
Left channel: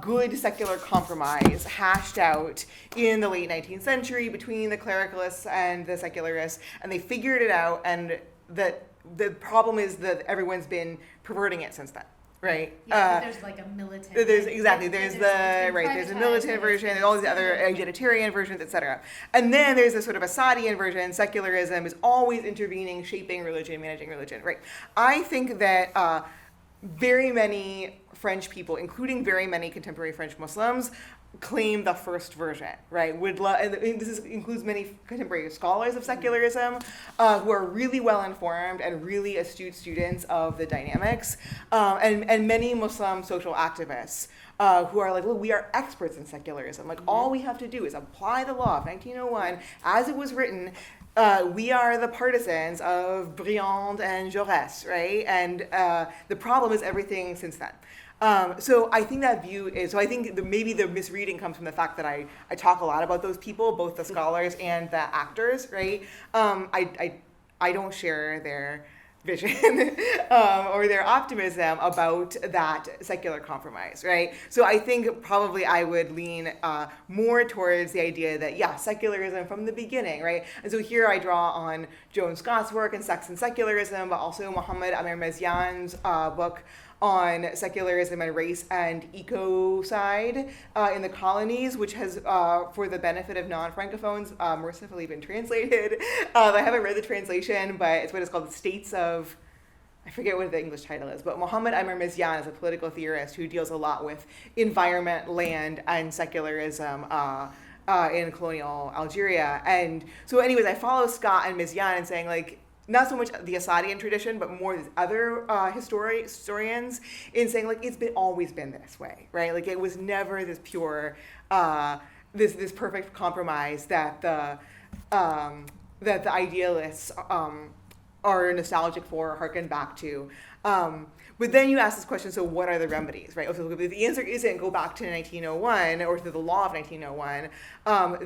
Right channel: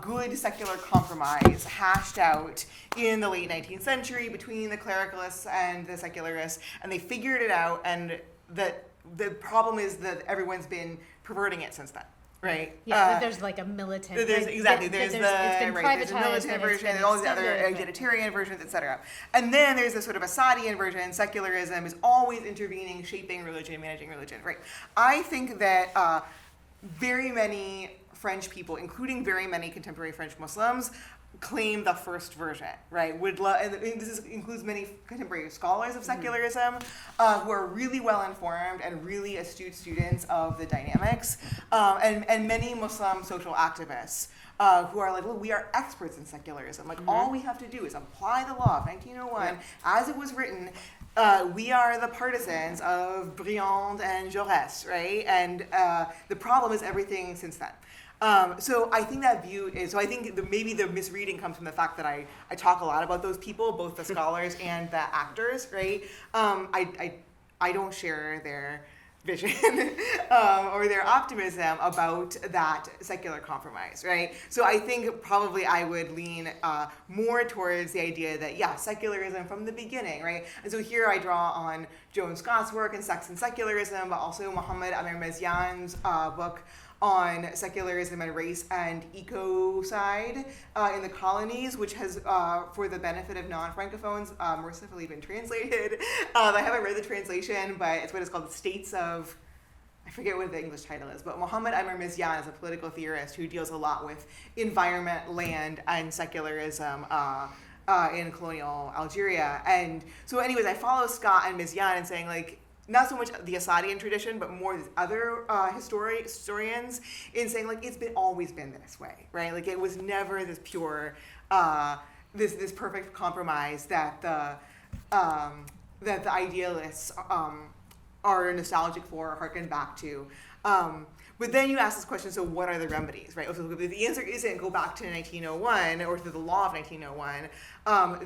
good secular compromise hashed out in the late 19th century between the clericalists and the secularists, and they figured it out. And that the problem is that everyone's been perverting it since then, right? Yeah, there's like a militant. There's it's a been militant privatized, version, and all these other egalitarian versions, etc. And then there's this sort of Assadian version. Secularism is always intervening, shaping religion, managing religion, right? I think that very many French people, including very many contemporary French Muslims, claim the first version, right? And this includes many contemporary scholars of secularism who are really well informed and really astute students of the dynamics, and many Muslim social activists who are like, look, we are experts in secularism. Like, all we have to do is apply the law of 1901 as it was written. We are the partisans of Briand and Jaurès, right? And the problem is everything since then. So I think that view is, so I think maybe the misreading comes from the fact that I talk a lot about those people, both the scholars and the actors, right? I don't share their vision or their optimism about that secular compromise, right? So I think probably I would lean more towards the idea that, yeah, secularism from the beginning, right? And so here I draw on Joan Scott's work in Sex and Secularism, but also Mohammed Amer-Mezian's book on secularism and race and ecocide in the colonies, which has, for the benefit of non-Francophones, mercifully been translated. I haven't read the translation, but it's what is called the States of I forget what the English title is, but Mohammed Amr Mizyan is a political theorist who deals a lot with environment, land, and secularism in colonial Algeria. And so anyways, I follow Scott and Mizyan in saying, like, not so much the Assadian tradition, but more the other historians in saying, like, it's always been this way, right? Like, it was never this pure, this perfect compromise that the idealists are nostalgic for or harken back to. But then you ask this question, so what are the remedies, right? So if the answer isn't go back to 1901 or to the law of 1901,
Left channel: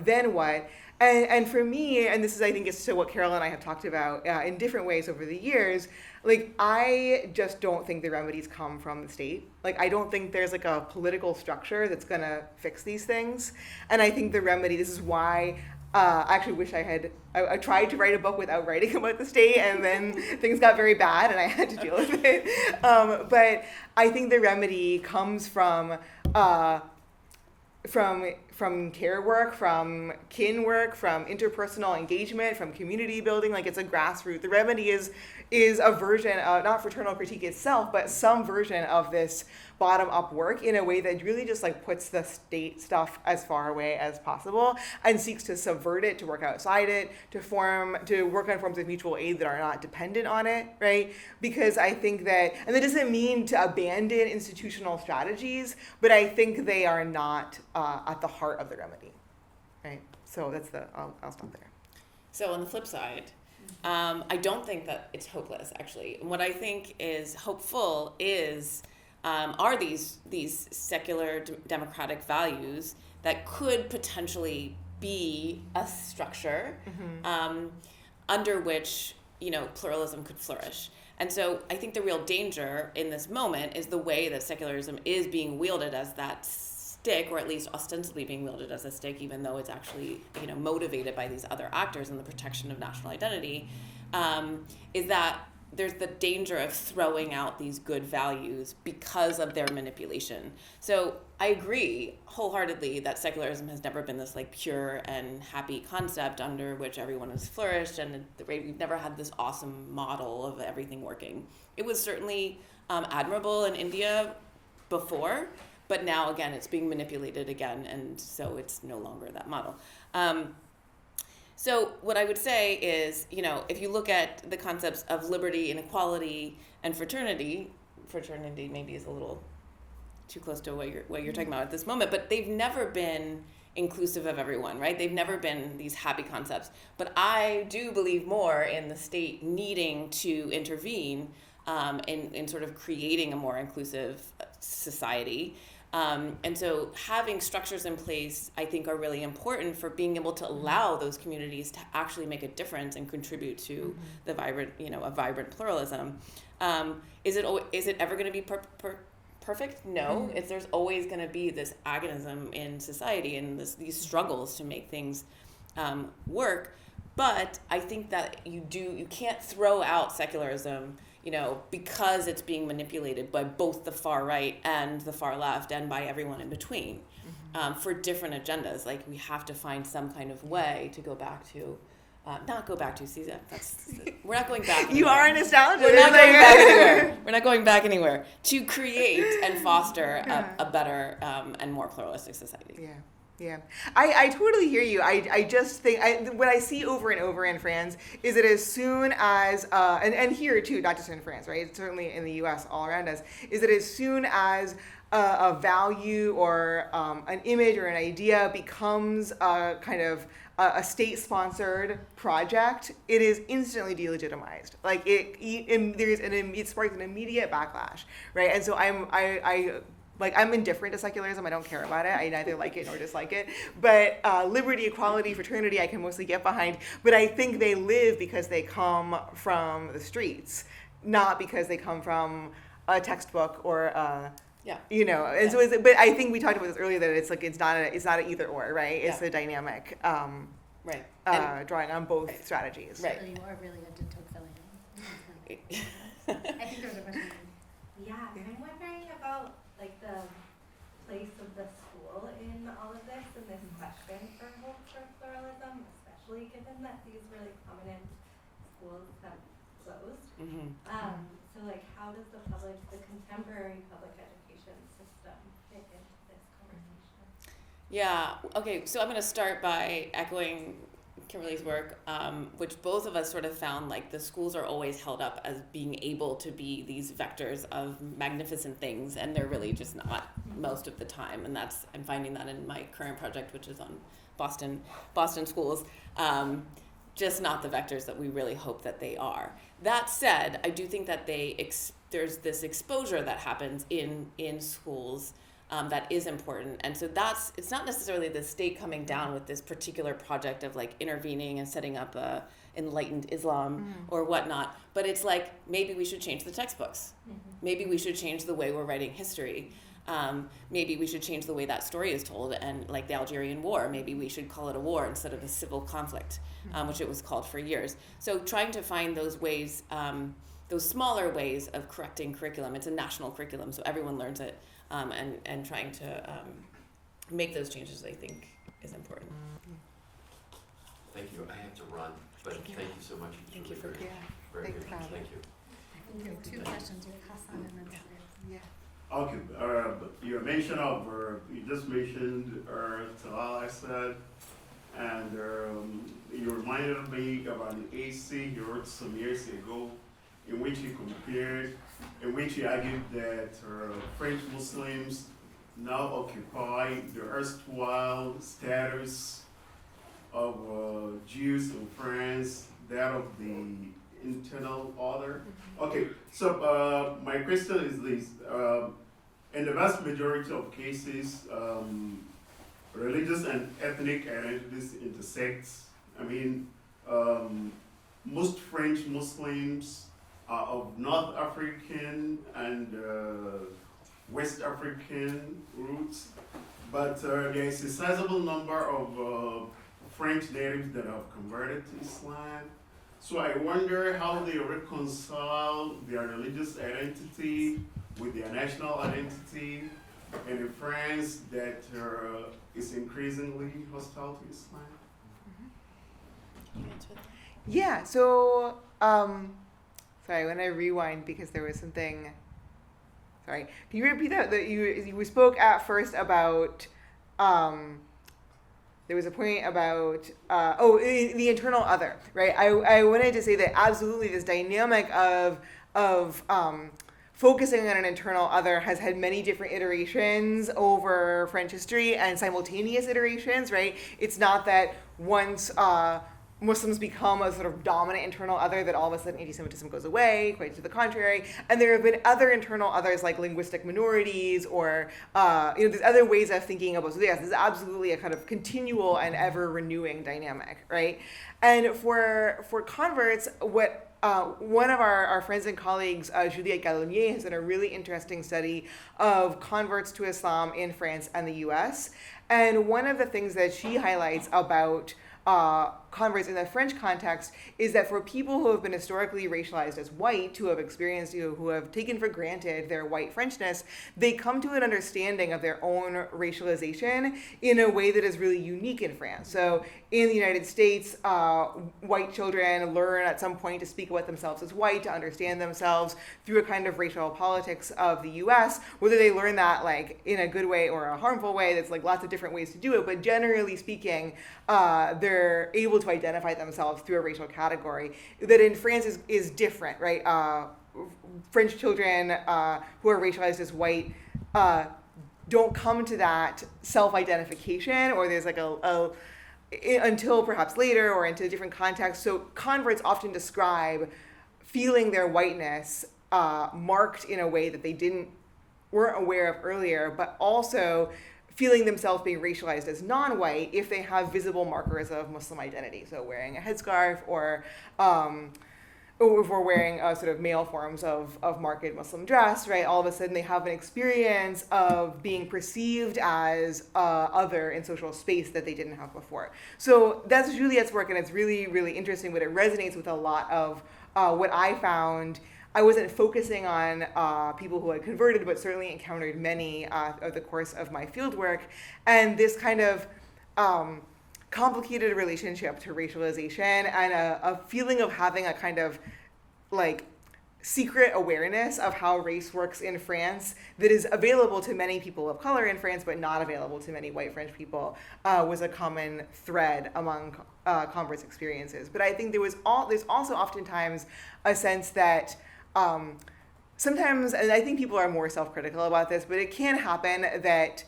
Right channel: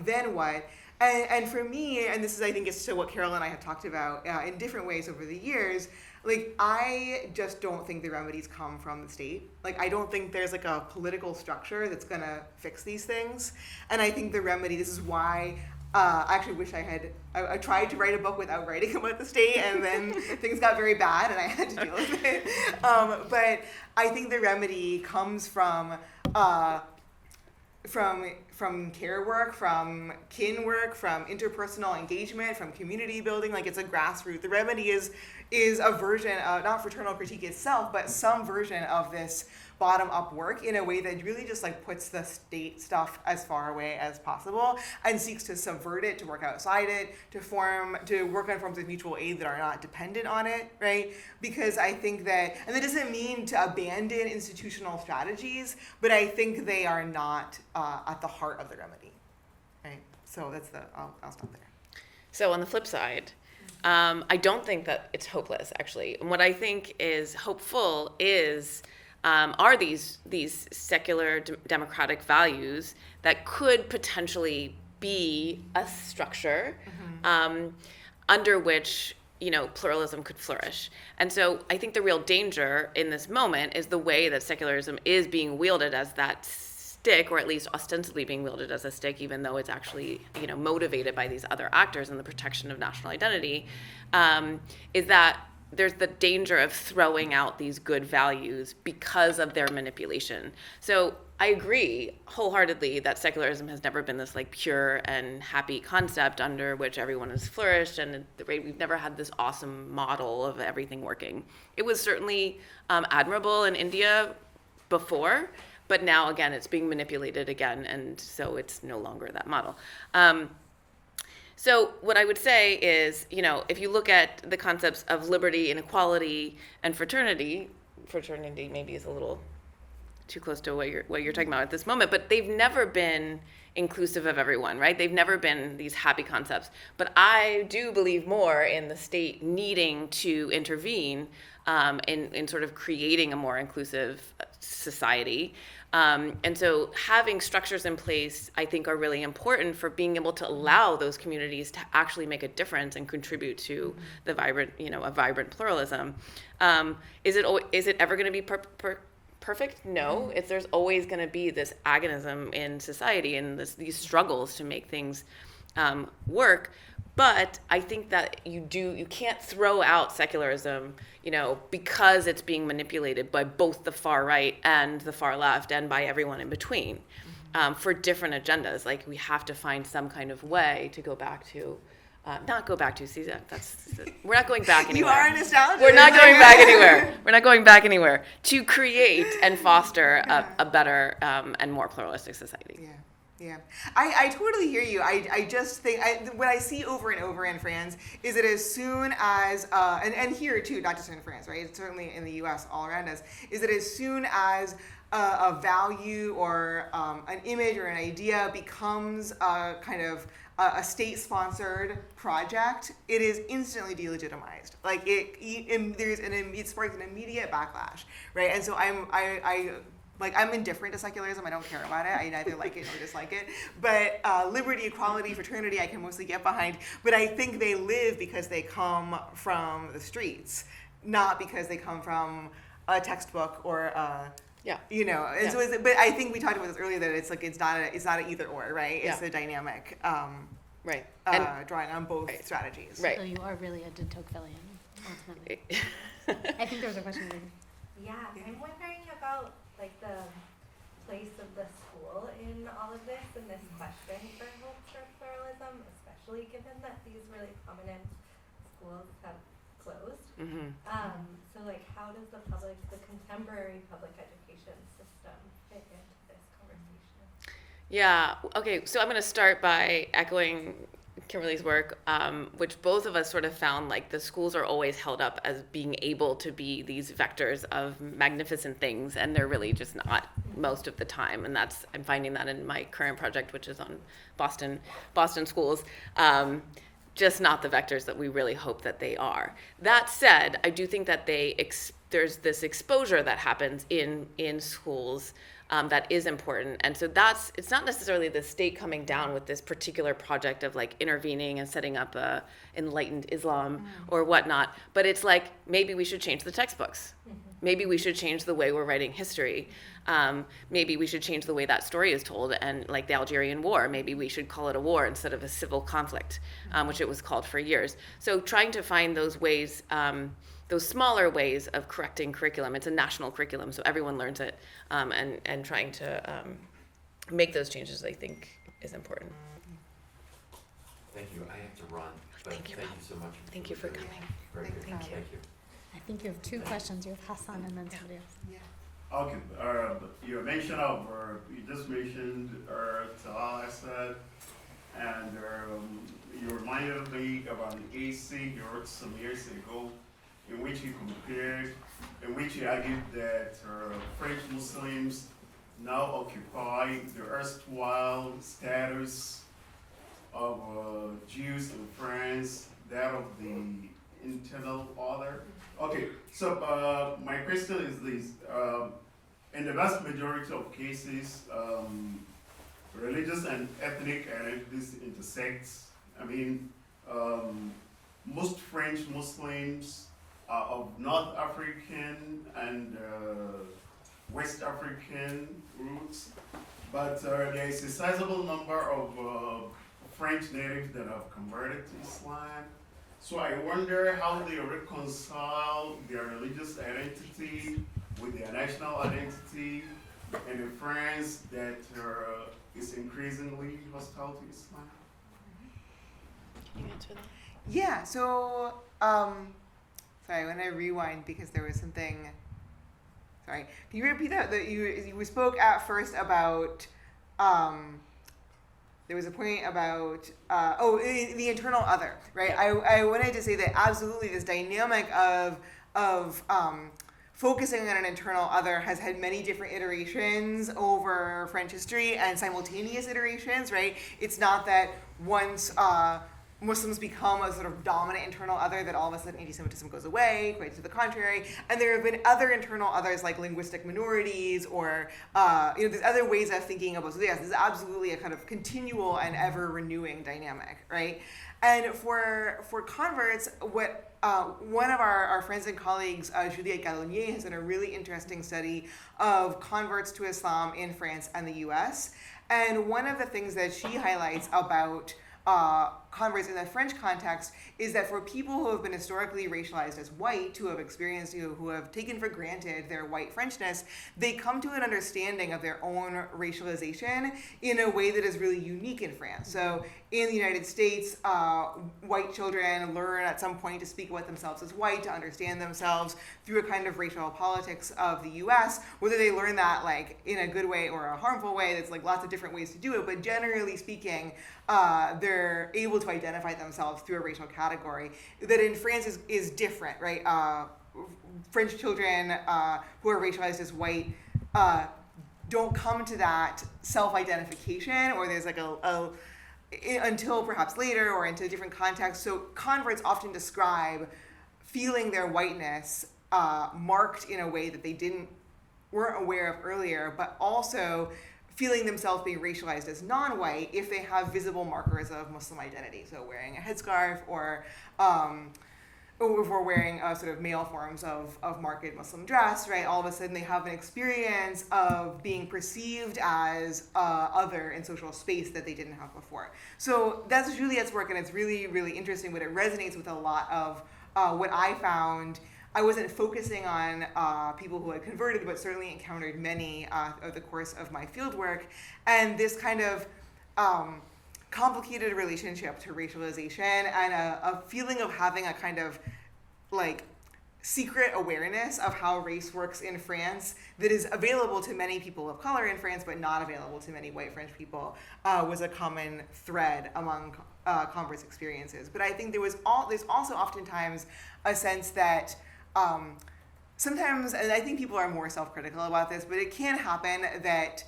then what? And for me, and this is, I think, it's to what Carol and I have talked about in different ways over the years, like, I just don't think the remedies come from the state. Like, I don't think there's, like, a political structure that's gonna fix these things. And I think the remedy, this is why I actually wish I tried to write a book without writing about the state, and then things got very bad and I had to deal with it. But I think the remedy comes from care work, from kin work, from interpersonal engagement, from community building. Like, it's a grassroots. The remedy is a version of, not fraternal critique itself, but some version of this bottom-up work in a way that really just, like, puts the state stuff as far away as possible and seeks to subvert it, to work outside it, to work on forms of mutual aid that are not dependent on it, right? Because I think that, and that doesn't mean to abandon institutional strategies, but I think they are not at the heart of the remedy, right? So that's I'll stop there. So on the flip side, I don't think that it's hopeless, actually. And what I think is hopeful are these secular democratic values that could potentially be a structure under which, you know, pluralism could flourish. And so I think the real danger in this moment is the way that secularism is being wielded as that stick, or at least ostensibly being wielded as a stick, even though it's actually, you know, motivated by these other actors and the protection of national identity, is that there's the danger of throwing out these good values because of their manipulation. So I agree wholeheartedly that secularism has never been this, like, pure and happy concept under which everyone has flourished, and we've never had this awesome model of everything working. It was certainly admirable in India before, but now, again, it's being manipulated again, and so it's no longer that model. So what I would say is, you know, if you look at the concepts of liberty and equality and fraternity maybe is a little too close to what you're talking about at this moment, but they've never been inclusive of everyone, right? They've never been these happy concepts. But I do believe more in the state needing to intervene in sort of creating a more inclusive society. And so having structures in place, I think, are really important for being able to allow those communities to actually make a difference and contribute to the vibrant, you know, a vibrant pluralism. Is it ever going to be perfect? No. There's always going to be this agonism in society and these struggles to make things work. But I think that you can't throw out secularism, you know, because it's being manipulated by both the far right and the far left and by everyone in between for different agendas. Like, we have to find some kind of way to go back to, we're not going back anywhere. You are nostalgic. We're not going back anywhere. We're not going back anywhere to create and foster a better and more pluralistic society. Yeah. Yeah, I totally hear you. I just think what I see over and over in France is that as soon as, and here too, not just in France, right? It's certainly in the US all around us, is that as soon as a value or an image or an idea becomes a kind of a state-sponsored project, it is instantly delegitimized. Like, it sparks an immediate backlash, right? And so I'm indifferent to secularism. I don't care about it. I neither like it nor dislike it. But liberty, equality, fraternity, I can mostly get behind. But I think they live because they come from the streets, not because they come from a textbook or you know. And so, but I think we talked about this earlier, that it's like it's not an either or, right? It's a dynamic, right? Drawing on both strategies. Right. So you are really a Tocquevillean. I think there was a question there. Yeah, I'm wondering about, like, the place of the school in all of this, and this question for hope for pluralism, especially given that these really prominent schools have closed. So, like, how does the contemporary public education system fit into this conversation? Yeah, okay, so I'm going to start by echoing Kimberly's work, which both of us sort of found like the schools are always held up as being able to be these vectors of magnificent things, and they're really just not most of the time. And I'm finding that in my current project, which is on Boston schools, just not the vectors that we really hope that they are. That said, I do think that there's this exposure that happens in schools that is important. And so it's not necessarily the state coming down with this particular project of like intervening and setting up a enlightened Islam or whatnot, but it's like, maybe we should change the textbooks. Maybe we should change the way we're writing history. Maybe we should change the way that story is told, and like the Algerian War, maybe we should call it a war instead of a civil conflict, which it was called for years. So trying to find those ways, those smaller ways of correcting curriculum. It's a national curriculum, so everyone learns it, and trying to make those changes, I think, is important. Thank you. I have to run, but thank you so much. Thank you for coming. Very Thank good. you. Thank you. I think you have two questions. You have Hassan and then Sudhir. Yeah. Okay, your mention of, you just mentioned Talal Asad, and you reminded me about an essay he wrote some years ago in which he argued that French Muslims now occupy the erstwhile status of Jews in France, that of the internal other. Okay, so my question is this. In the vast majority of cases, religious and ethnic identities intersect. I mean, most French Muslims are of North African and West African roots, but there is a sizable number of French natives that have converted to Islam. So I wonder how they reconcile their religious identity with their national identity in a France that is increasingly hostile to Islam. Can you answer that? Yeah, so, sorry, when I rewind because there was something, sorry, can you repeat that? You spoke at first about, there was a point about, the internal other, right? I wanted to say that absolutely this dynamic of focusing on an internal other has had many different iterations over French history and simultaneous iterations, right? It's not that once Muslims become a sort of dominant internal other that all of a sudden anti-Semitism goes away, quite to the contrary. And there have been other internal others like linguistic minorities or, there's other ways of thinking about, so yes, this is absolutely a kind of continual and ever renewing dynamic, right? And for converts, what one of our friends and colleagues, Juliette Gallonier, has done a really interesting study of converts to Islam in France and the US. And one of the things that she highlights about converts in the French context is that for people who have been historically racialized as white, who have experienced, who have taken for granted their white Frenchness, they come to an understanding of their own racialization in a way that is really unique in France. So in the United States, white children learn at some point to speak about themselves as white, to understand themselves through a kind of racial politics of the US, whether they learn that like in a good way or a harmful way, there's like lots of different ways to do it, but generally speaking, they're able to identify themselves through a racial category that in France is different, right? French children who are racialized as white don't come to that self-identification, or there's like until perhaps later or into different contexts. So converts often describe feeling their whiteness marked in a way that they weren't aware of earlier, but also feeling themselves being racialized as non-white if they have visible markers of Muslim identity. So wearing a headscarf or if we're wearing sort of male forms of marked Muslim dress, right? All of a sudden they have an experience of being perceived as other in social space that they didn't have before. So that's Juliette's work, and it's really, really interesting, but it resonates with a lot of what I found. I wasn't focusing on people who had converted, but certainly encountered many over the course of my fieldwork. And this kind of complicated relationship to racialization and a feeling of having a kind of like secret awareness of how race works in France that is available to many people of color in France, but not available to many white French people, was a common thread among converts' experiences. But I think there's also oftentimes a sense that sometimes, and I think people are more self-critical about this, but it can happen that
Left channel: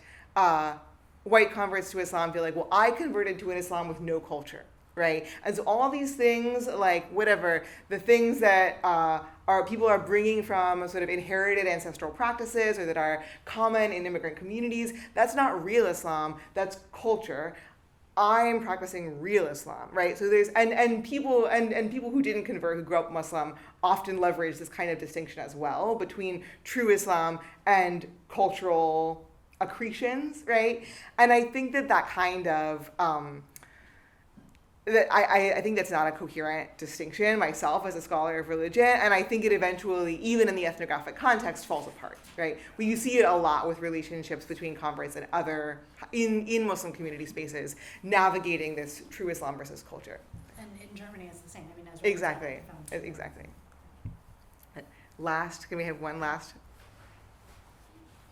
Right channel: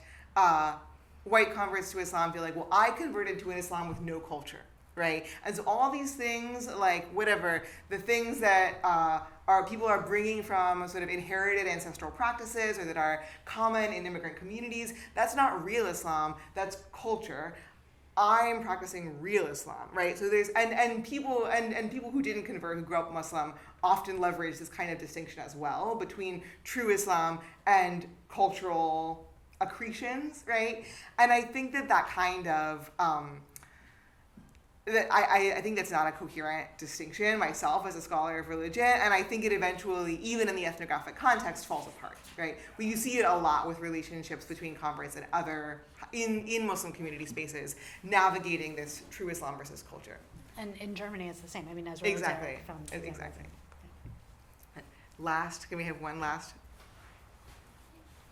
white converts to Islam feel like, well, I converted to an Islam with no culture, right? And so all these things, like whatever, the things that people are bringing from sort of inherited ancestral practices or that are common in immigrant communities, that's not real Islam, that's culture. I'm practicing real Islam, right? So there's and people who didn't convert, who grew up Muslim, often leverage this kind of distinction as well between true Islam and cultural accretions, right? And I think that kind of I think that's not a coherent distinction myself as a scholar of religion, and I think it eventually, even in the ethnographic context, falls apart, right? Well, you see it a lot with relationships between converts and other, in Muslim community spaces, navigating this true Islam versus culture. And in Germany, it's the same. I mean, as Exactly. Last, can we have one last?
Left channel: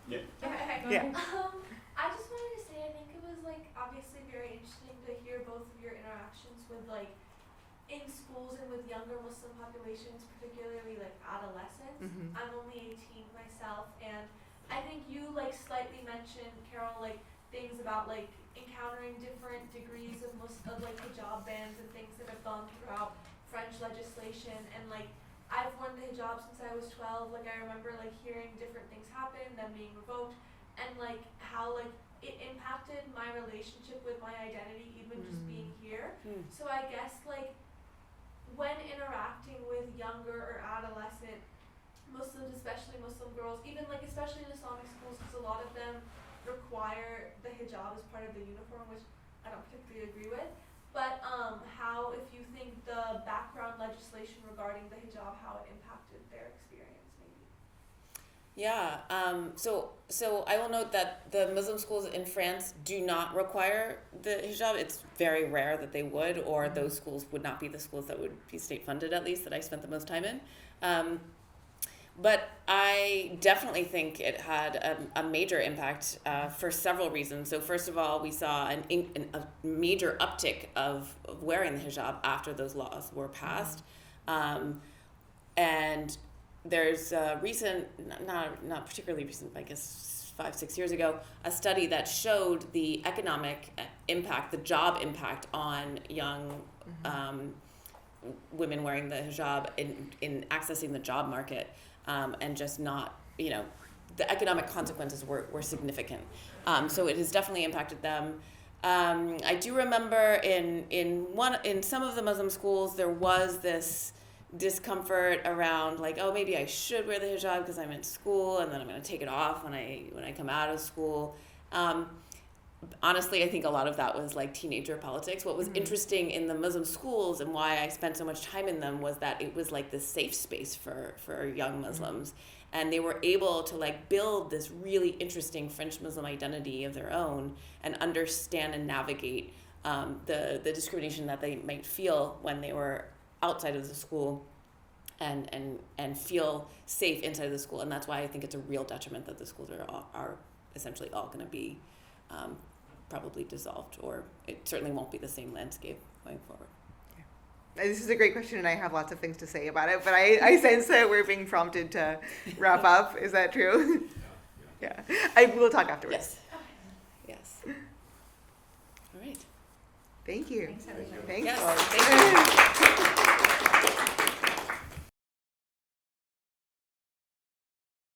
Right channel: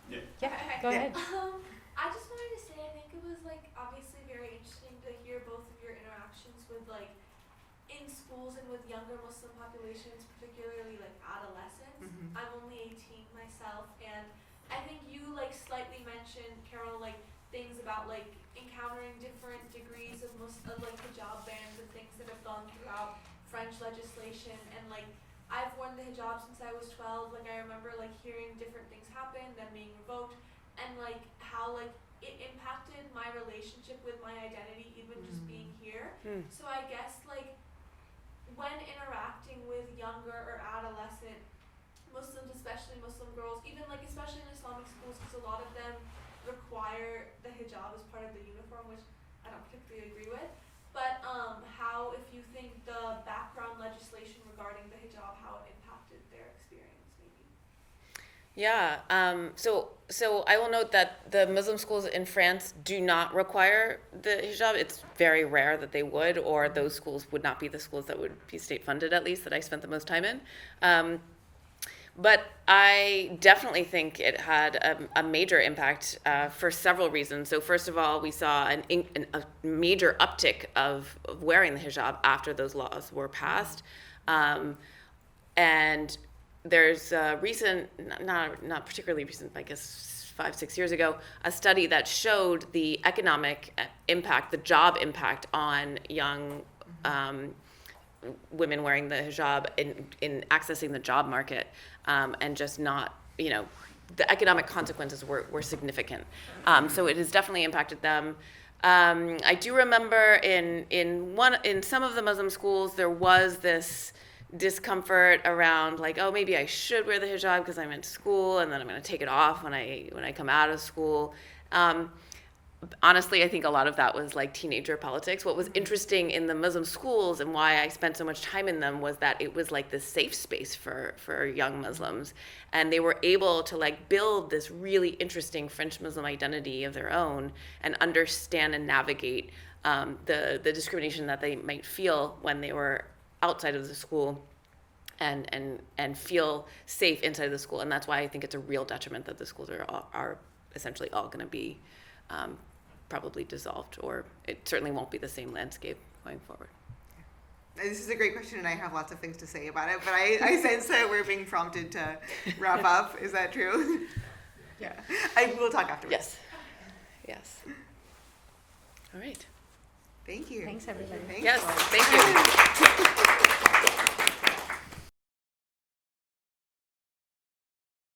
Go Yeah. ahead. I just wanted to say, I think it was like obviously very interesting to hear both of your interactions with like in schools and with younger Muslim populations, particularly like adolescents. Mhm. I'm only 18 myself, and I think you like slightly mentioned, Carol, like things about like encountering different degrees of like hijab bans and things that have gone throughout French legislation, and like I've worn the hijab since I was 12. Like I remember like hearing different things happen, then being revoked, and like how like it impacted my relationship with my identity, even just being here. So I guess like when interacting with younger or adolescent Muslims, especially Muslim girls, even like especially in Islamic schools, because a lot of them require the hijab as part of the uniform, which I don't particularly agree with. But how, if you think the background legislation regarding the hijab, how it impacted their experience, maybe? Yeah. So I will note that the Muslim schools in France do not require the hijab. It's very rare that they would, or those schools would not be the schools that would be state funded, at least, that I spent the most time in. But I definitely think it had a major impact for several reasons. So first of all, we saw a major uptick of wearing the hijab after those laws were passed. And there's a recent, not particularly recent, I guess 5-6 years ago, a study that showed the economic impact, the job impact on young women wearing the hijab in accessing the job market, and just not, the economic consequences were significant. So it has definitely impacted them. I do remember in some of the Muslim schools there was this discomfort around like, oh, maybe I should wear the hijab because I'm in school, and then I'm going to take it off when I come out of school. Honestly, I think a lot of that was like teenager politics. What was interesting in the Muslim schools and why I spent so much time in them was that it was like this safe space for young Muslims. And they were able to like build this really interesting French Muslim identity of their own and understand and navigate the discrimination that they might feel when they were outside of the school and feel safe inside of the school. And that's why I think it's a real detriment that the schools are essentially all going to be probably dissolved, or it certainly won't be the same landscape going forward. This is a great question, and I have lots of things to say about it, but I sense that we're being prompted to wrap up. Is that true? Yeah. We'll talk afterwards. Yes. All right. Thank you. Thanks, everybody. Thanks. Yes, folks. thank you.